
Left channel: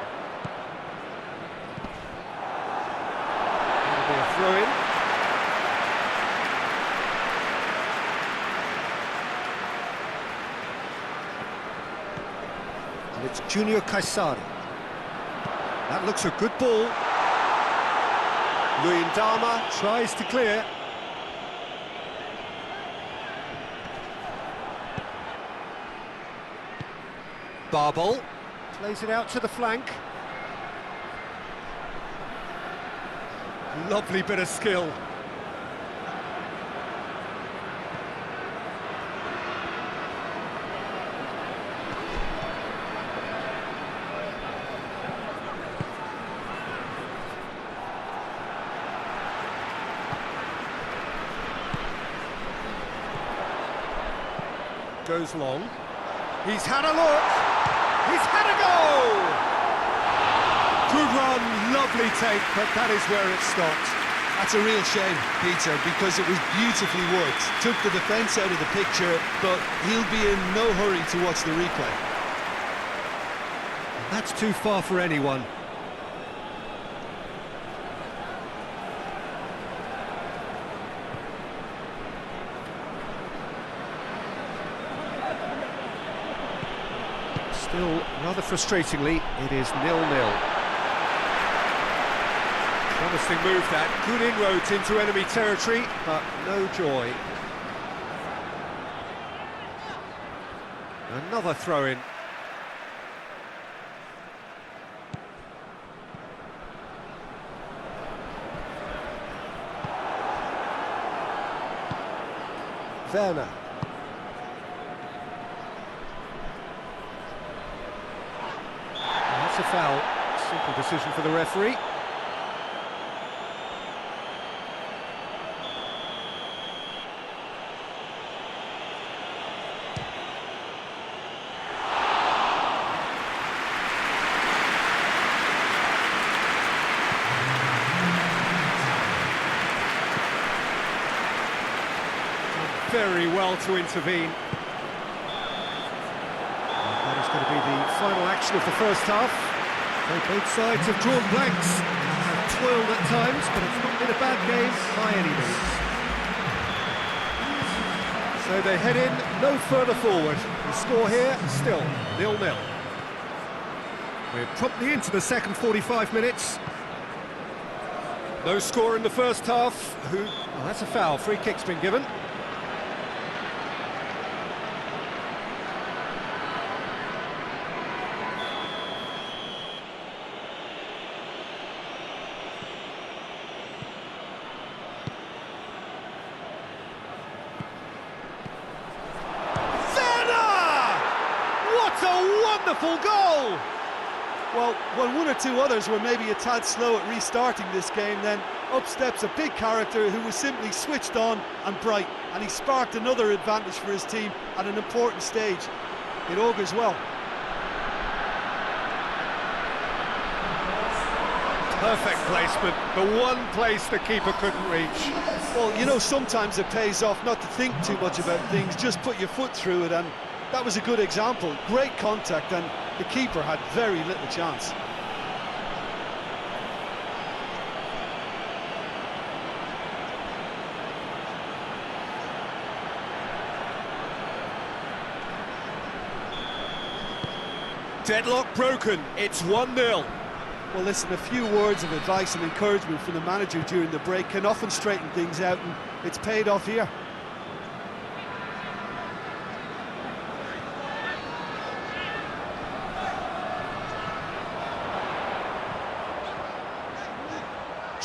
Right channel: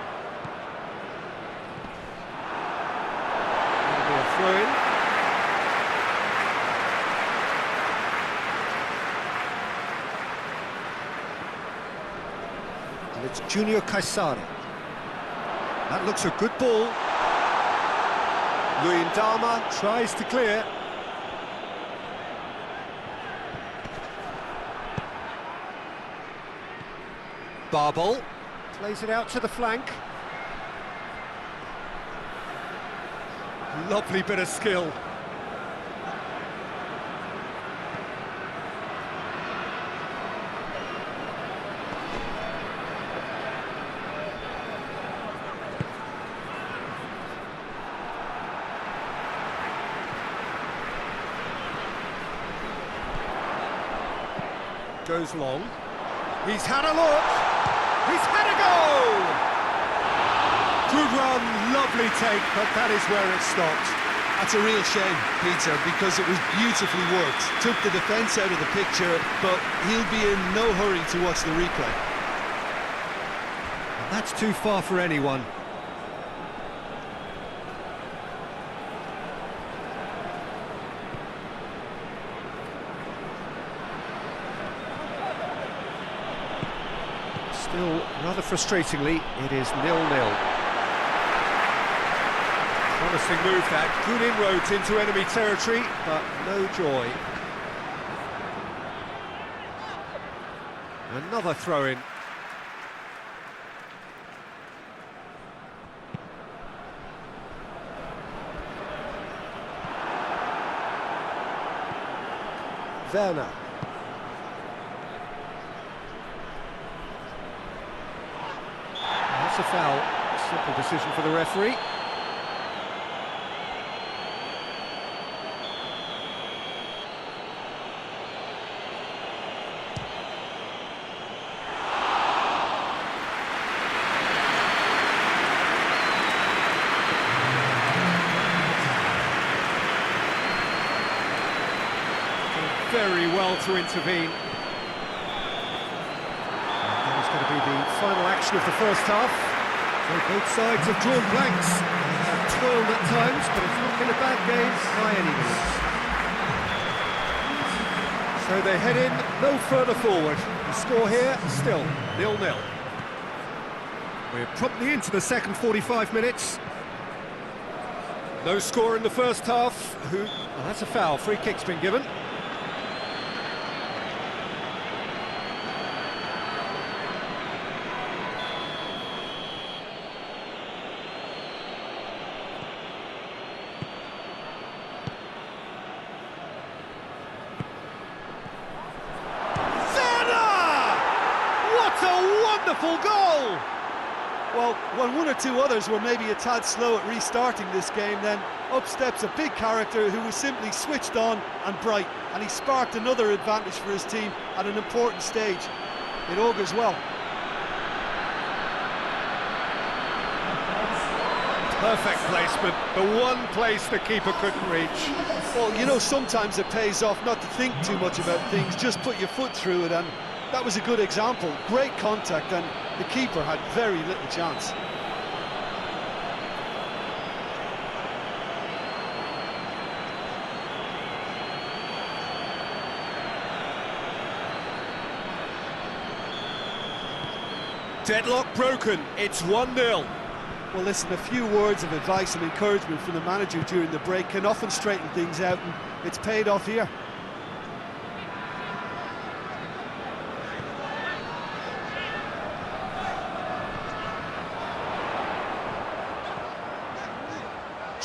It'll be a throw-in. And it's Junior Kaysari. That looks a good ball. Luyendama tries to clear. Barbol plays it out to the flank. Lovely bit of skill. Goes long. He's had a look. He's had a go! Good run, lovely take, but that is where it stopped. That's a real shame, Peter, because it was beautifully worked. Took the defence out of the picture, but he'll be in no hurry to watch the replay. And that's too far for anyone. Still, rather frustratingly, it is 0-0. Promising move that, good inroads into enemy territory, but no joy. Another throw-in. Werner. That's a foul. Simple decision for the referee. Done very well to intervene. That is going to be the final action of the first half. So both sides have drawn blanks, have toiled at times, but it's not been a bad game by any means. So they head in no further forward. The score here, still 0-0. We're promptly into the second 45 minutes. No score in the first half. Oh, that's a foul. Free kick's been given. What a wonderful goal! Well, when one or two others were maybe a tad slow at restarting this game, then up steps a big character who was simply switched on and bright, and he sparked another advantage for his team at an important stage. It augurs well. Perfect placement, the one place the keeper couldn't reach. Well, you know, sometimes it pays off not to think too much about things, just put your foot through it, and that was a good example. Great contact, and the keeper had very little chance. Deadlock broken, it's 1-0. Well, listen, a few words of advice and encouragement from the manager during the break can often straighten things out, and it's paid off here.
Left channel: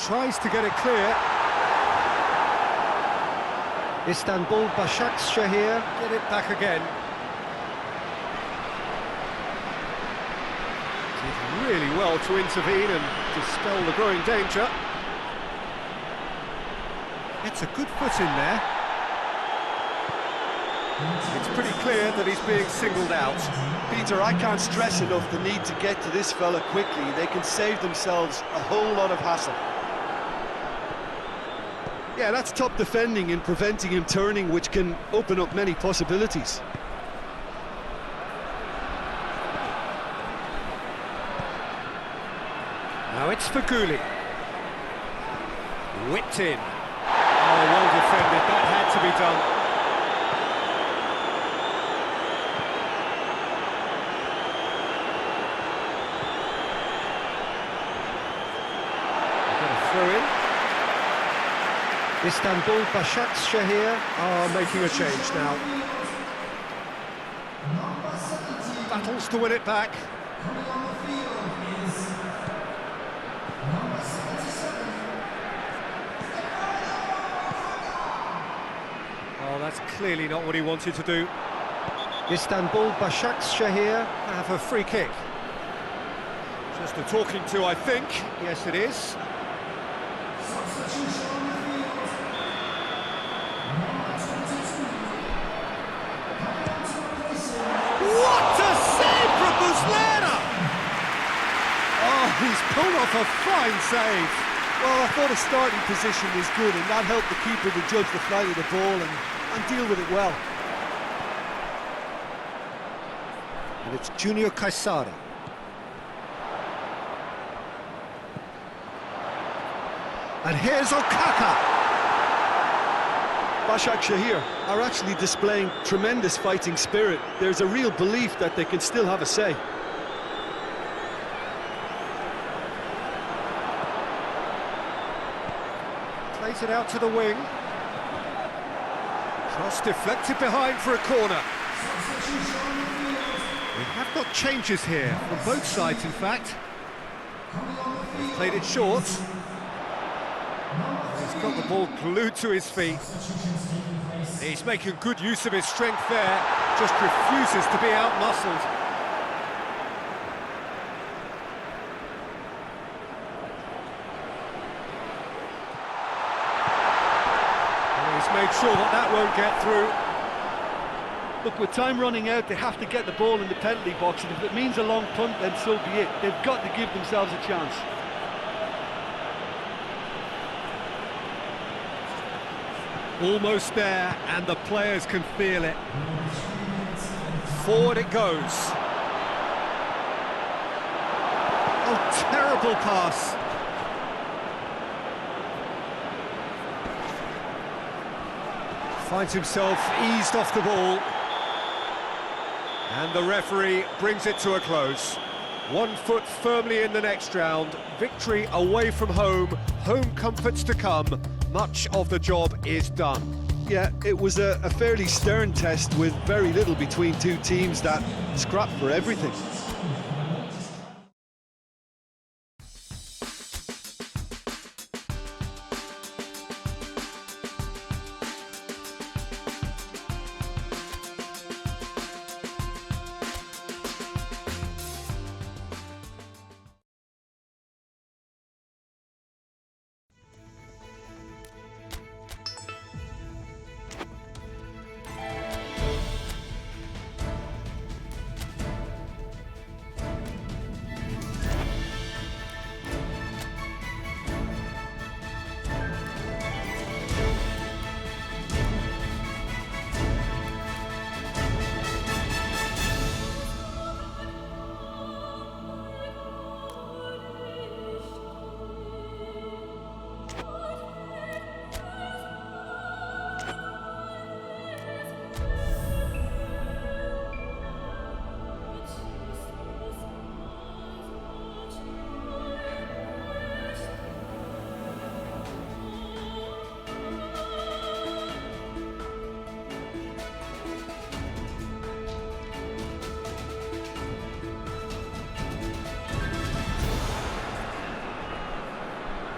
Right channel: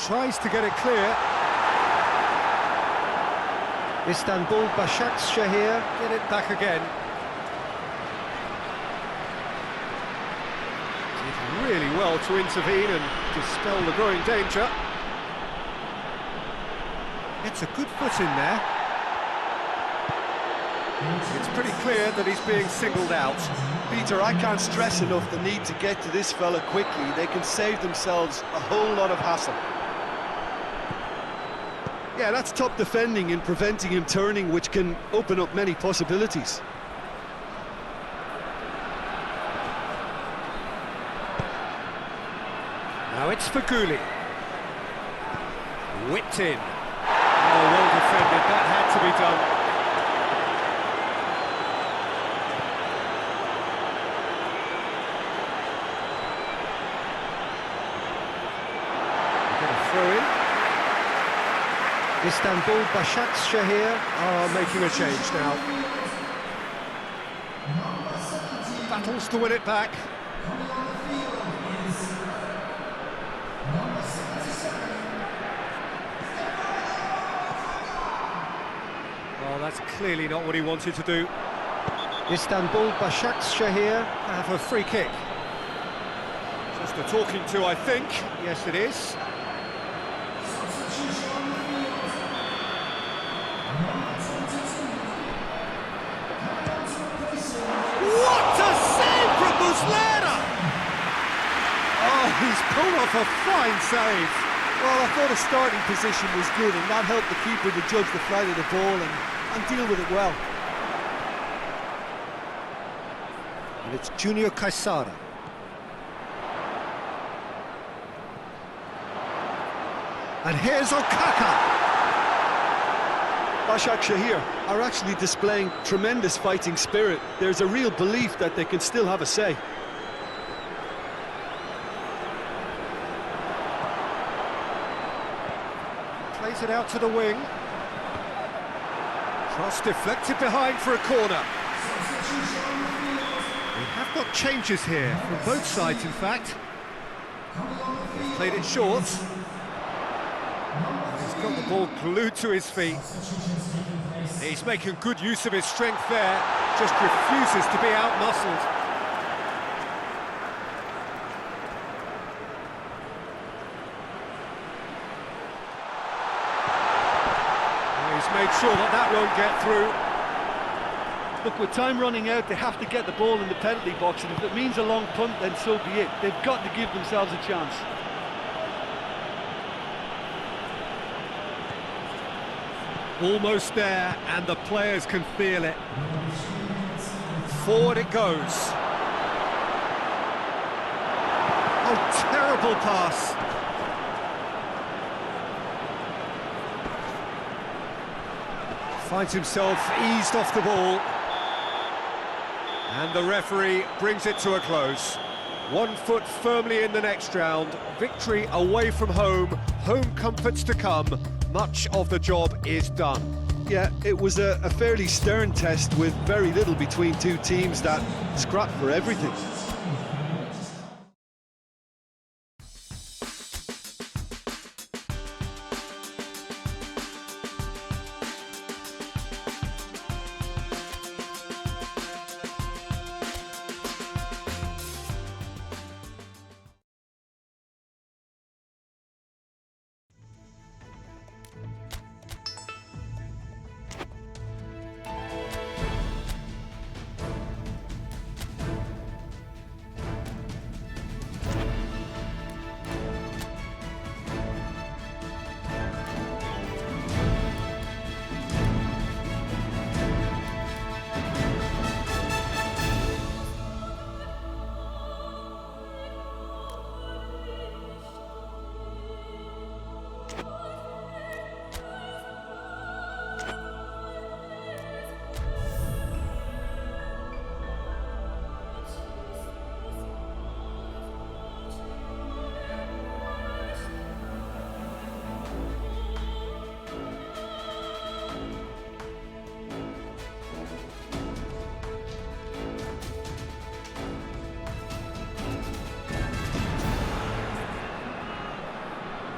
Tries to get it clear. Istanbul Başakşehir get it back again. Did really well to intervene and dispel the growing danger. Gets a good foot in there. It's pretty clear that he's being singled out. Peter, I can't stress enough the need to get to this fella quickly. They can save themselves a whole lot of hassle. Yeah, that's top defending and preventing him turning, which can open up many possibilities. Now it's for Gulli. Whipped in. Oh, well defended. That had to be done. We get a throw in. Istanbul Başakşehir are making a change now. Battles to win it back. Oh, that's clearly not what he wanted to do. Istanbul Başakşehir have a free kick. Just a talking to, I think. Yes, it is. What a save from Muslera! Oh, he's pulled off a fine save. Well, I thought his starting position was good, and that helped the keeper to judge the flight of the ball and deal with it well. And it's Junior Kaysara. And here's Okaka. Başakşehir are actually displaying tremendous fighting spirit. There's a real belief that they can still have a say. Plays it out to the wing. Cross deflected behind for a corner. We have got changes here, from both sides in fact. They've played it short. He's got the ball glued to his feet. He's making good use of his strength there, just refuses to be out-muscled. He's made sure that that won't get through. Look, with time running out, they have to get the ball in the penalty box, and if it means a long punt, then so be it. They've got to give themselves a chance. Almost there, and the players can feel it. Forward it goes. Oh, terrible pass. Finds himself eased off the ball. And the referee brings it to a close. 1 foot firmly in the next round. Victory away from home. Home comforts to come. Much of the job is done. Yeah, it was a fairly stern test with very little between two teams that scrapped for everything.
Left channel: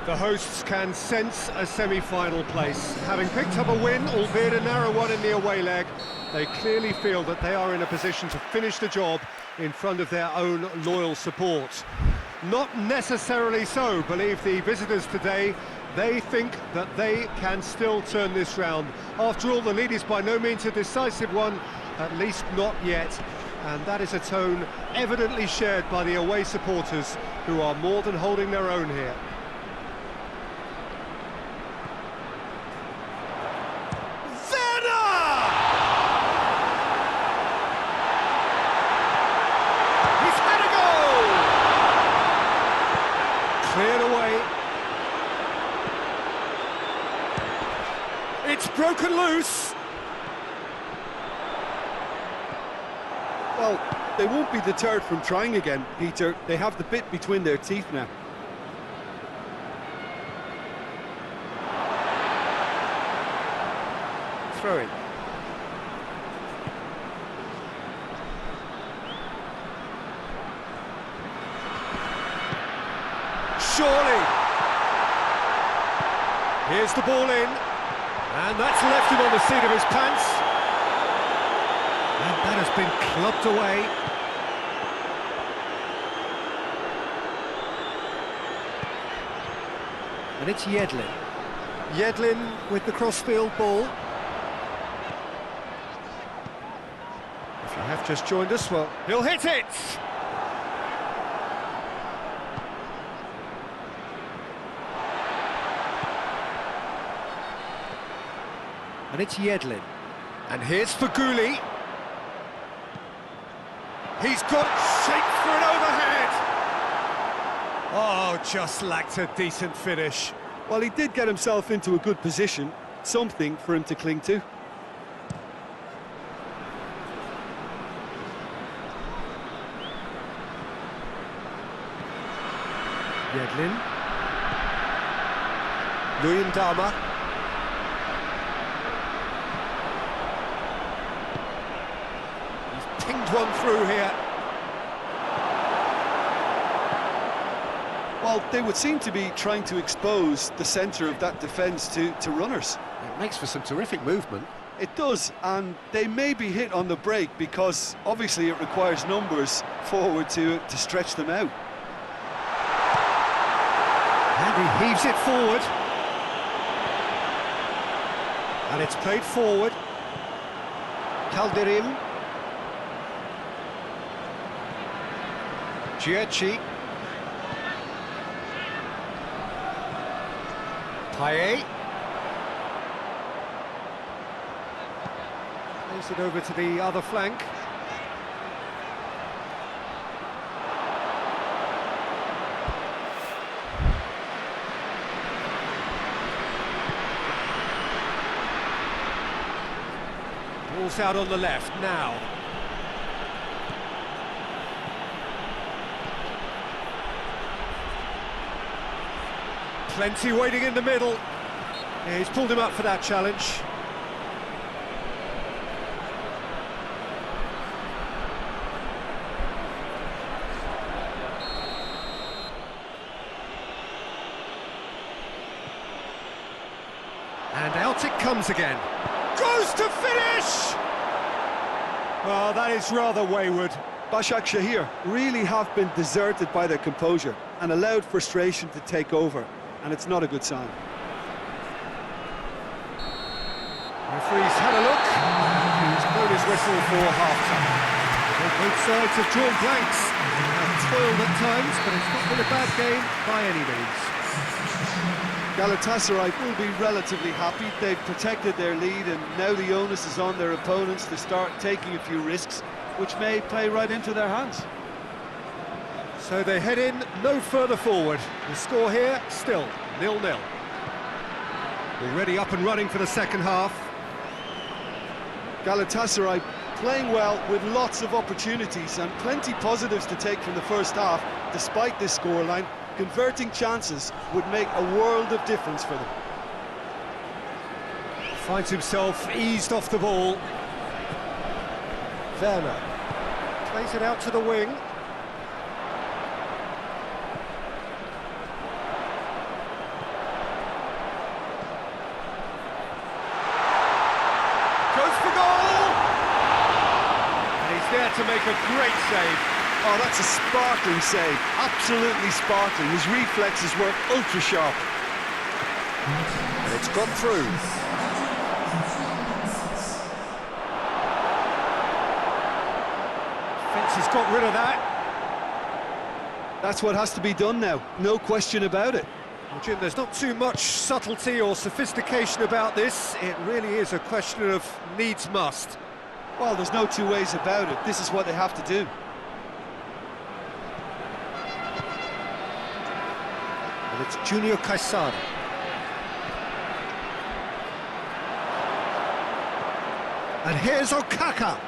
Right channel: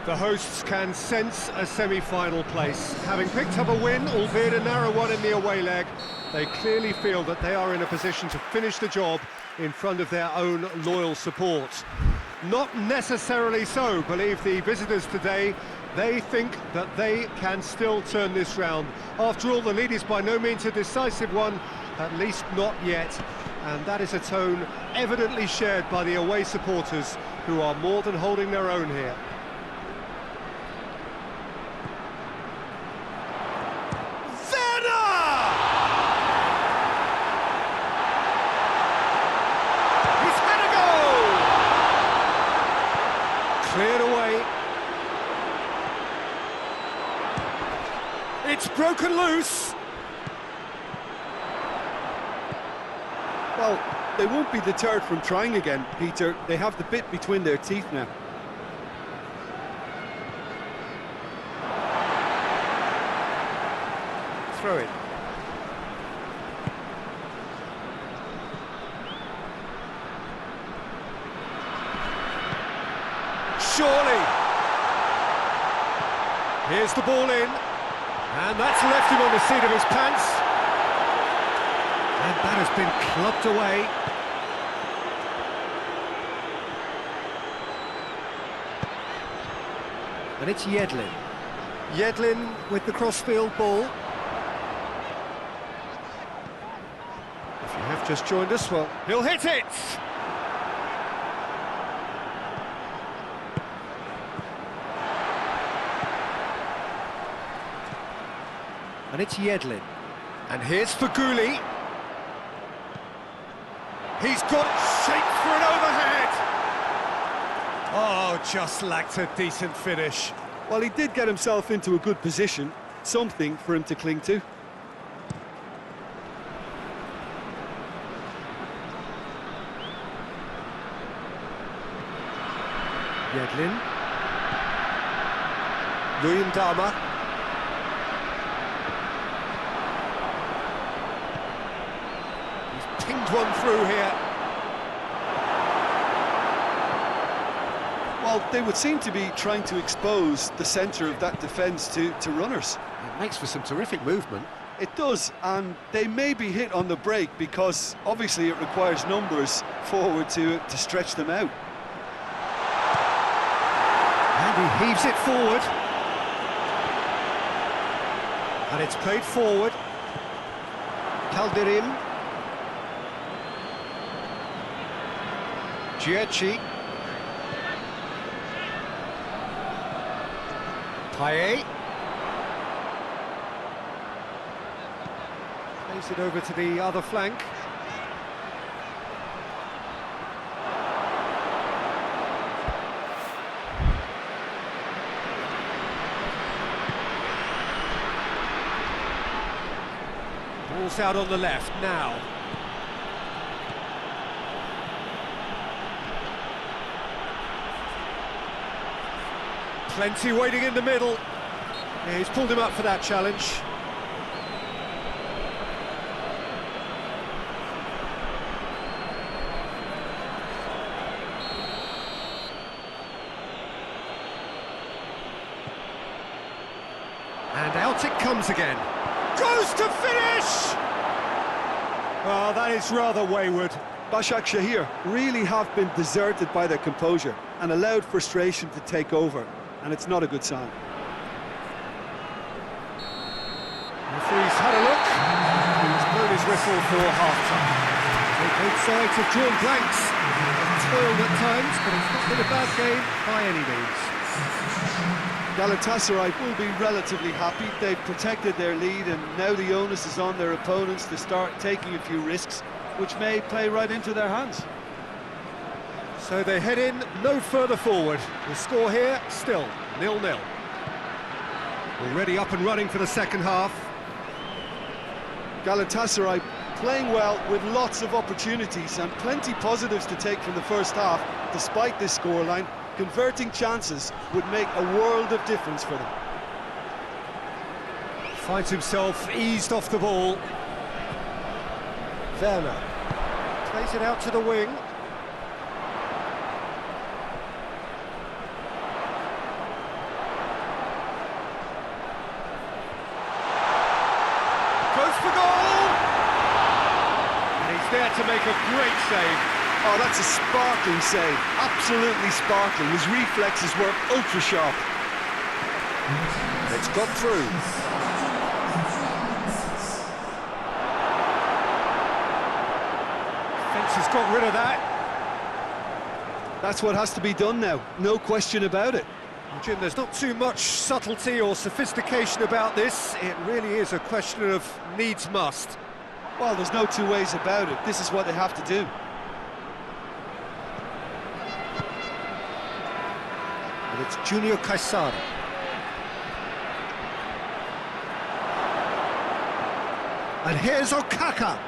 The hosts can sense a semi-final place. Having picked up a win, albeit a narrow one in the away leg, they clearly feel that they are in a position to finish the job in front of their own loyal support. Not necessarily so, believe the visitors today, They think that they can still turn this round. After all, the lead is by no means a decisive one, at least not yet. And that is a tone evidently shared by the away supporters, who are more than holding their own here. Cleared away. It's broken loose. Well, they won't be deterred from trying again, Peter. They have the bit between their teeth now. Throw it. Surely. Here's the ball in. And that's left him on the seat of his pants. And that has been clubbed away. And it's Yedlin. Yedlin with the crossfield ball. If you have just joined us, well, he'll hit it! And it's Yedlin. And here's Faguli. He's got it shaped for an overhead. Oh, just lacked a decent finish. Well, he did get himself into a good position, something for him to cling to. Yedlin. Luyendama. He's pinged one through here. Well, they would seem to be trying to expose the centre of that defence to runners. It makes for some terrific movement. It does, and they may be hit on the break because obviously it requires numbers forward to stretch them out. And he heaves it forward. And it's played forward. Calderim. Giacchi. Paye. Plays it over to the other flank. Ball's out on the left now. Plenty waiting in the middle. Yeah, he's pulled him up for that challenge. And out it comes again. Goes to finish! Oh, that is rather wayward. Başak Şehir really have been deserted by their composure and allowed frustration to take over, and it's not a good sign. Referee's had a look, and he's blown his whistle for half-time. So both sides have drawn blanks. They have toiled at times, but it's not been a bad game by any means. Galatasaray will be relatively happy. They've protected their lead, and now the onus is on their opponents to start taking a few risks, which may play right into their hands. So they head in no further forward. The score here, still 0-0. Already up and running for the second half. Galatasaray playing well with lots of opportunities and plenty positives to take from the first half, despite this scoreline. Converting chances would make a world of difference for them. Finds himself eased off the ball. Werner plays it out to the wing. Goes for goal! And he's there to make a great save. Oh, that's a sparkling save. Absolutely sparkling. His reflexes were ultra sharp. And it's got through. Defence has got rid of that. That's what has to be done now, no question about it. Well, Jim, there's not too much subtlety or sophistication about this. It really is a question of needs must. Well, there's no two ways about it. This is what they have to do. And it's Junior Caesar. And here's Okaka.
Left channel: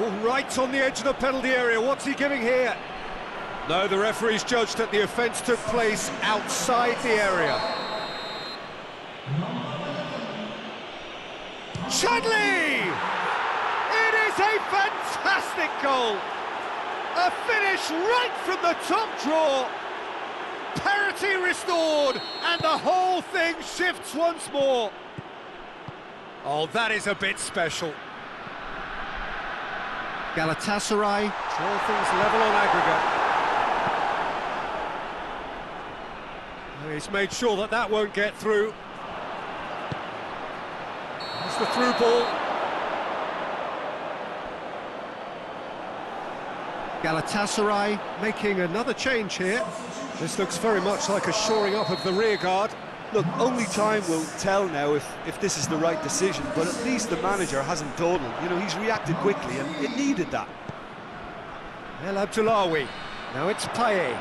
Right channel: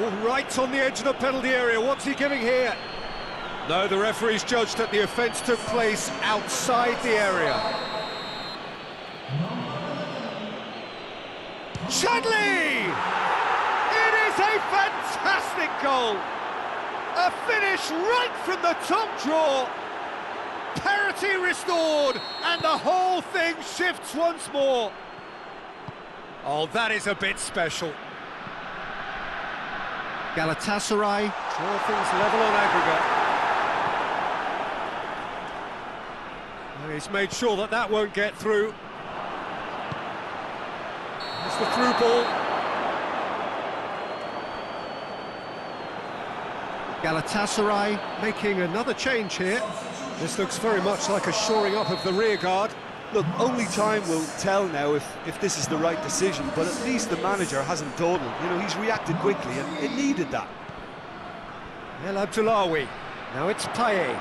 All right on the edge of the penalty area. What's he giving here? No, the referee's judged that the offence took place outside the area. Chudley! It is a fantastic goal! A finish right from the top draw. Parity restored, and the whole thing shifts once more. Oh, that is a bit special. Galatasaray draw things level on aggregate. He's made sure that that won't get through. It's the through ball. Galatasaray making another change here. This looks very much like a shoring up of the rear guard. Look, only time will tell now if this is the right decision, but at least the manager hasn't dawdled. You know, he's reacted quickly, and it needed that. El Abdullawi. Now it's Paye.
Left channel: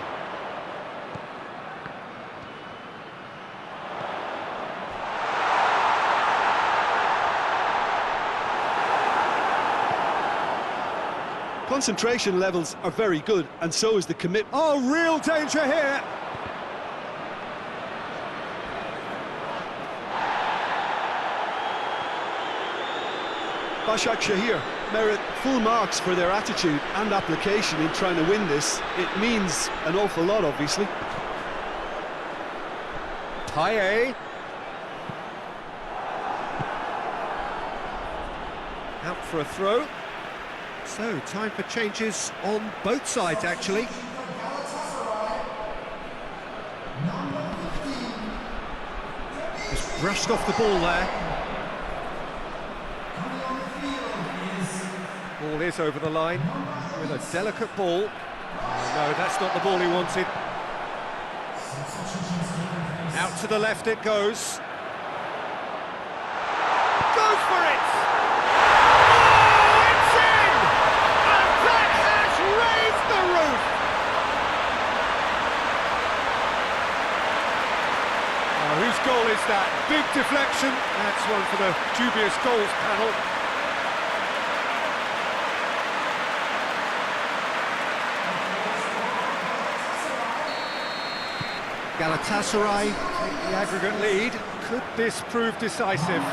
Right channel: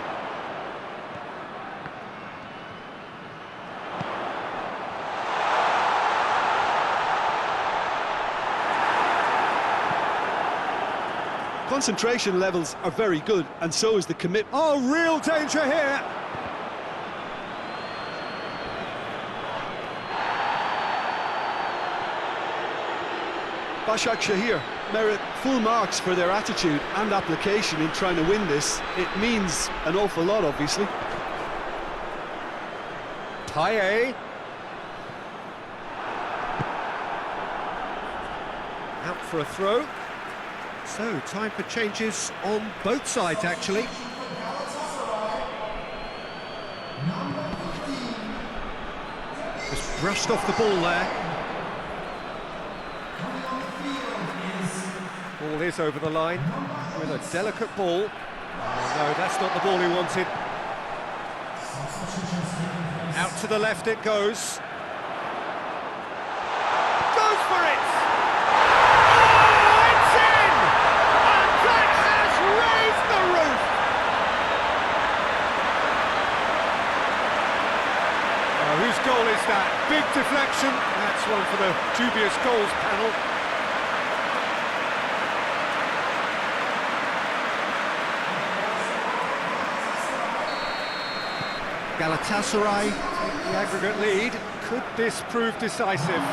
Concentration levels are very good, and so is the commitment. Oh, real danger here! Başak Şehir merit full marks for their attitude and application in trying to win this. It means an awful lot, obviously. Paye. Out for a throw. So, time for changes on both sides, actually. Just brushed off the ball there. Ball is over the line with a delicate ball. Oh, no, that's not the ball he wanted. Out to the left it goes. Goes for it! Oh, it's in! And that has raised the roof! Oh, whose goal is that? Big deflection. That's one for the dubious goals panel. Galatasaray take the aggregate lead. Could this prove decisive?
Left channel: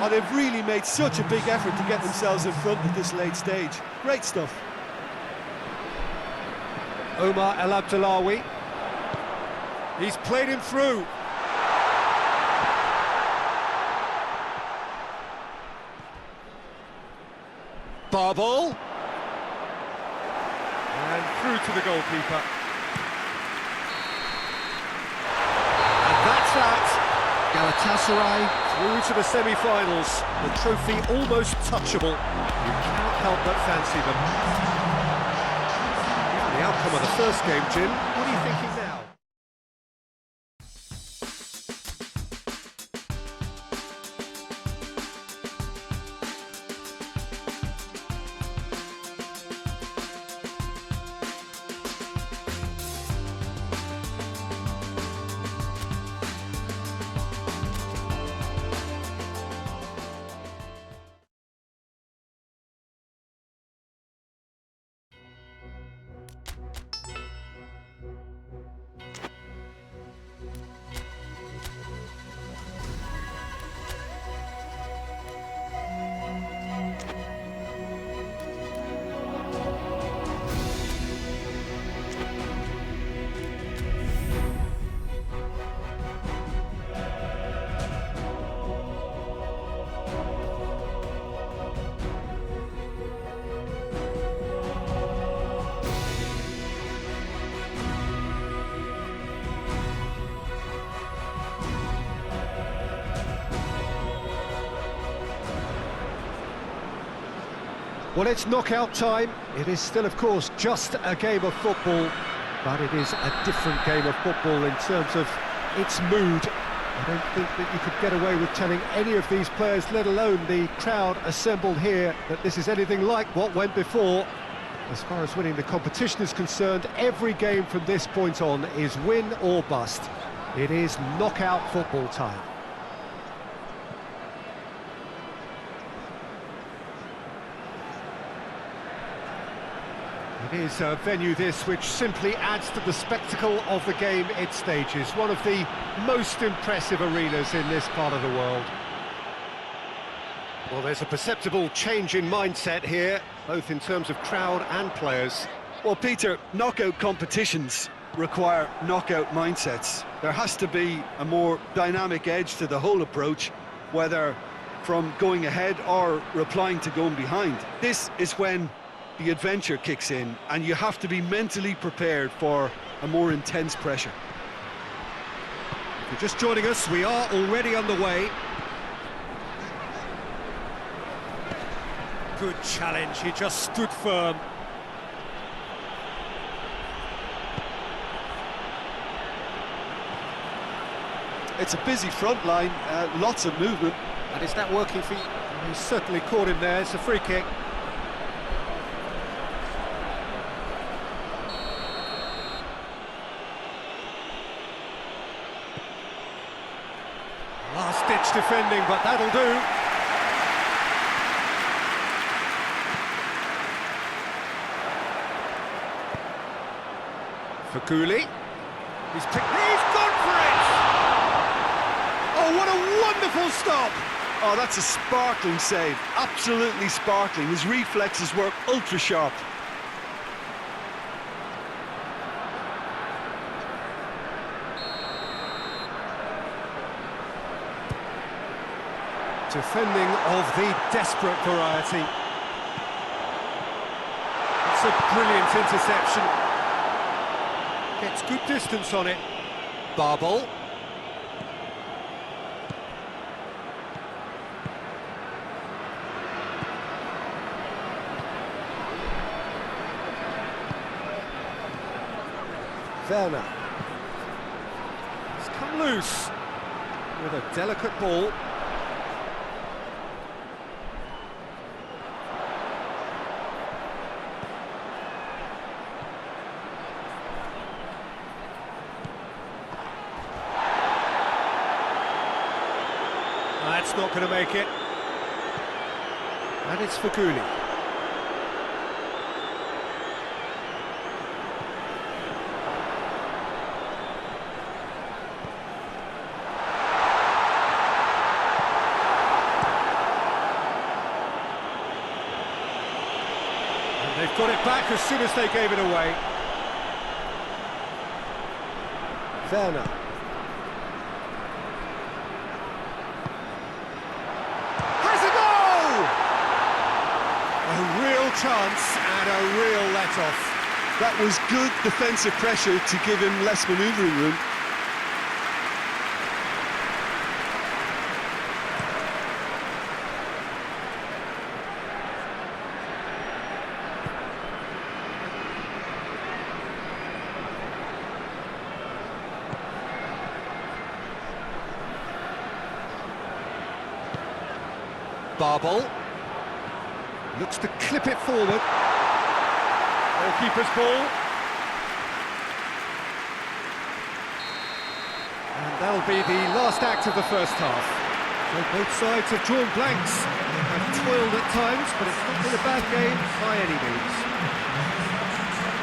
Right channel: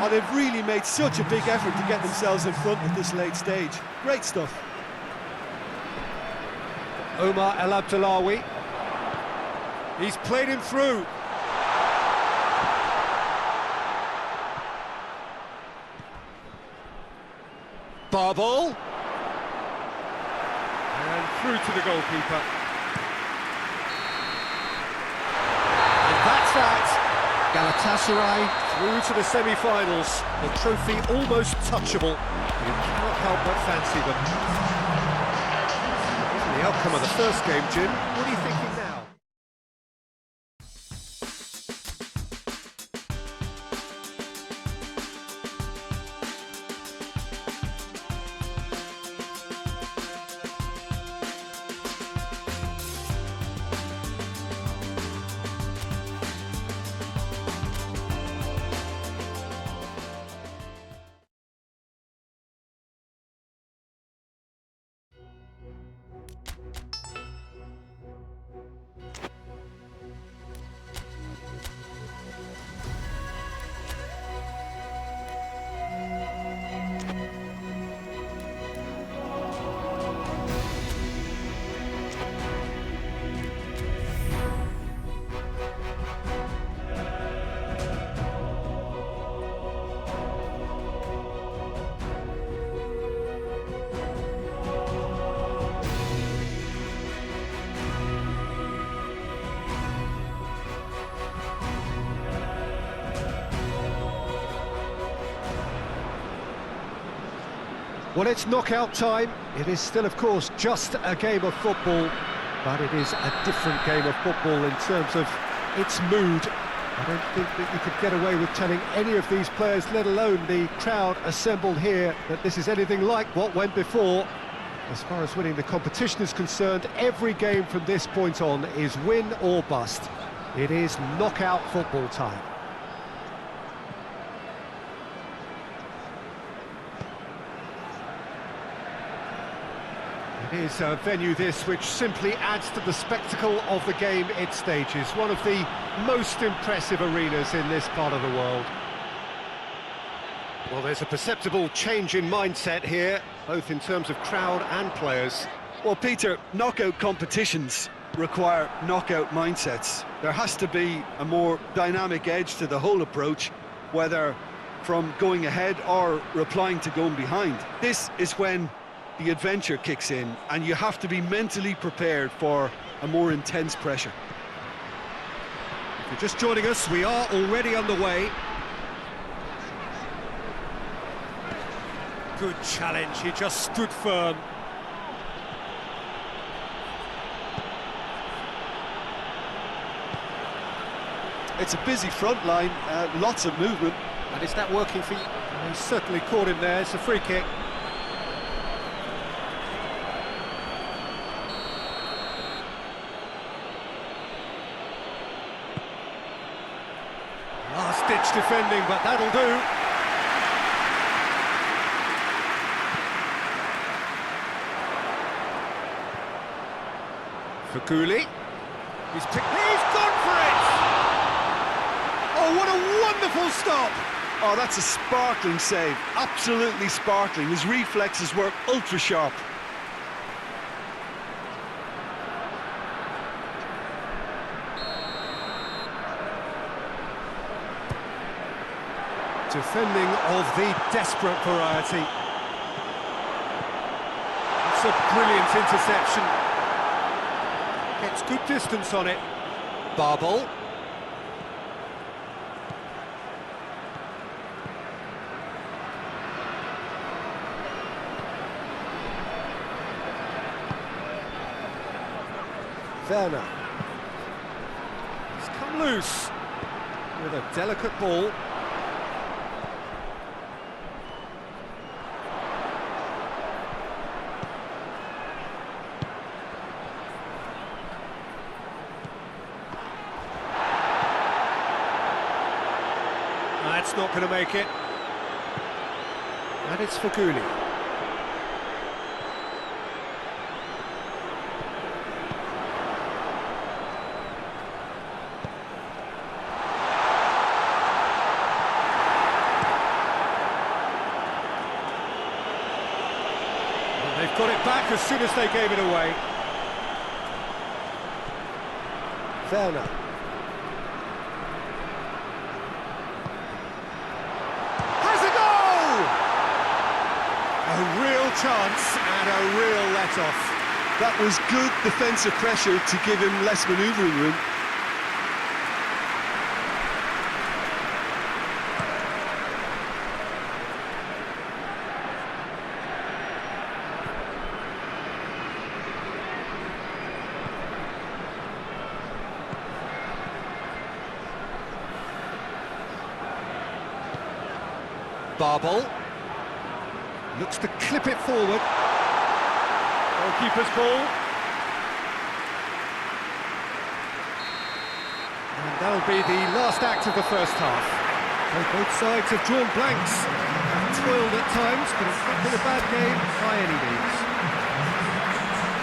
Oh, they've really made such a big effort to get themselves in front at this late stage. Great stuff. Omar El Abdullawi. He's played him through. Barbal. And through to the goalkeeper. That's that. Galatasaray through to the semi-finals. The trophy almost touchable. You cannot help but fancy them. Given the outcome of the first game, Jim, what are you thinking now? Well, it's knockout time. It is still, of course, just a game of football, but it is a different game of football in terms of its mood. I don't think that you could get away with telling any of these players, let alone the crowd assembled here, that this is anything like what went before. As far as winning the competition is concerned, every game from this point on is win or bust. It is knockout football time. It is a venue this which simply adds to the spectacle of the game it stages. One of the most impressive arenas in this part of the world. Well, there's a perceptible change in mindset here, both in terms of crowd and players. Well, Peter, knockout competitions require knockout mindsets. There has to be a more dynamic edge to the whole approach, whether from going ahead or replying to going behind. This is when the adventure kicks in, and you have to be mentally prepared for a more intense pressure. If you're just joining us, we are already underway. Good challenge, he just stood firm. It's a busy front line, lots of movement. And is that working for you? He's certainly caught him there, it's a free kick. Last-ditch defending, but that'll do. Faguli. He's gone for it! Oh, what a wonderful stop! Oh, that's a sparkling save, absolutely sparkling. His reflexes work ultra-sharp. Defending of the desperate variety. It's a brilliant interception. Gets good distance on it. BAL. Werner. It's come loose with a delicate ball. That's not going to make it. And it's Faguli. And they've got it back as soon as they gave it away. Werner. A real chance and a real let-off. That was good defensive pressure to give him less manoeuvring room. BAL. Looks to clip it forward. Goalkeeper's ball. And that'll be the last act of the first half. So both sides have drawn blanks. They have toiled at times, but it's not been a bad game by any means.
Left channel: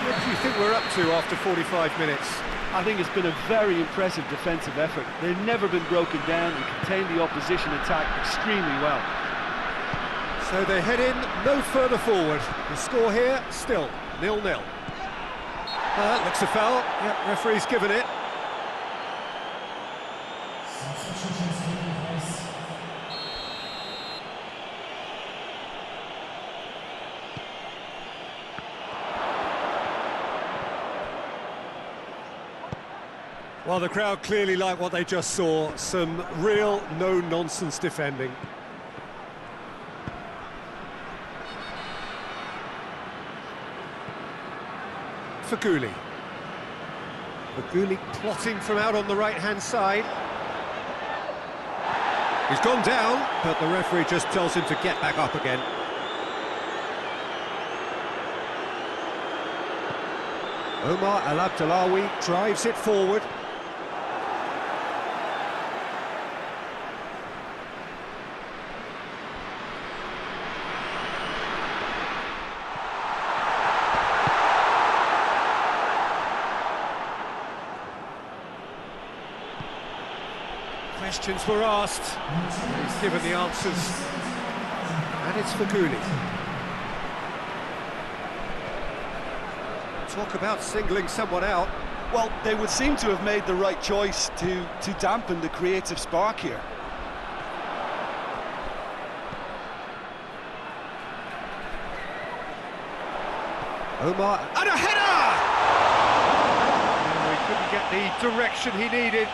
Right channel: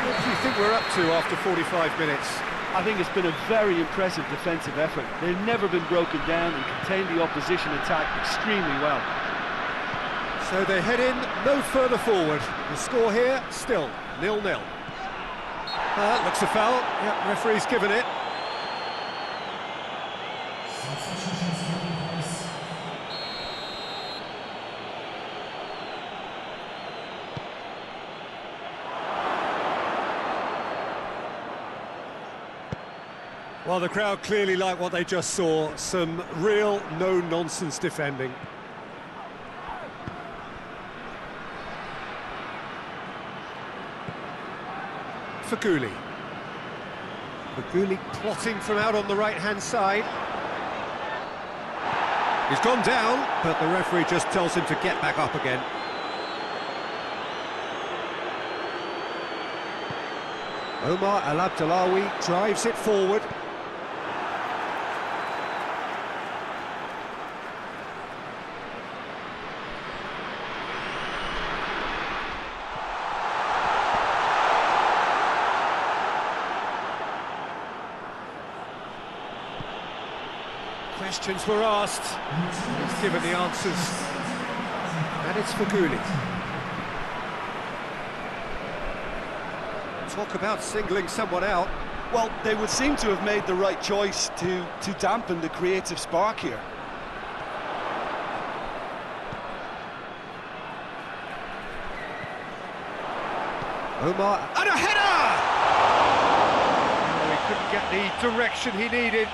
What do you think we're up to after 45 minutes? I think it's been a very impressive defensive effort. They've never been broken down and contained the opposition attack extremely well. So they head in no further forward. The score here, still 0-0. That looks a foul. Yep, referee's given it. Well, the crowd clearly like what they just saw. Some real no-nonsense defending. Faguli. Faguli plotting from out on the right-hand side. He's gone down, but the referee just tells him to get back up again. Omar Al Abdullawi drives it forward. Questions were asked, and he's given the answers. And it's Faguli. Talk about singling someone out. Well, they would seem to have made the right choice to dampen the creative spark here. Omar, and a header! No, he couldn't get the direction he needed.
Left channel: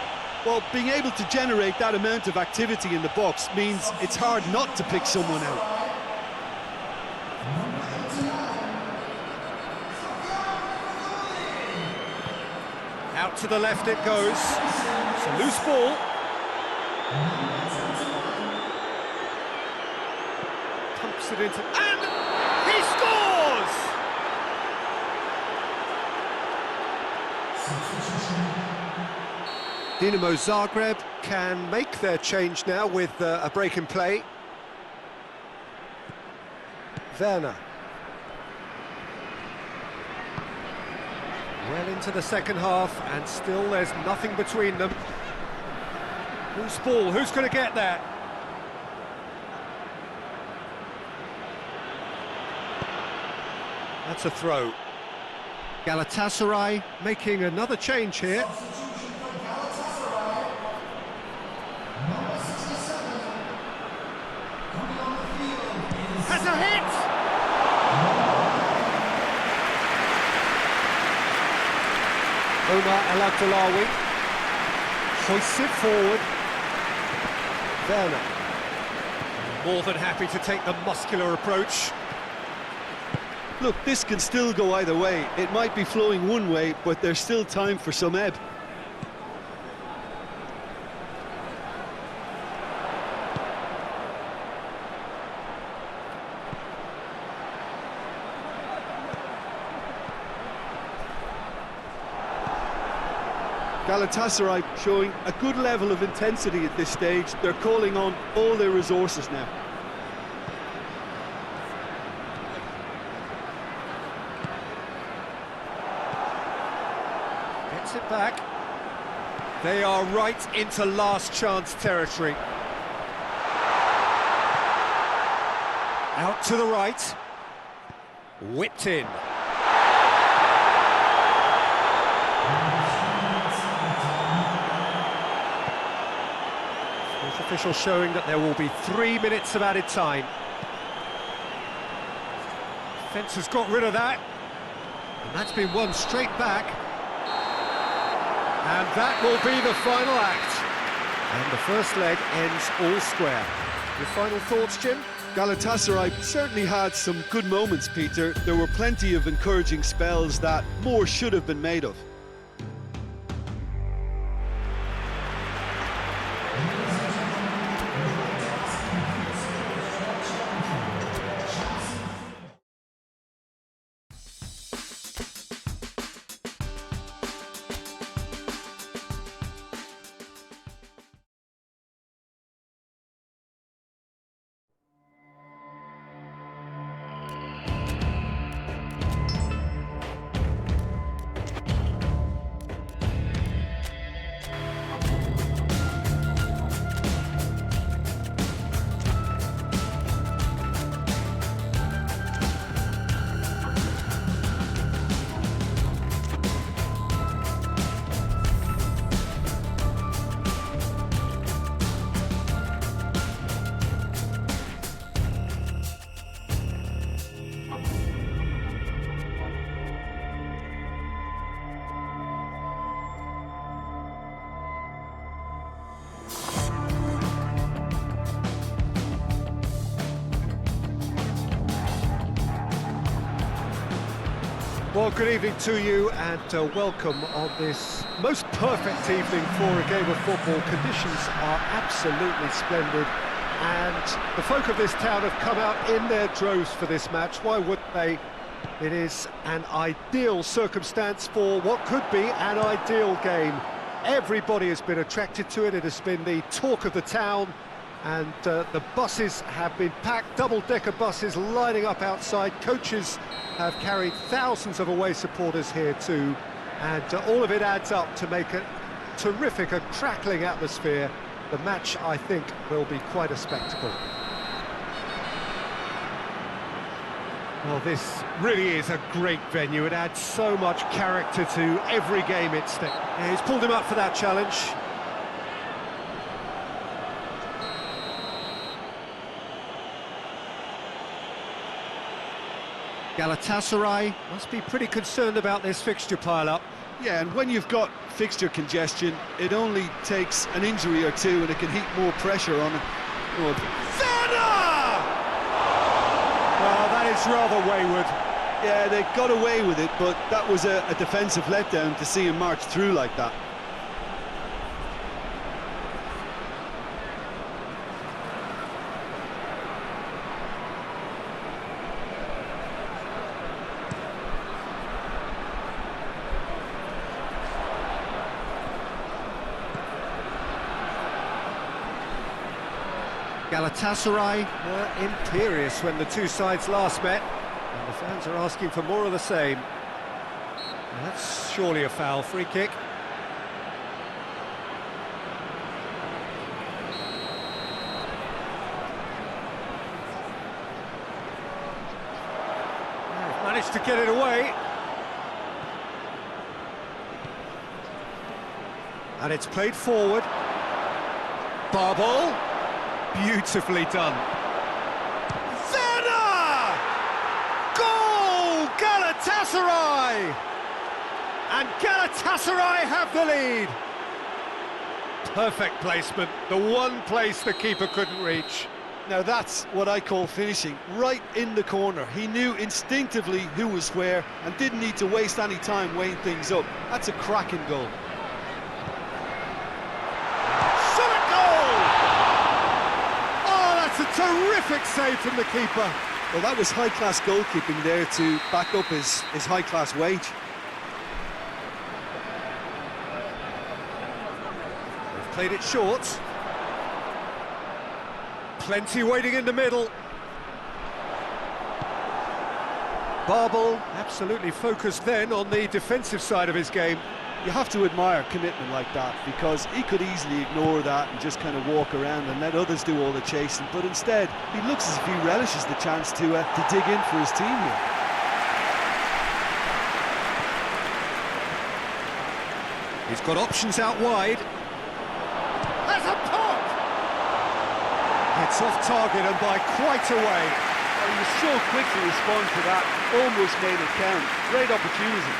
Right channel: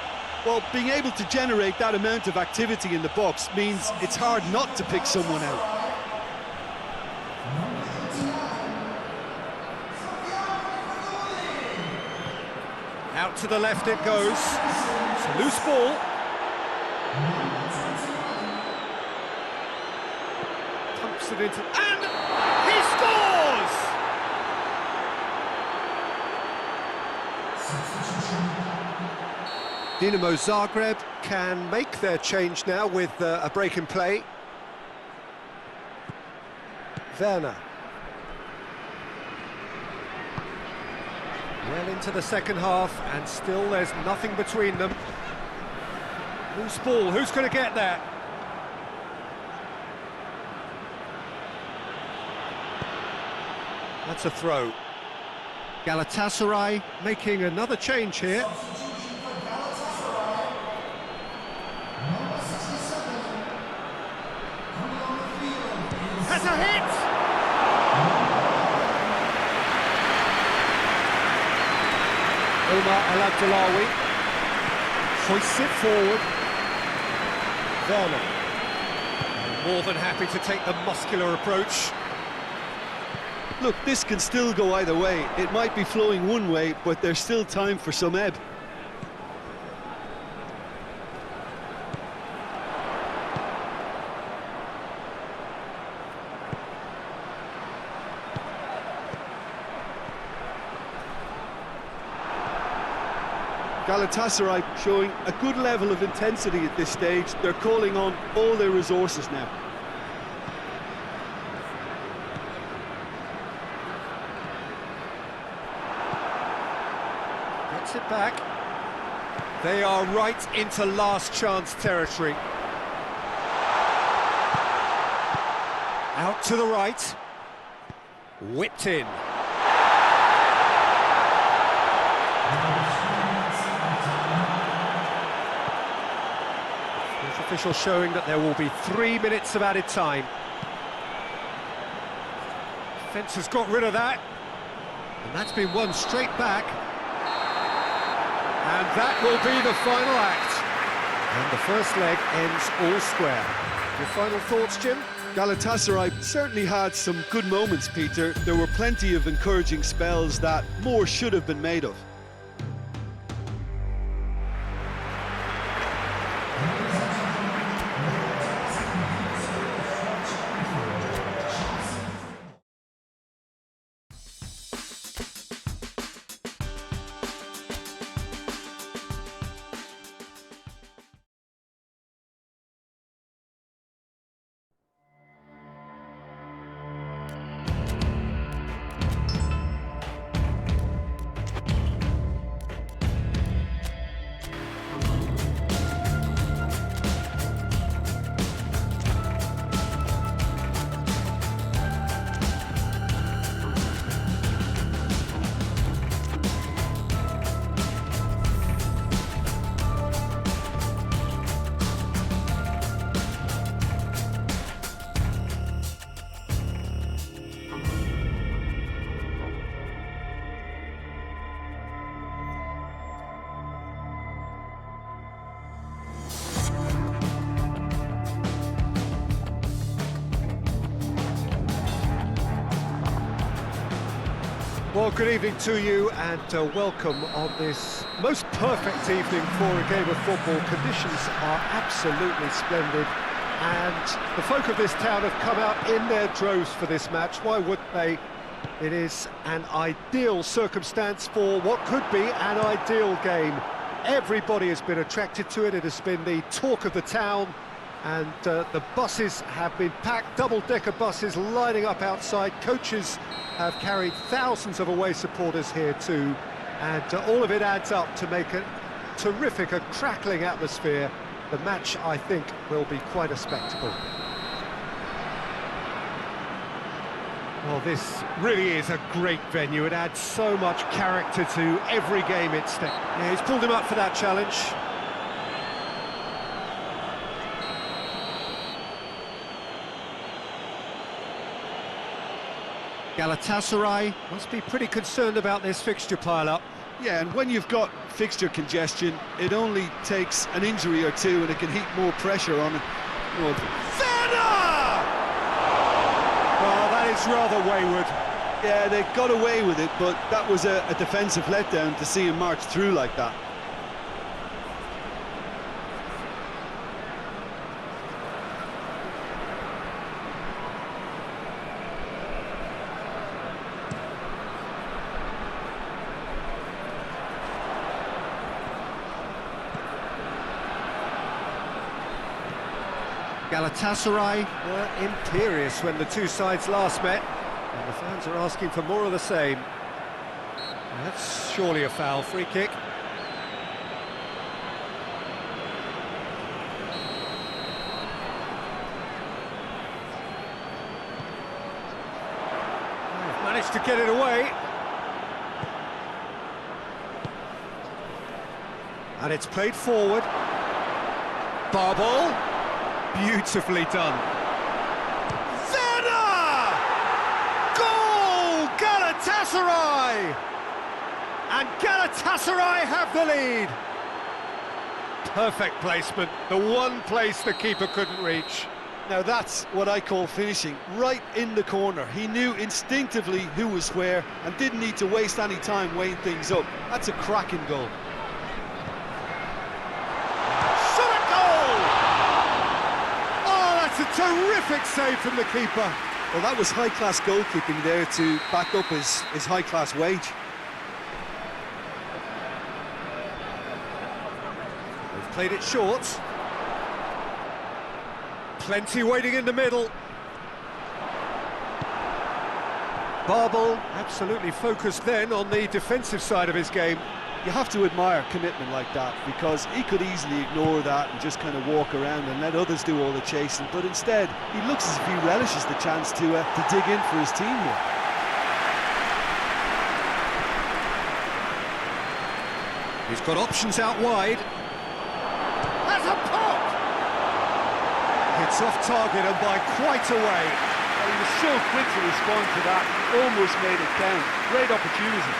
Well, being able to generate that amount of activity in the box means it's hard not to pick someone out. Out to the left it goes. It's a loose ball. Pumps it into... and he scores! Dinamo Zagreb can make their change now with a break in play. Werner. Well into the second half, and still there's nothing between them. Loose ball, who's going to get that? That's a throw. Galatasaray making another change here. Has a hit! Omar El Abdullawi hoists it forward. Werner, more than happy to take the muscular approach. Look, this can still go either way. It might be flowing one way, but there's still time for some ebb. Galatasaray showing a good level of intensity at this stage. They're calling on all their resources now. Gets it back. They are right into last chance territory. Out to the right. Whipped in. Official showing that there will be 3 minutes of added time. Defence has got rid of that, and that's been won straight back. And that will be the final act. And the first leg ends all square. Your final thoughts, Jim? Galatasaray certainly had some good moments, Peter. There were plenty of encouraging spells that more should have been made of. Well, good evening to you and welcome on this most perfect evening for a game of football. Conditions are absolutely splendid and the folk of this town have come out in their droves for this match. Why wouldn't they? It is an ideal circumstance for what could be an ideal game. Everybody has been attracted to it. It has been the talk of the town. And the buses have been packed, double-decker buses lining up outside. Coaches have carried thousands of away supporters here too. And all of it adds up to make a terrific, a crackling atmosphere. The match, I think, will be quite a spectacle. Well, this really is a great venue. It adds so much character to every game it's... Yeah, he's pulled him up for that challenge. Galatasaray must be pretty concerned about this fixture pile-up. Yeah, and when you've got fixture congestion, it only takes an injury or two and it can heap more pressure on it. Werner! Well, that is rather wayward. Yeah, they got away with it, but that was a defensive letdown to see him march through like that. Galatasaray were imperious when the two sides last met, and the fans are asking for more of the same. Now that's surely a foul, free kick. They've managed to get it away. And it's played forward. BAL. Beautifully done. Werner! Goal! Galatasaray! And Galatasaray have the lead. Perfect placement, the one place the keeper couldn't reach. Now that's what I call finishing, right in the corner. He knew instinctively who was where and didn't need to waste any time weighing things up. That's a cracking goal. It's a terrific save from the keeper. Well, that was high-class goalkeeping there to back up his high-class wage. They've played it short. Plenty waiting in the middle. BAL absolutely focused then on the defensive side of his game. You have to admire commitment like that, because he could easily ignore that and just kind of walk around and let others do all the chasing, but instead he looks as if he relishes the chance to dig in for his team here. He's got options out wide. Has a pop! Hits off target and by quite a way. Well, he was so quick to respond to that, almost made it count. Great opportunity.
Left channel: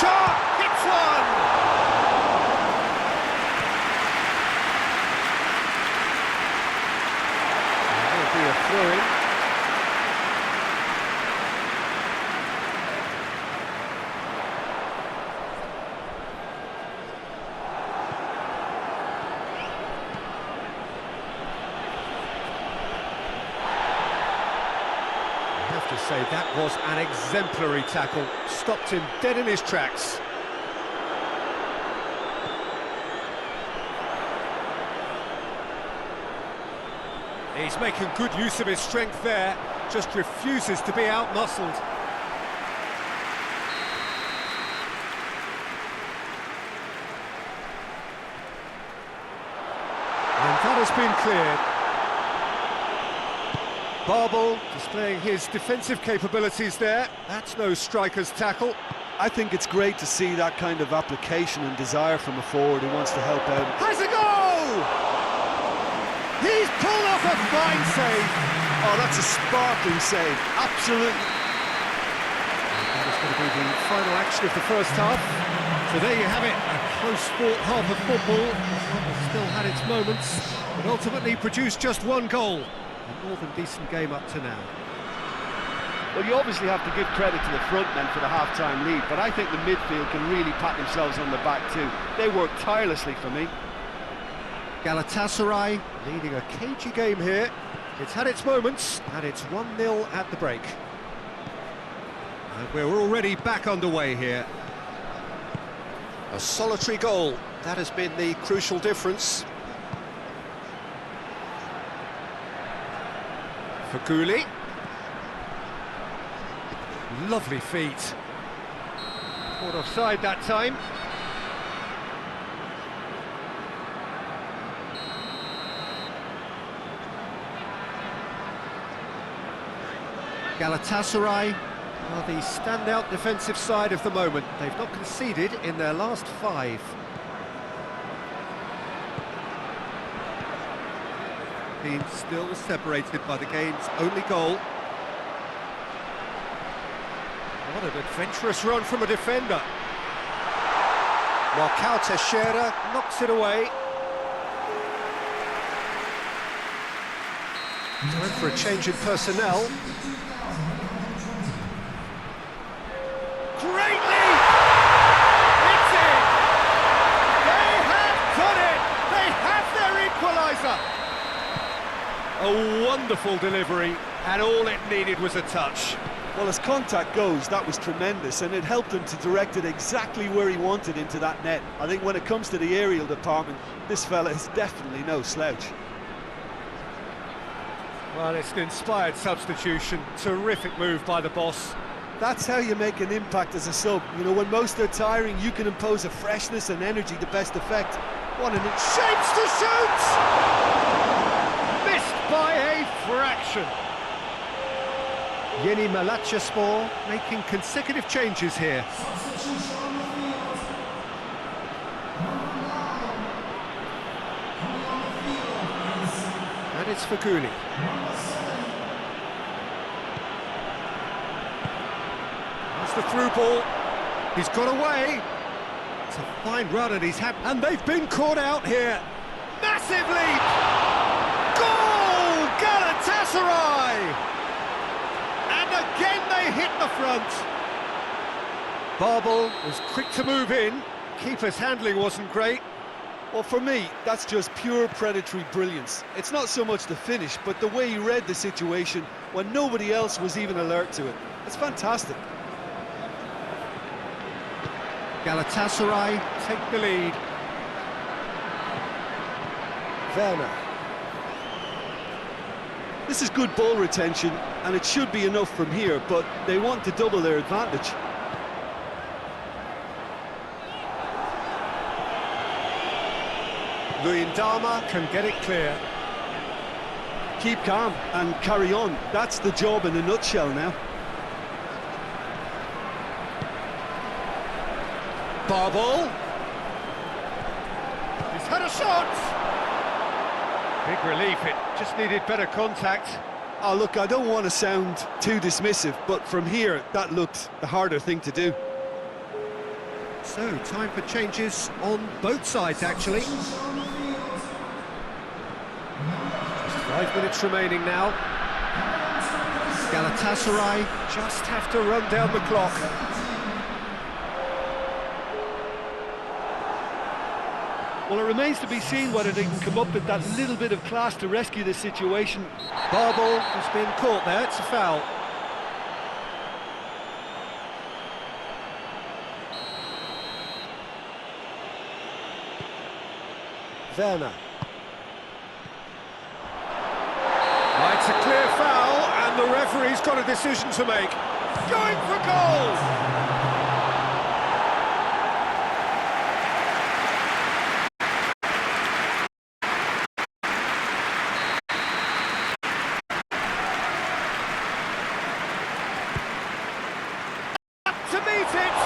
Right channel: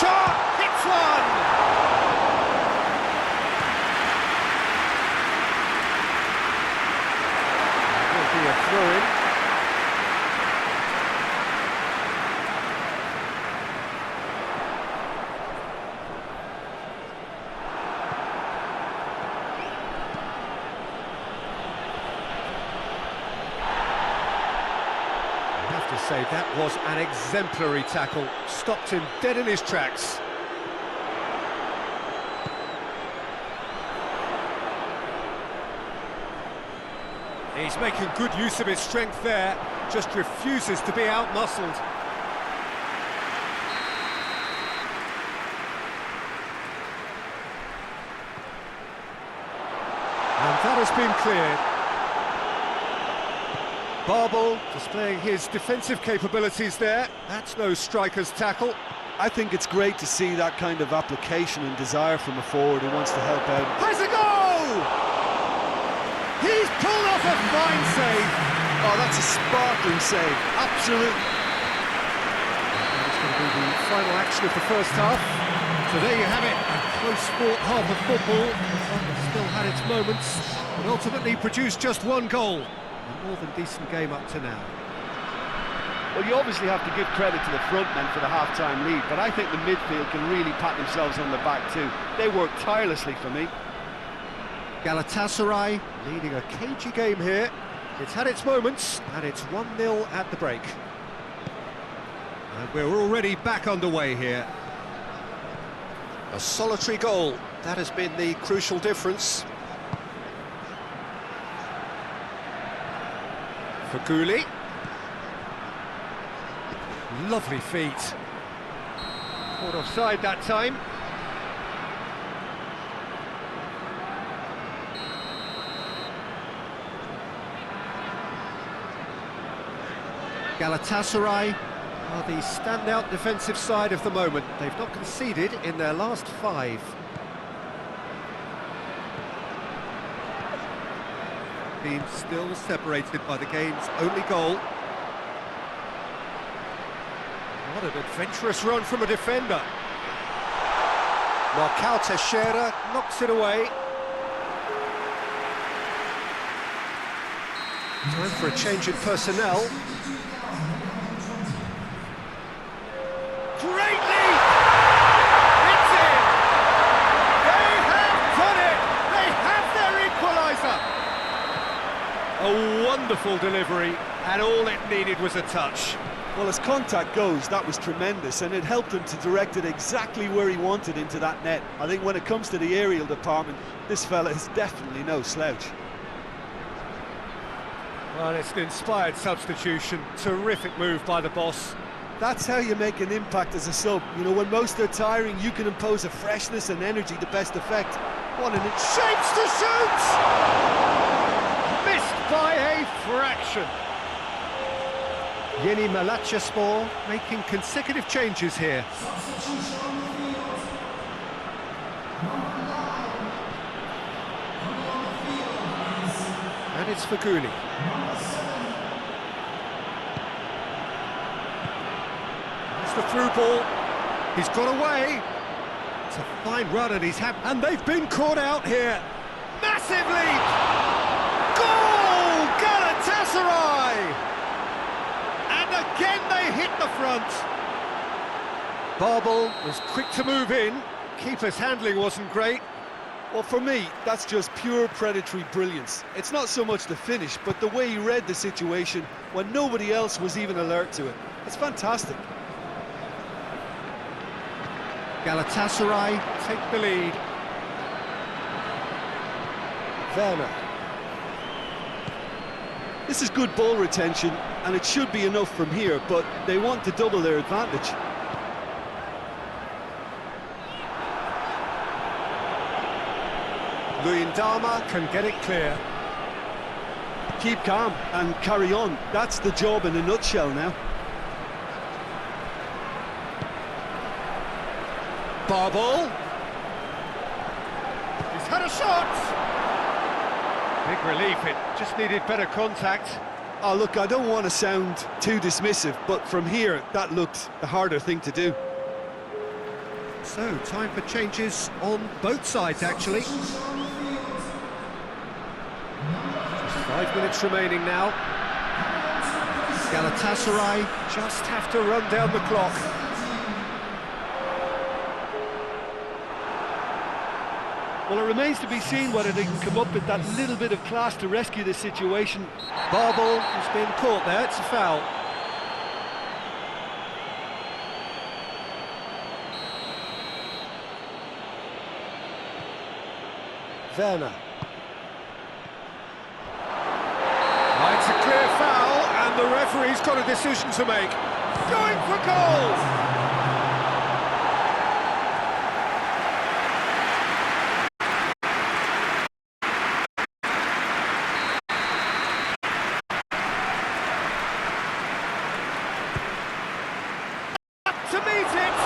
Shot! Hits one! There will be a throw-in. I have to say, that was an exemplary tackle. Stopped him dead in his tracks. He's making good use of his strength there, just refuses to be out-muscled. And that has been cleared. BAL displaying his defensive capabilities there. That's no striker's tackle. I think it's great to see that kind of application and desire from a forward who wants to help out. Has a goal! He's pulled off a fine save. Oh, that's a sparkling save. Absolutely. That is going to be the final action of the first half. So there you have it, a close-fought half of football, one that still had its moments, but ultimately produced just one goal. A more than decent game up to now. Well, you obviously have to give credit to the front men for the half-time lead, but I think the midfield can really pat themselves on the back too. They worked tirelessly for me. Galatasaray leading a cagey game here. It's had its moments, and it's 1-0 at the break. And we're already back underway here. A solitary goal, that has been the crucial difference. Faguli. Lovely feet. Caught offside that time. Galatasaray are the standout defensive side of the moment. They've not conceded in their last 5. Team still separated by the game's only goal. What an adventurous run from a defender. Marcao Teixeira knocks it away. Time for a change in personnel. Great lead! It's in! They have done it! They have their equaliser! A wonderful delivery, and all it needed was a touch. Well, as contact goes, that was tremendous, and it helped him to direct it exactly where he wanted into that net. I think when it comes to the aerial department, this fella is definitely no slouch. Well, it's an inspired substitution. Terrific move by the boss. That's how you make an impact as a sub. You know, when most are tiring, you can impose a freshness and energy to best effect. What an shapes to shoot! Missed by a fraction. Yeni Malatyaspor making consecutive changes here. And it's Faguli. That's the through ball. He's got away. It's a fine run and and they've been caught out here. Massive lead! Goal! Galatasaray! And again they hit the front. BAL was quick to move in. Keeper's handling wasn't great. Well, for me, that's just pure predatory brilliance. It's not so much the finish, but the way he read the situation when nobody else was even alert to it. It's fantastic. Galatasaray take the lead. Werner. This is good ball retention, and it should be enough from here, but they want to double their advantage. Luyendama can get it clear. Keep calm and carry on. That's the job in a nutshell now. BAL. He's had a shot. Big relief, it just needed better contact. Oh, look, I don't want to sound too dismissive, but from here, that looked the harder thing to do. So, time for changes on both sides, actually. Just 5 minutes remaining now. Galatasaray just have to run down the clock. Well, it remains to be seen whether they can come up with that little bit of class to rescue this situation. BAL has been caught there, it's a foul. Werner. It's a clear foul, and the referee's got a decision to make. Going for goal! To meet it!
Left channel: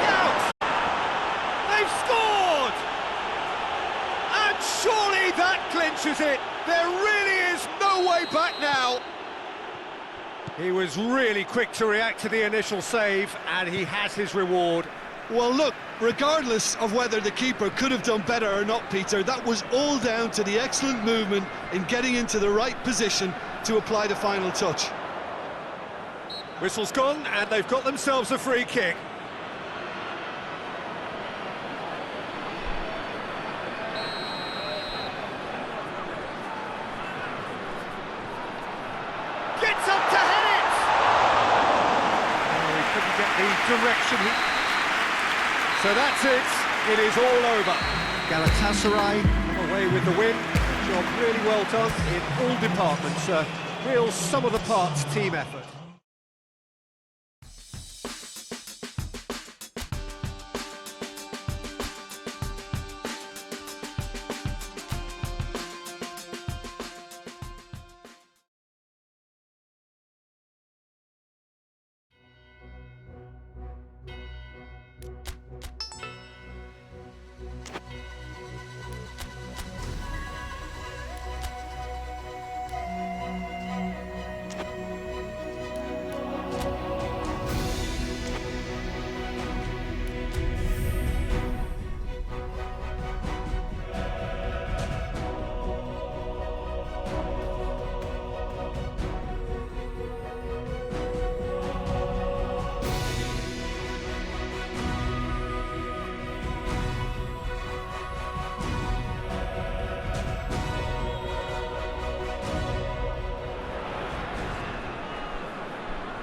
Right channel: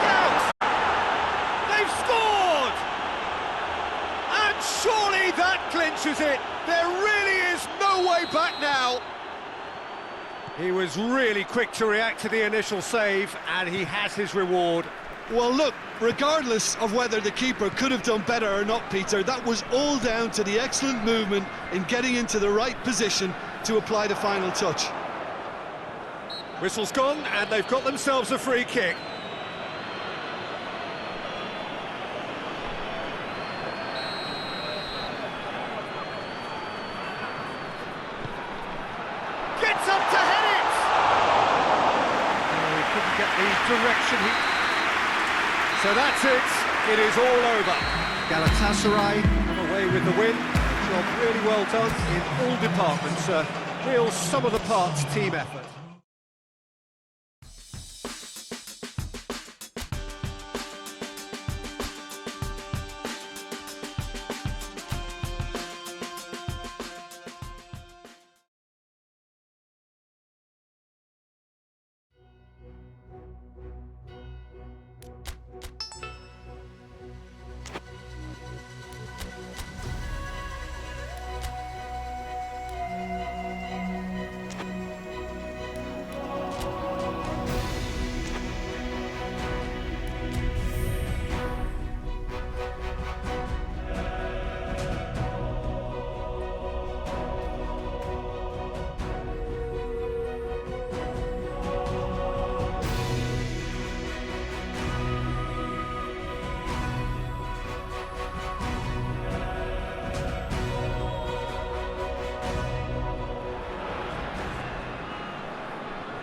Out! They've scored! And surely that clinches it! There really is no way back now! He was really quick to react to the initial save, and he has his reward. Well, look, regardless of whether the keeper could have done better or not, Peter, that was all down to the excellent movement in getting into the right position to apply the final touch. Whistle's gone, and they've got themselves a free kick. Gets up to head it! Oh, he couldn't get the direction he... So that's it. It is all over. Galatasaray come away with the win. A job really well done in all departments. A real sum-of-the-parts team effort.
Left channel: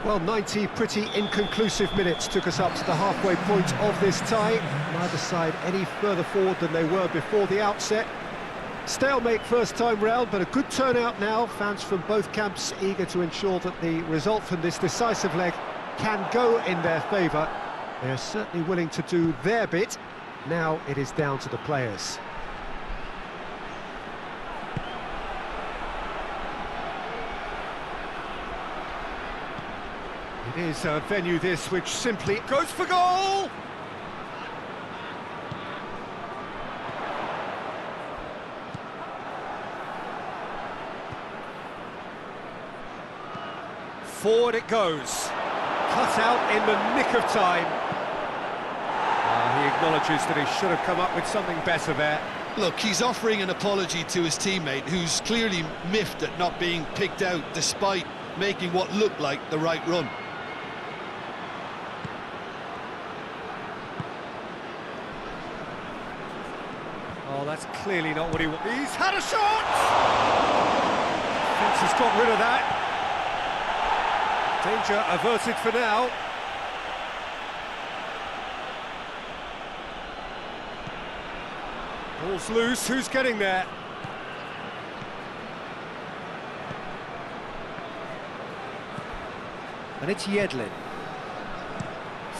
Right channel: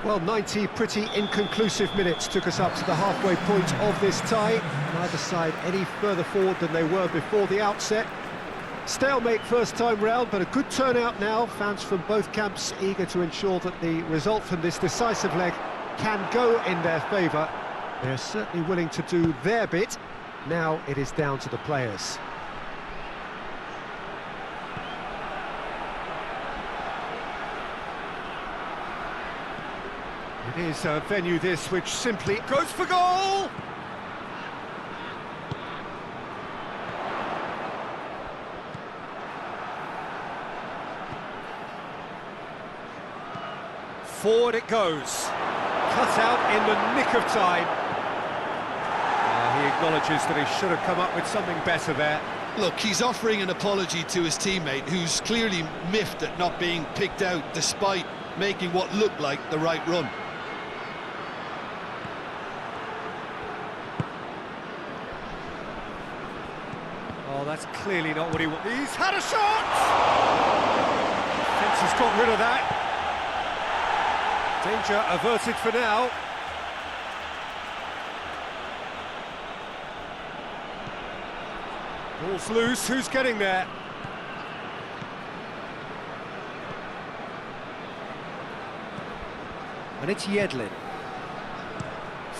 Well, 90 pretty inconclusive minutes took us up to the halfway point of this tie. Neither side any further forward than they were before the outset. Stalemate first time round, but a good turnout now. Fans from both camps eager to ensure that the result from this decisive leg can go in their favour. They're certainly willing to do their bit. Now it is down to the players. It is a venue this which simply goes for goal! Forward it goes. Cut out in the nick of time. He acknowledges that he should have come up with something better there. Look, he's offering an apology to his teammate, who's clearly miffed at not being picked out despite making what looked like the right run. Oh, that's clearly not what he wants. He's had a shot! Thinks he's got rid of that. Danger averted for now. Ball's loose, who's getting there? And it's Yedlin.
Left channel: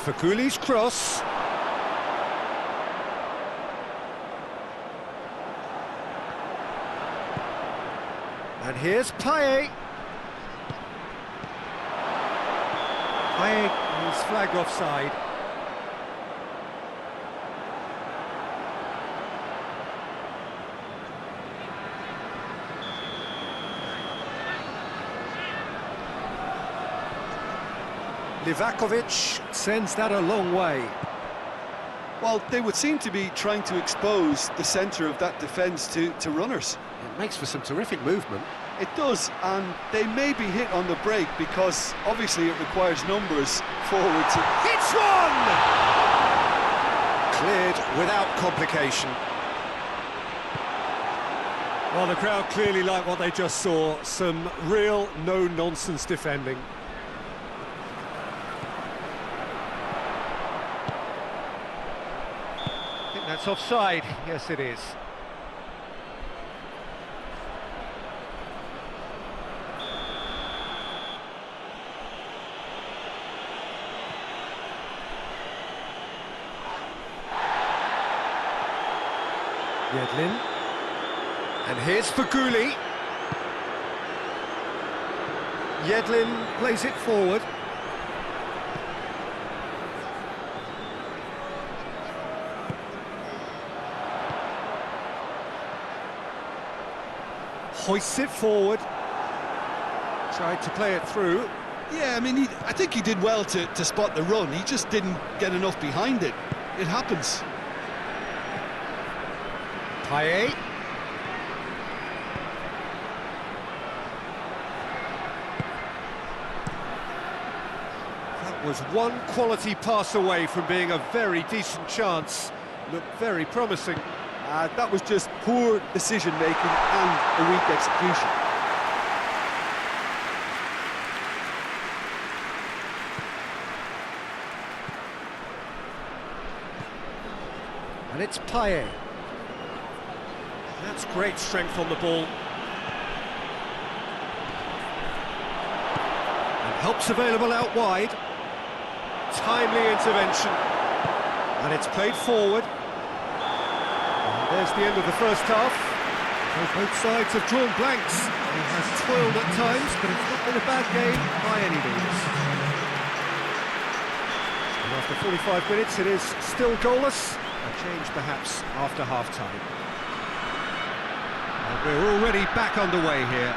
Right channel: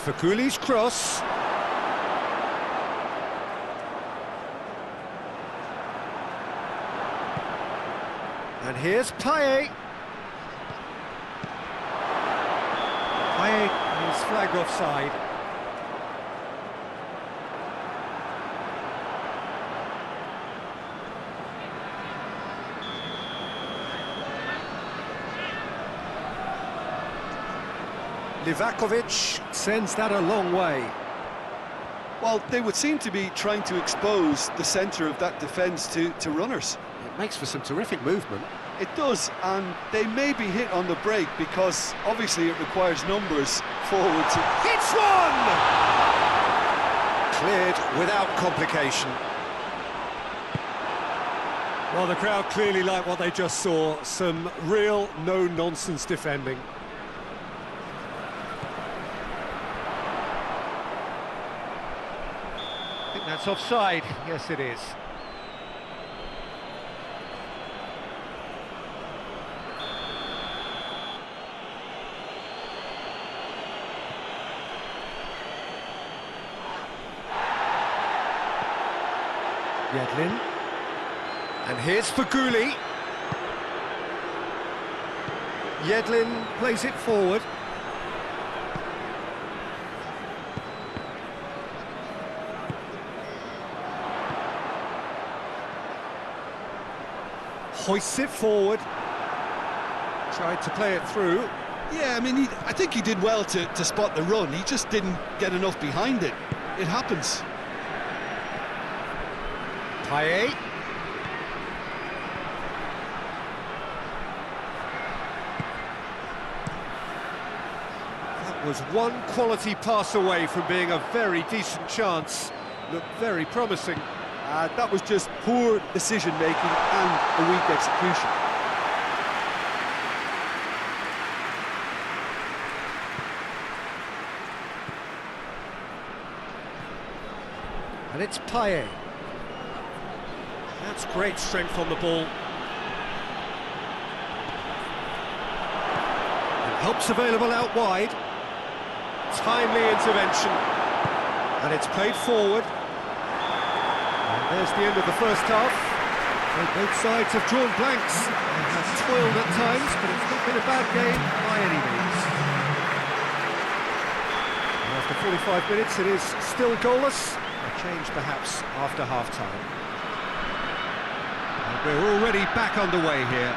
Faguli's cross. And here's Paye. Paye is flagged offside. Livakovic sends that a long way. Well, they would seem to be trying to expose the centre of that defence to runners. It makes for some terrific movement. It does, and they may be hit on the break because obviously it requires numbers forward to... Hits one! Cleared without complication. Well, the crowd clearly like what they just saw. Some real no-nonsense defending. I think that's offside. Yes, it is. Yedlin. And here's Faguli. Yedlin plays it forward. Hoists it forward. Tried to play it through. Yeah, I mean, I think he did well to spot the run. He just didn't get enough behind it. It happens. Payet. That was one quality pass away from being a very decent chance. Looked very promising. That was just poor decision-making and a weak execution. And it's Payet. That's great strength on the ball. And help's available out wide. Timely intervention. And it's played forward. And there's the end of the first half. So both sides have drawn blanks. They have toiled at times, but it's not been a bad game by any means. And after 45 minutes, it is still goalless. A change perhaps after half-time. And we're already back underway here.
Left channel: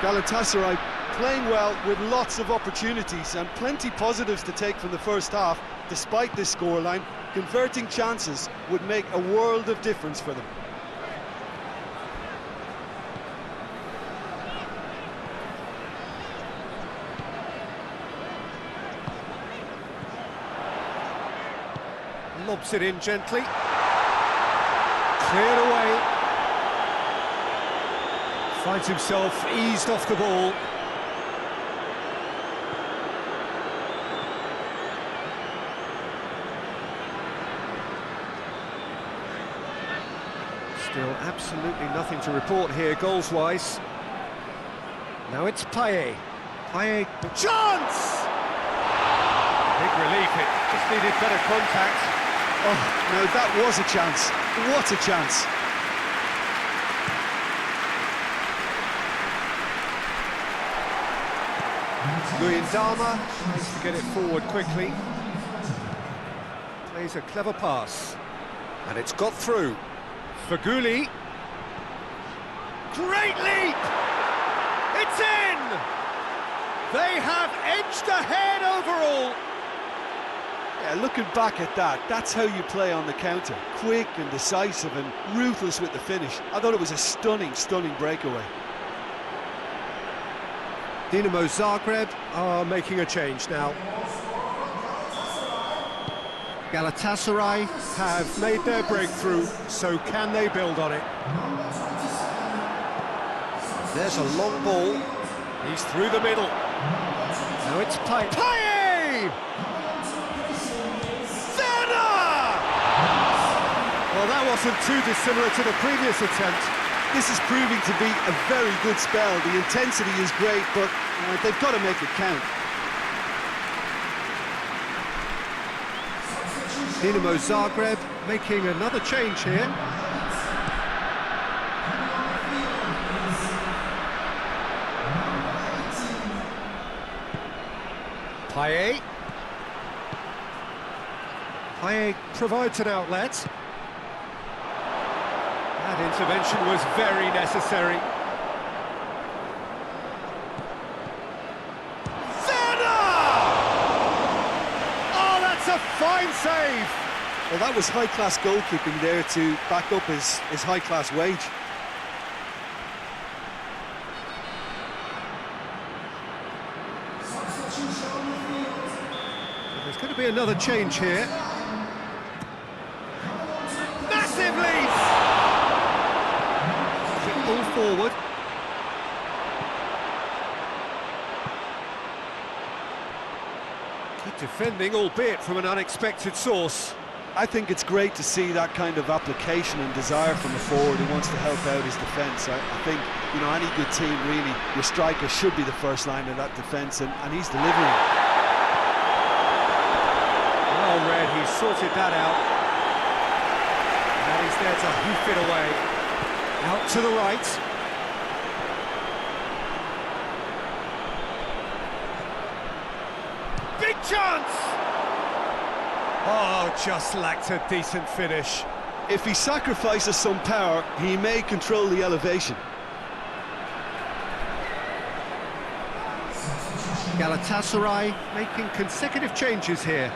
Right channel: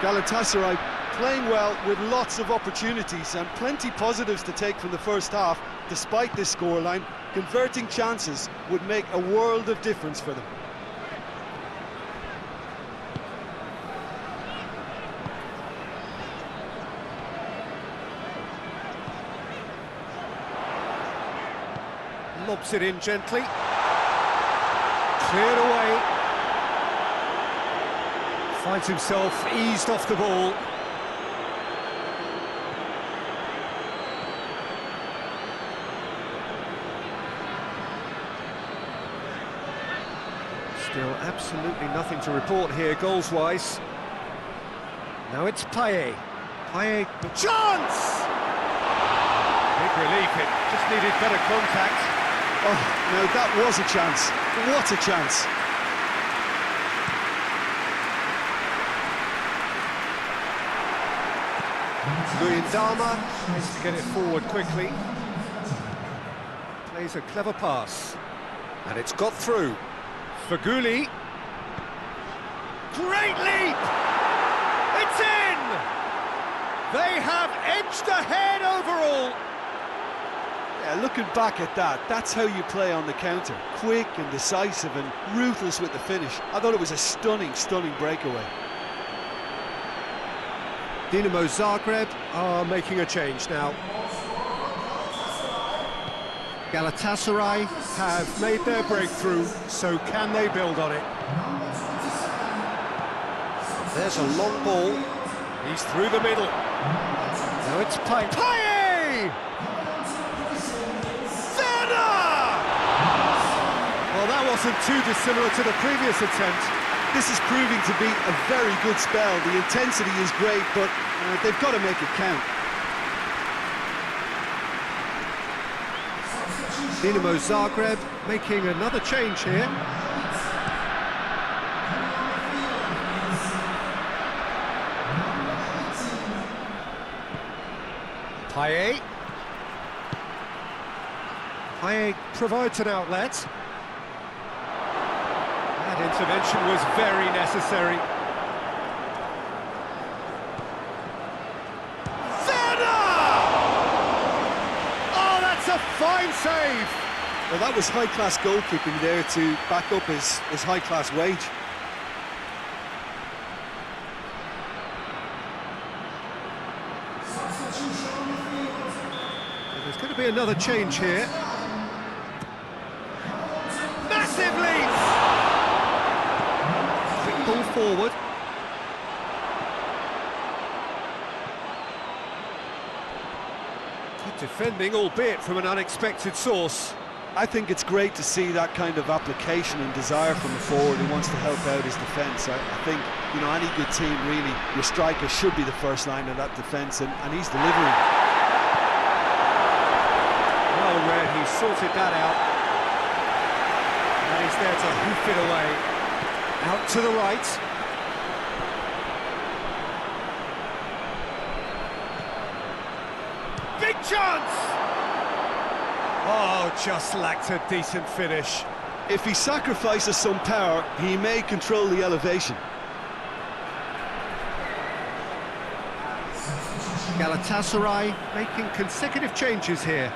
Galatasaray playing well with lots of opportunities and plenty positives to take from the first half. Despite this scoreline, converting chances would make a world of difference for them. Lobs it in gently. Cleared away. Finds himself eased off the ball. Still absolutely nothing to report here, goals-wise. Now it's Payet. Payet, the chance! Big relief, it just needed better contact. Oh, now that was a chance. What a chance. Luyendama tries to get it forward quickly. Plays a clever pass. And it's got through. Faguli. Great leap! It's in! They have edged ahead overall. Yeah, looking back at that, that's how you play on the counter. Quick and decisive and ruthless with the finish. I thought it was a stunning, stunning breakaway. Dinamo Zagreb are making a change now. Galatasaray have made their breakthrough, so can they build on it? There's a long ball. He's through the middle. Now it's Payet. Payet! Well, that wasn't too dissimilar to the previous attempt. This is proving to be a very good spell. The intensity is great, but they've got to make it count. Dinamo Zagreb making another change here. Payet. Payet provides an outlet. That intervention was very necessary. Oh, that's a fine save! Well, that was high-class goalkeeping there to back up his high-class wage. There's going to be another change here. Massive leap! Quick ball forward. Good defending, albeit from an unexpected source. I think it's great to see that kind of application and desire from a forward who wants to help out his defence. I think, you know, any good team, really, your striker should be the first line of that defence, and he's delivering. Well read, he's sorted that out. And he's there to hoof it away. Out to the right. Big chance! Oh, just lacked a decent finish. If he sacrifices some power, he may control the elevation. Galatasaray making consecutive changes here.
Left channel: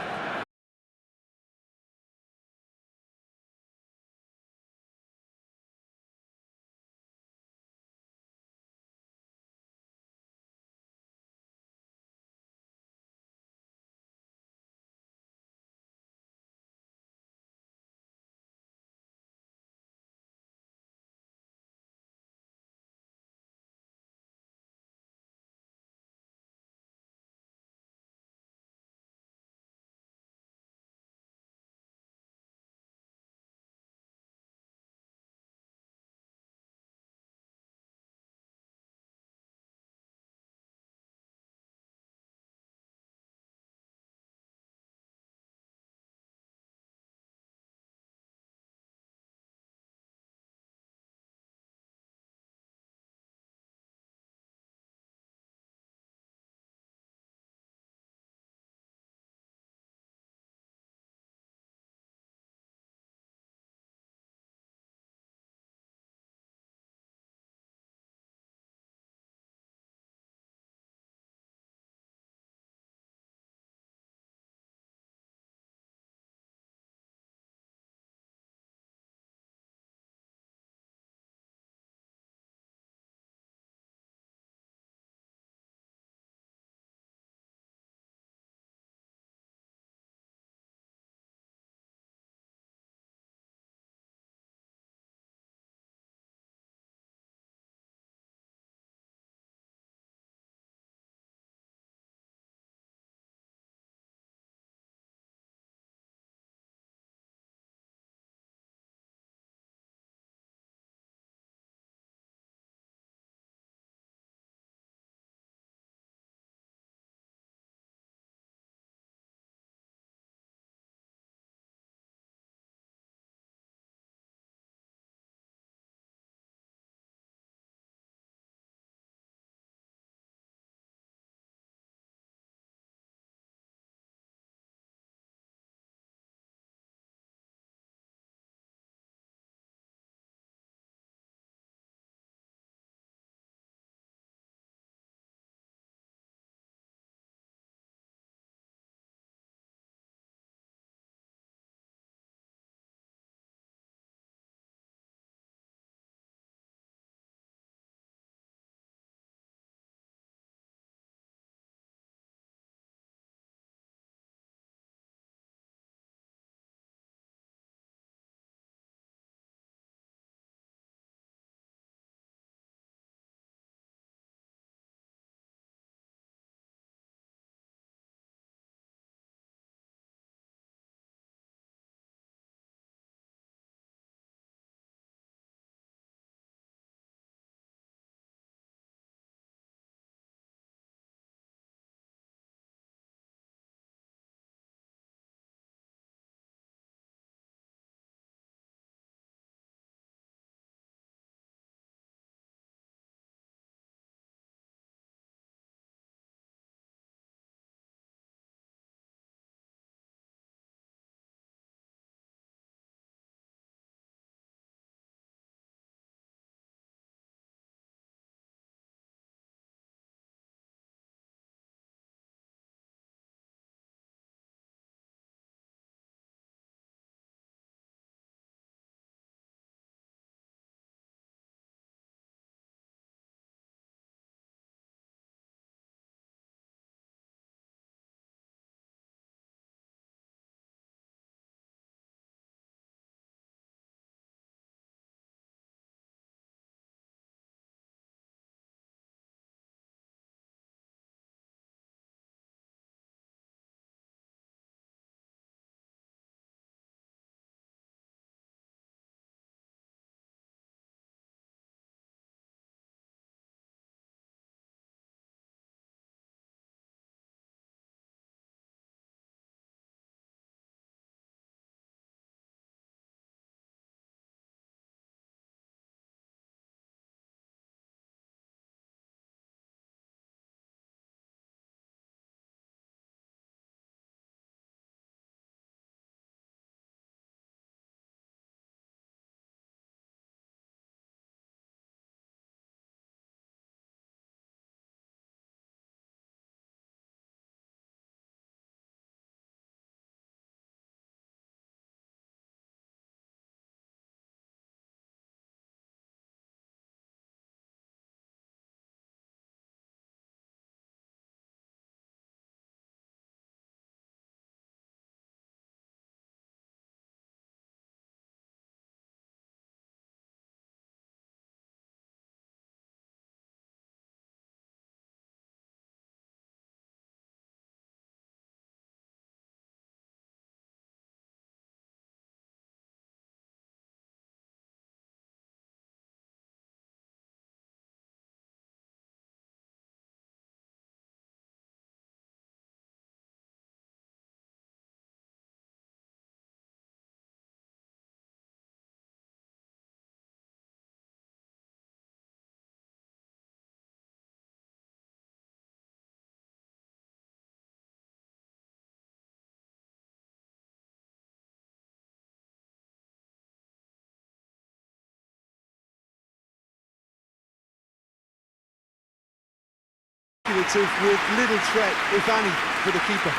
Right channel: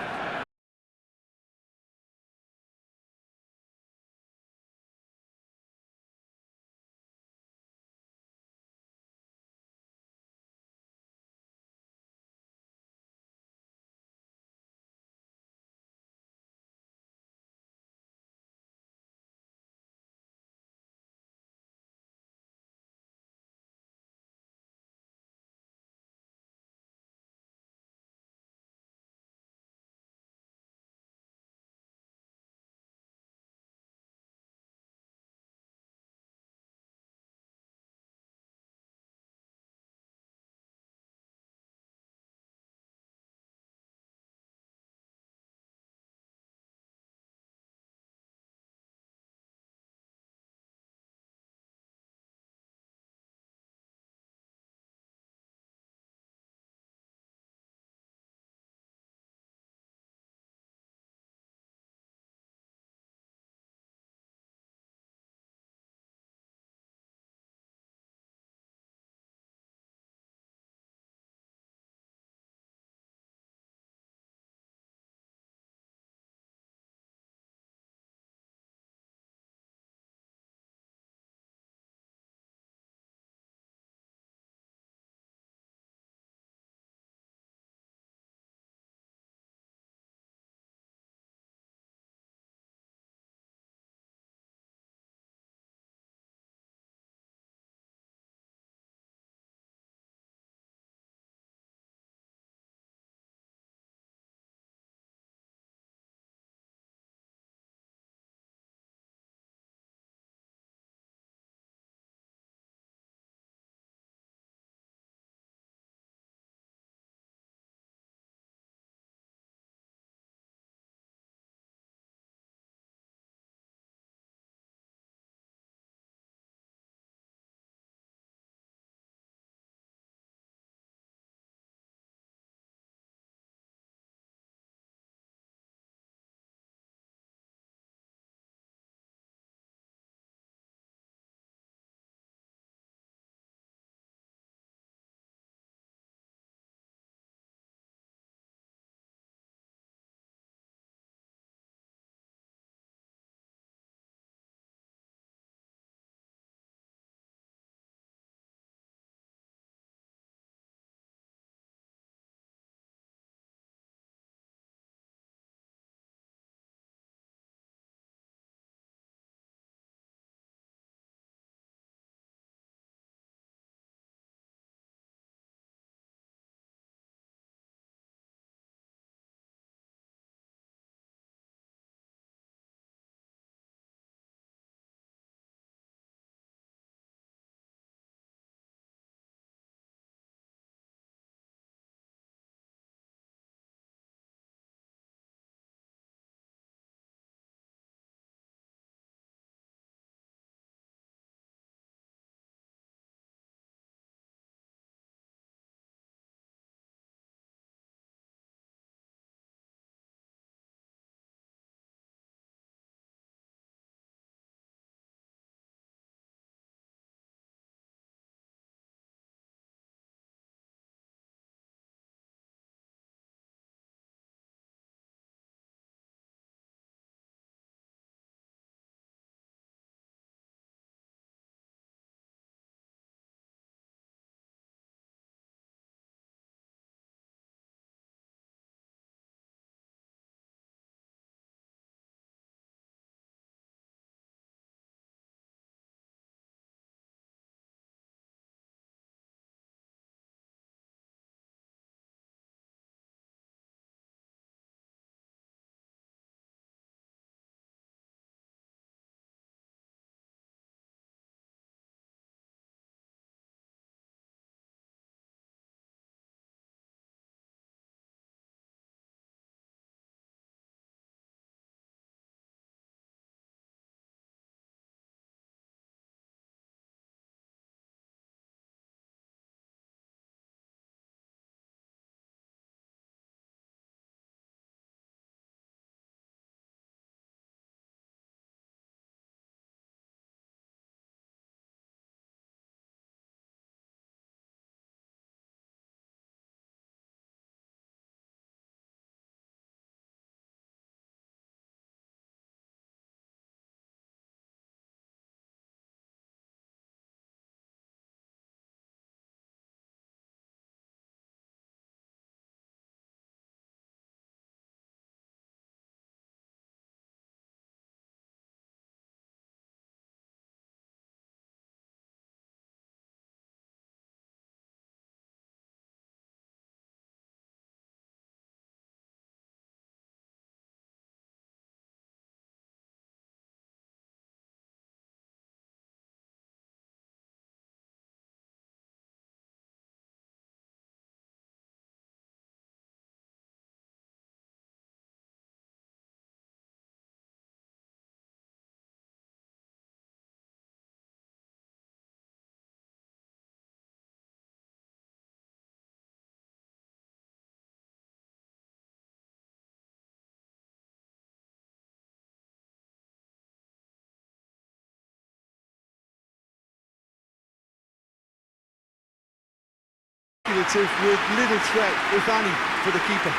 speculative with little threat, if any, for the keeper.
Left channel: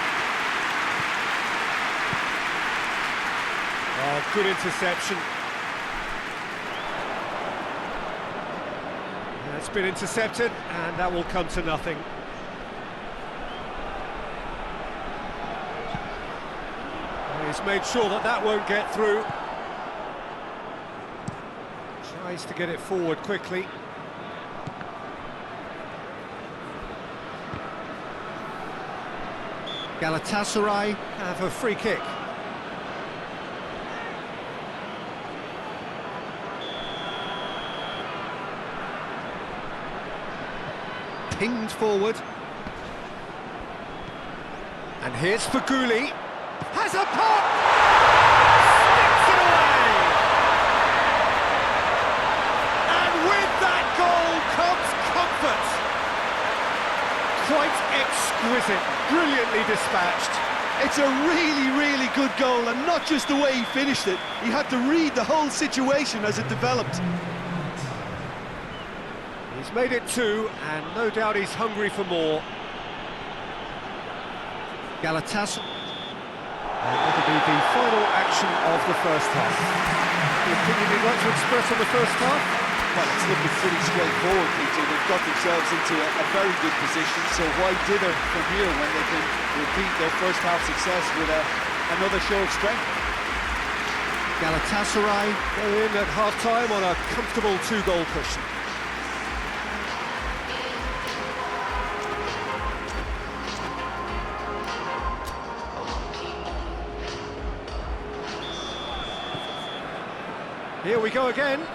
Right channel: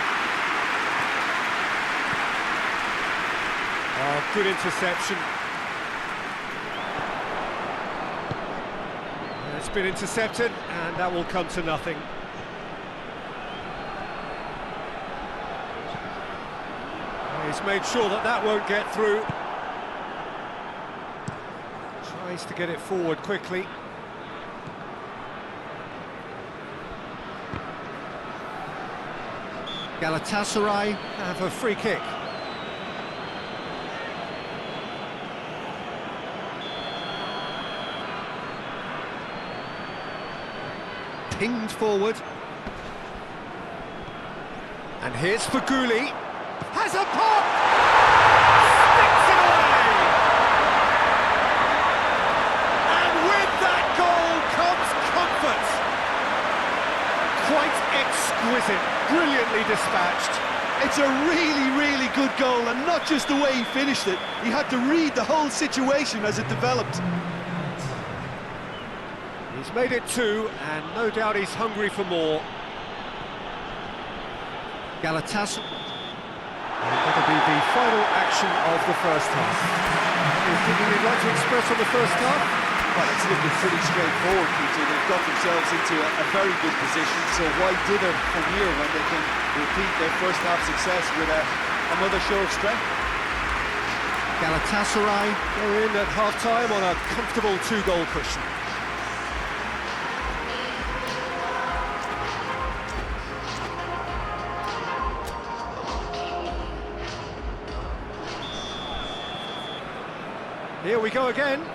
Oh, good interception. It's been intercepted, and that will come to nothing. He's made sure that that won't get through. Tries to get it forward quickly. Galatasaray have a free kick. Pinged forward. And here's Faguli. Has a pop! Sticks it away! And with that goal comes comfort. Quite exquisite, brilliantly dispatched. It's a really, really good goal, and not just the way he finished it. He had to read the whole situation as it developed. He's made it two, and no doubt he's hungry for more. Galatasaray. And that'll be the final action of the first half. Any opinion you'd like to express on the first half? Well, it's looking pretty straightforward, Peter. They've got themselves into a very good position, so why dither from here when they can repeat their first half success with another show of strength? Galatasaray go in at half-time on a comfortable two-goal cushion. Here we go again.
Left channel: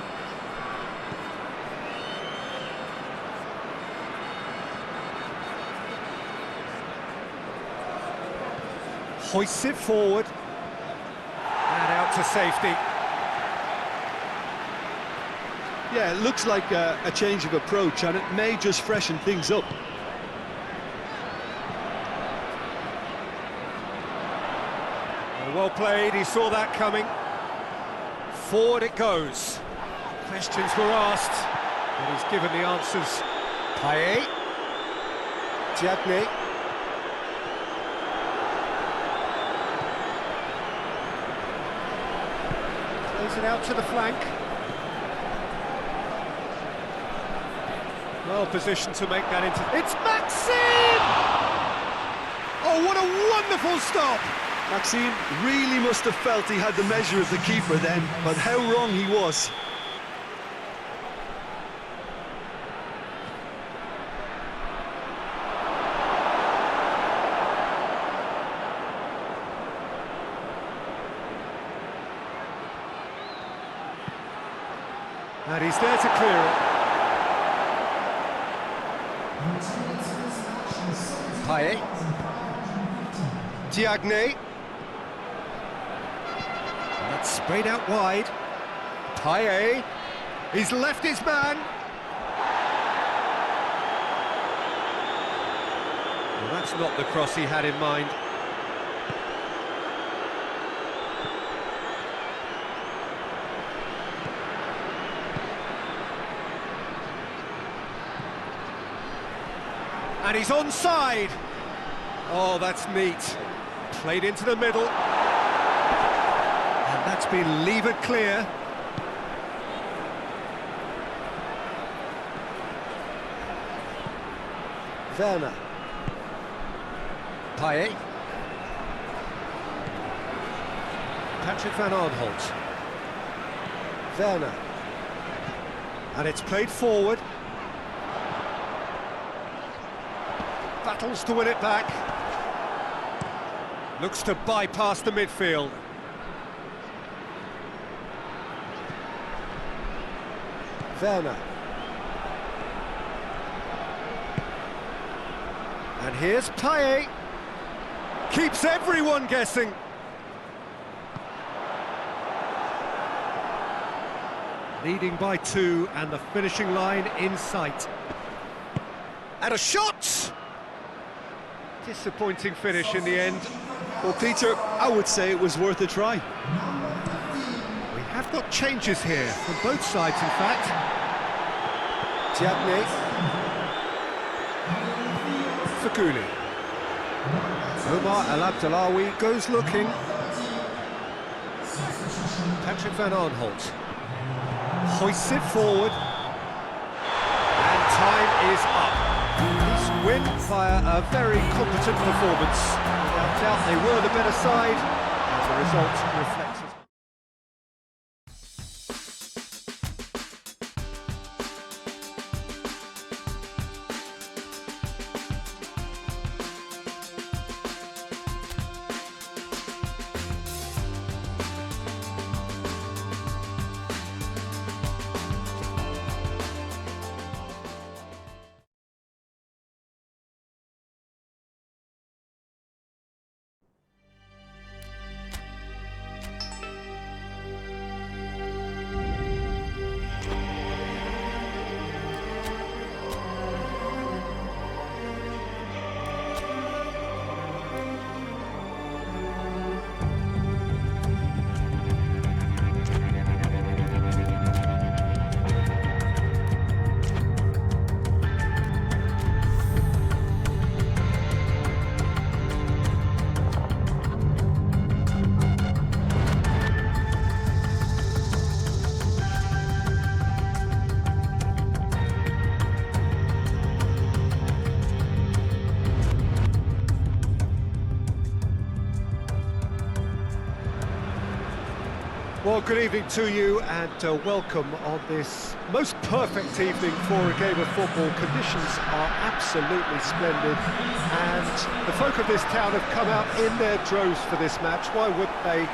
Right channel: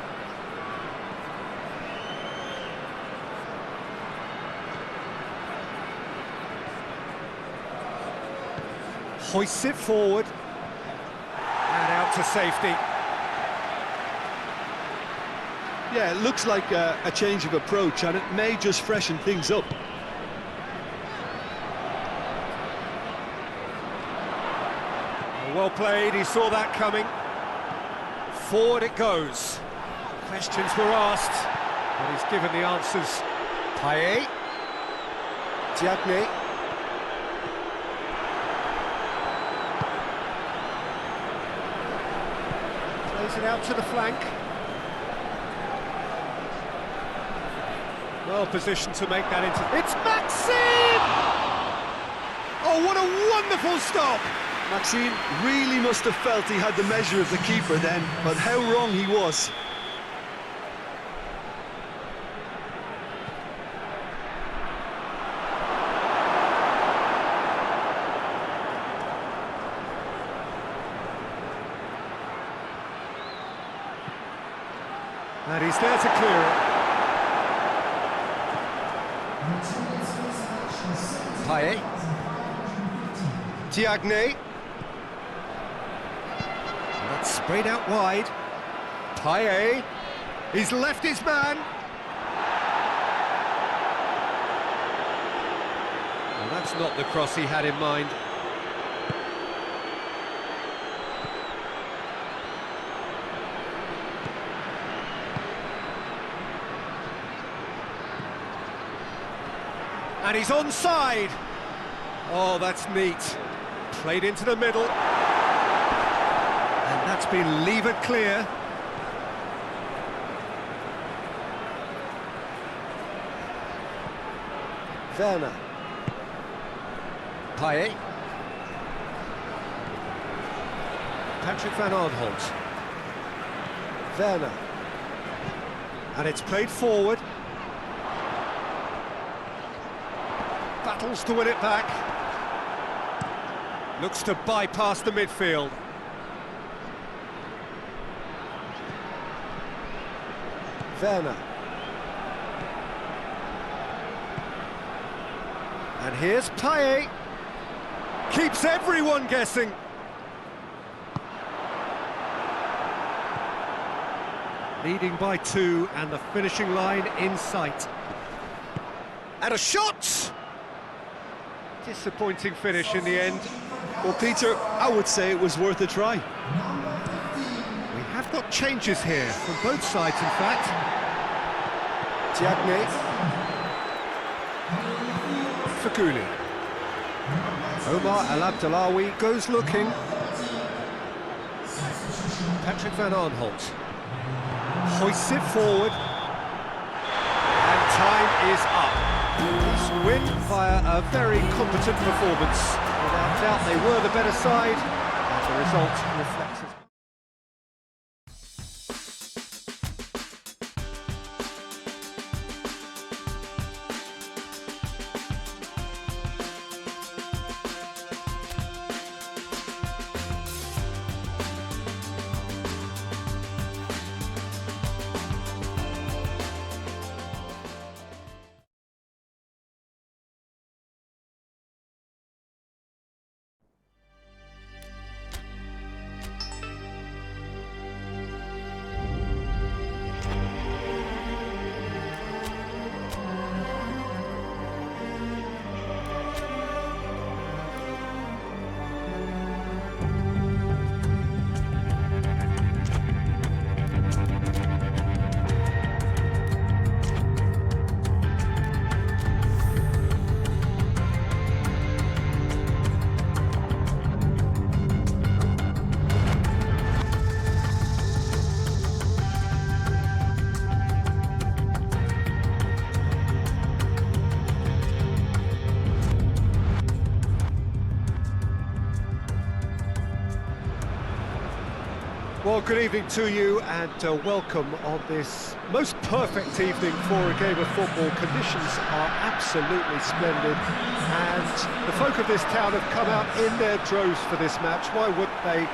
Hoists it forward. And out to safety. Yeah, it looks like a change of approach, and it may just freshen things up. Well played, he saw that coming. Forward it goes. Questions were asked, but he's given the answers. Payet. Diagne. Plays it out to the flank. Well positioned to make that into... It's Maxime! Oh, what a wonderful stop! Maxime really must have felt he had the measure of the keeper then, but how wrong he was. And he's there to clear it. Payet. Diagne. That's sprayed out wide. Payet. He's left his man. Well, that's not the cross he had in mind. And he's onside. Oh, that's neat. Played into the middle. And that's been levered clear. Werner. Payet. Patrick van Aanholt. Werner. And it's played forward. Battles to win it back. Looks to bypass the midfield. Werner. And here's Payet. Keeps everyone guessing. Leading by 2 and the finishing line in sight. And a shot! Disappointing finish in the end. Well, Peter, I would say it was worth a try. We have got changes here from both sides, in fact. Diagne. Faguli. Omar El Abdelawi goes looking. Patrick Van Arnholt hoists it forward. And time is up. East win via a very competent performance. Without doubt, they were the better side, and the result reflects as much. Well, good evening to you and welcome on this most perfect evening for a game of football. Conditions are absolutely splendid and the folk of this town have come out in their droves for this match. Why wouldn't they?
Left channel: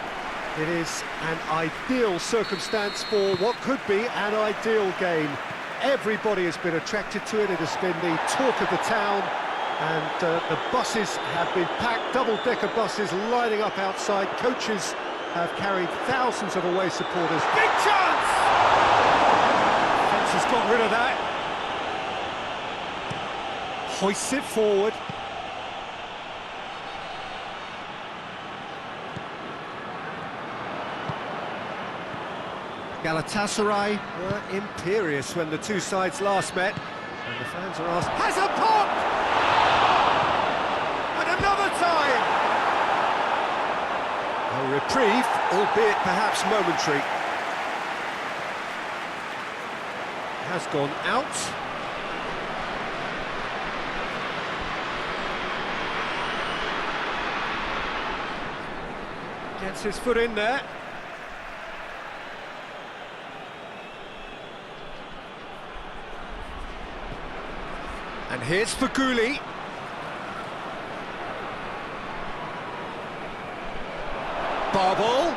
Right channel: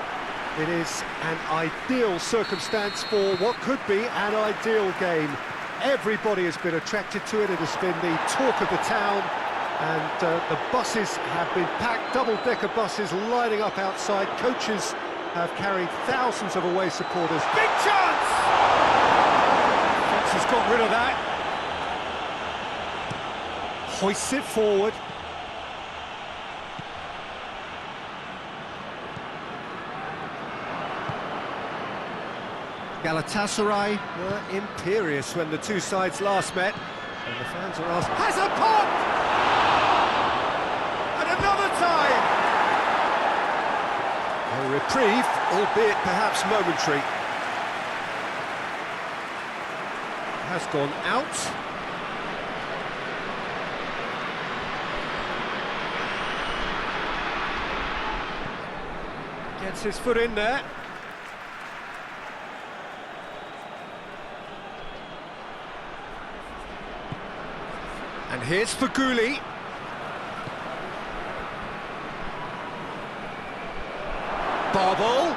It is an ideal circumstance for what could be an ideal game. Everybody has been attracted to it. It has been the talk of the town and the buses have been packed, double-decker buses lining up outside. Coaches have carried thousands of away supporters. Big chance! Fence has got rid of that. Hoists it forward. Galatasaray were imperious when the two sides last met. And the fans are asked, has a pop! And another time! A reprieve, albeit perhaps momentary. Has gone out. Gets his foot in there. And here's Faguli. BAL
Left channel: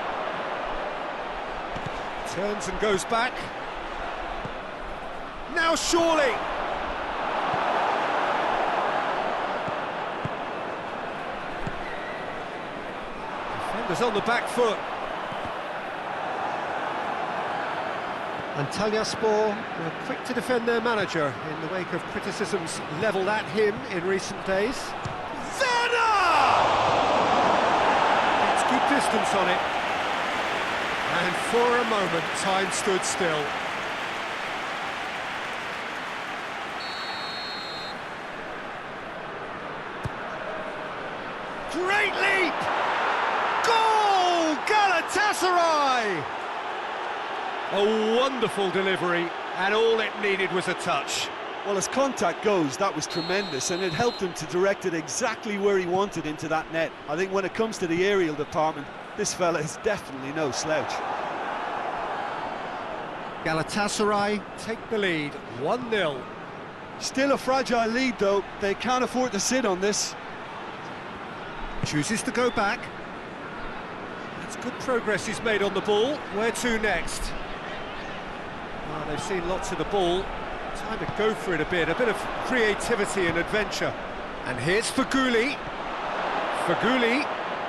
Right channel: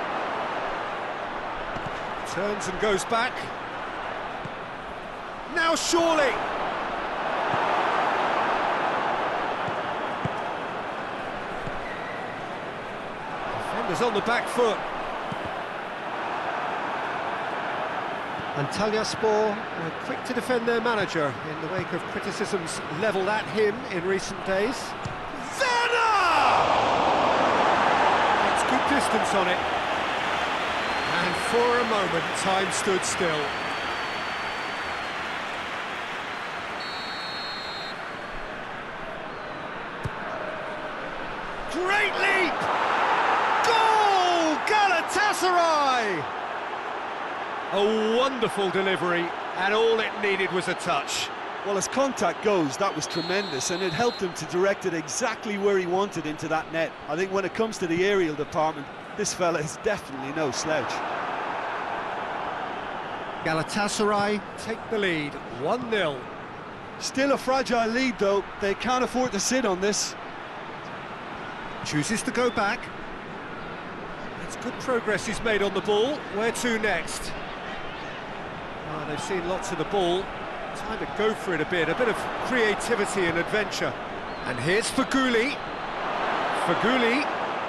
turns and goes back. Now surely. Defenders on the back foot. Antalyaspor were quick to defend their manager in the wake of criticisms levelled at him in recent days. Good distance on it, and for a moment time stood still. Great leap! Goal! Galatasaray! A wonderful delivery, and all it needed was a touch. Well, as contact goes, that was tremendous, and it helped him to direct it exactly where he wanted into that net. I think when it comes to the aerial department, this fella is definitely no slouch. Galatasaray take the lead, 1-0. Still a fragile lead, though. They can't afford to sit on this. Chooses to go back. That's good progress he's made on the ball. Where to next? Oh, they've seen lots of the ball. Time to go for it a bit of creativity and adventure. And here's Faguli. Faguli,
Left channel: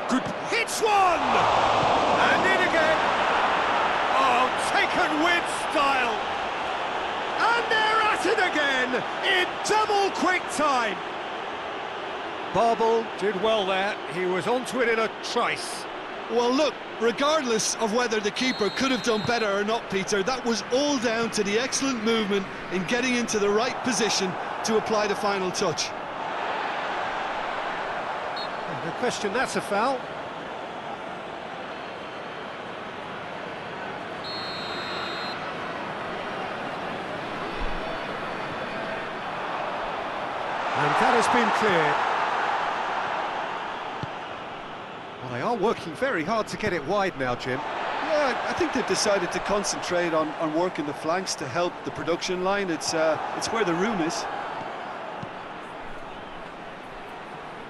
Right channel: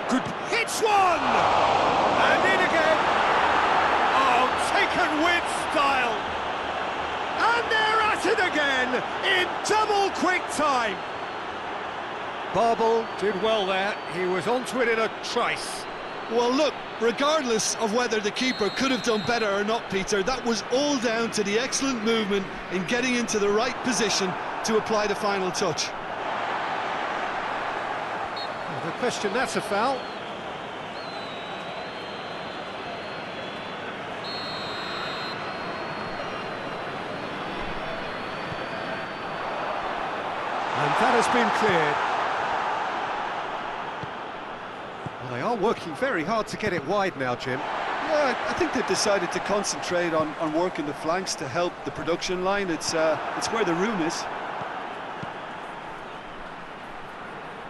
good, hits one! And in again. Oh, taken with style. And they're at it again in double quick time. BAL did well there. He was onto it in a trice. Well, look, regardless of whether the keeper could have done better or not, Peter, that was all down to the excellent movement in getting into the right position to apply the final touch. Oh, no question, that's a foul. And that has been cleared. Well, they are working very hard to get it wide now, Jim. Yeah, I think they've decided to concentrate on working the flanks to help the production line. It's where the room is.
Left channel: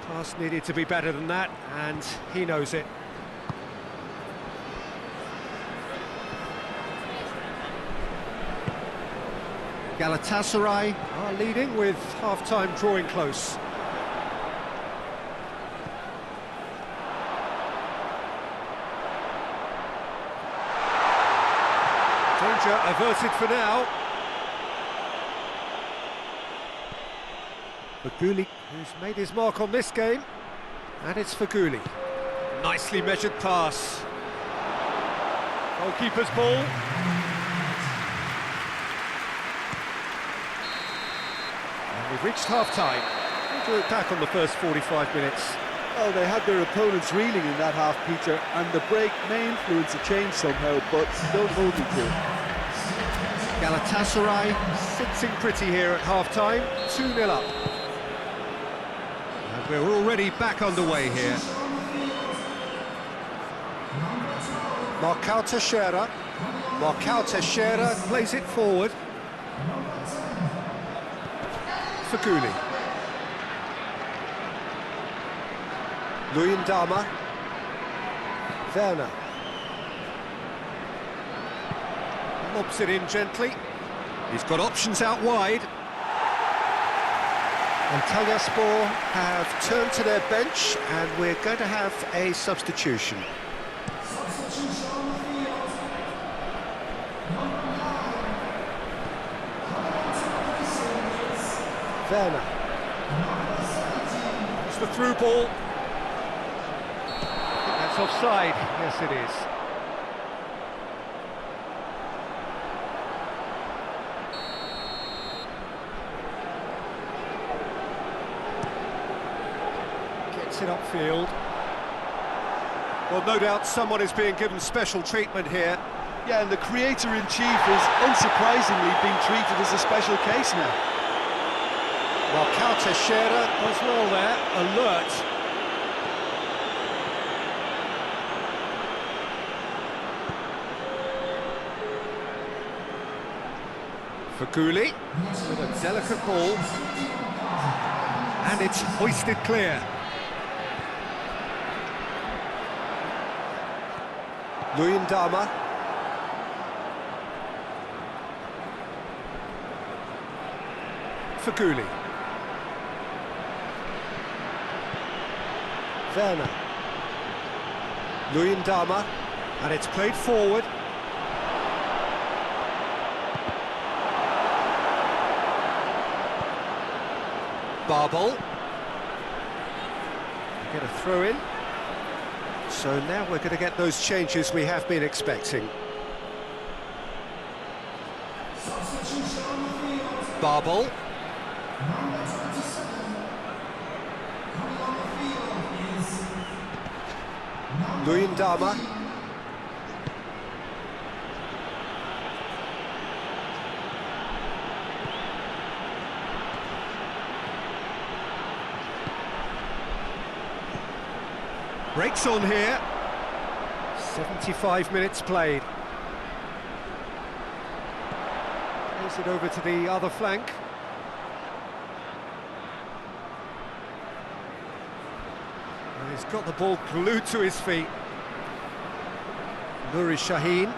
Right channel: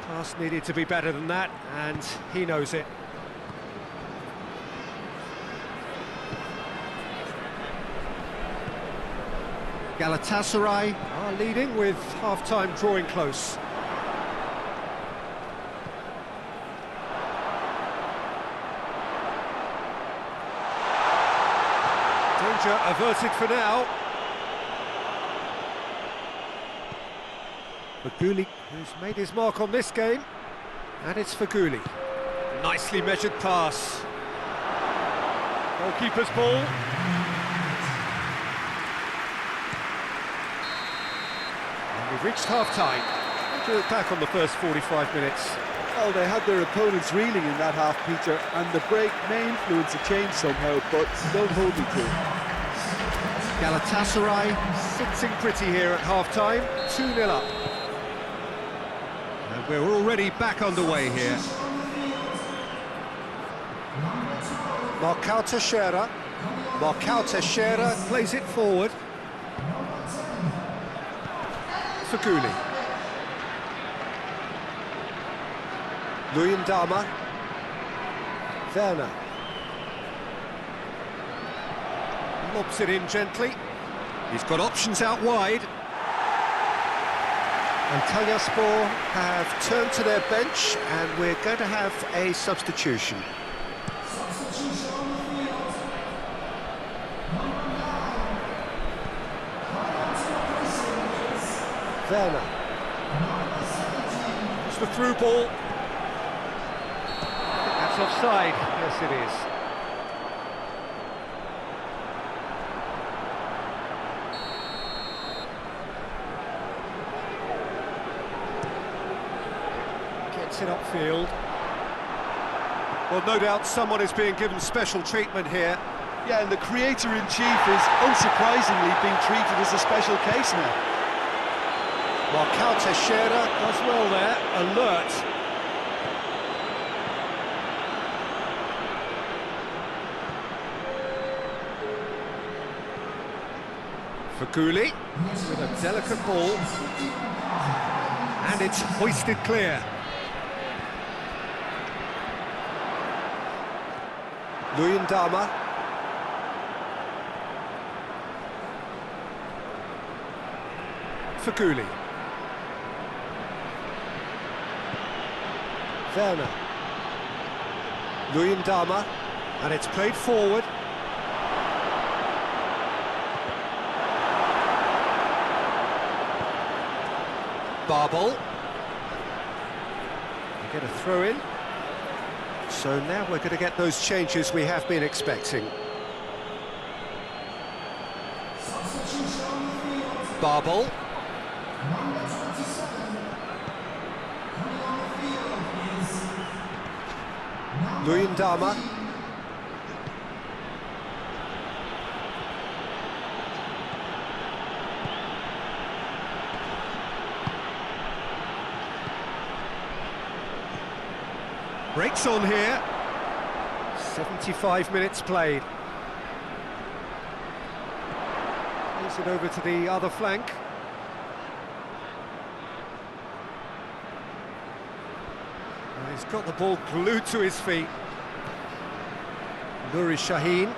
Pass needed to be better than that, and he knows it. Galatasaray are leading with half-time drawing close. Danger averted for now. Faguli, who's made his mark on this game, and it's Faguli. Nicely measured pass. Goalkeeper's ball. And we've reached half-time. How do you look back on the first 45 minutes? Well, they had their opponents reeling in that half, Peter, and the break may influence a change somehow, but don't hold me to it. Galatasaray sitting pretty here at half-time, 2-0 up. And we're already back underway here. Marcao Teixeira. Marcao Teixeira plays it forward. Faguli. Luyendama. Werner. Lobs it in gently. He's got options out wide. And Antalyaspor have turned to their bench, and we're going to have a substitution. Werner. It's the through ball. I think that's offside. Yes, it is. Gets it upfield. Well, no doubt someone is being given special treatment here. Yeah, and the creator-in-chief is unsurprisingly being treated as a special case now. Marcao Teixeira does well there, alert. Faguli with a delicate ball. And it's hoisted clear. Luyendama. Faguli. Werner. Luyendama. And it's played forward. Barbol. Get a throw in. So now we're going to get those changes we have been expecting. Barbol. Luyendama. Breaks on here. 75 minutes played. Plays it over to the other flank. And he's got the ball glued to his feet. Nuri Sahin.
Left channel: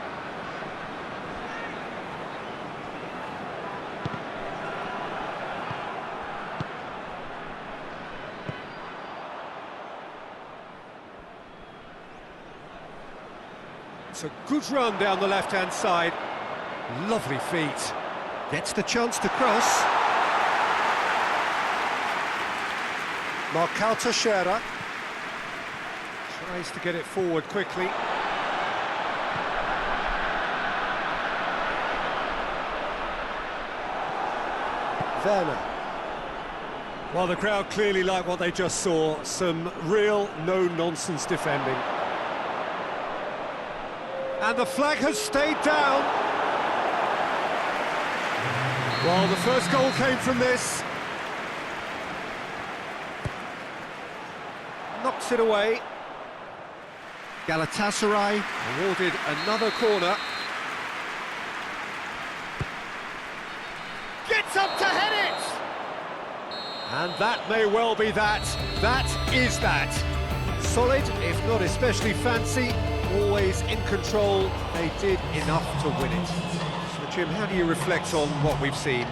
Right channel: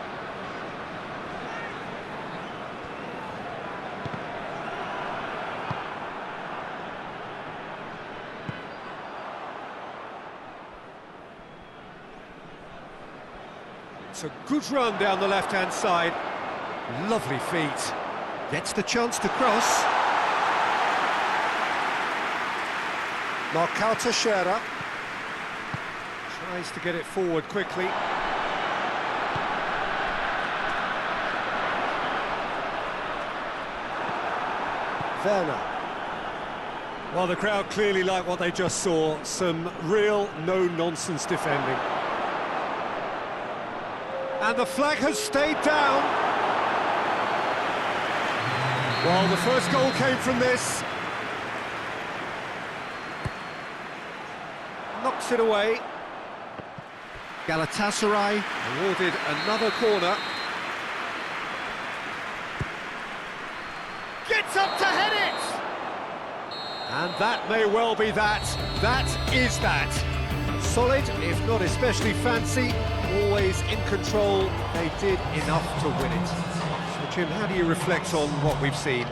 It's a good run down the left-hand side. Lovely feet. Gets the chance to cross. Marcao Teixeira tries to get it forward quickly. Werner. Well, the crowd clearly like what they just saw. Some real no-nonsense defending. And the flag has stayed down. Well, the first goal came from this. Knocks it away. Galatasaray awarded another corner. Gets up to head it! And that may well be that. That is that. Solid, if not especially fancy, always in control. They did enough to win it. So, Jim, how do you reflect on what we've seen?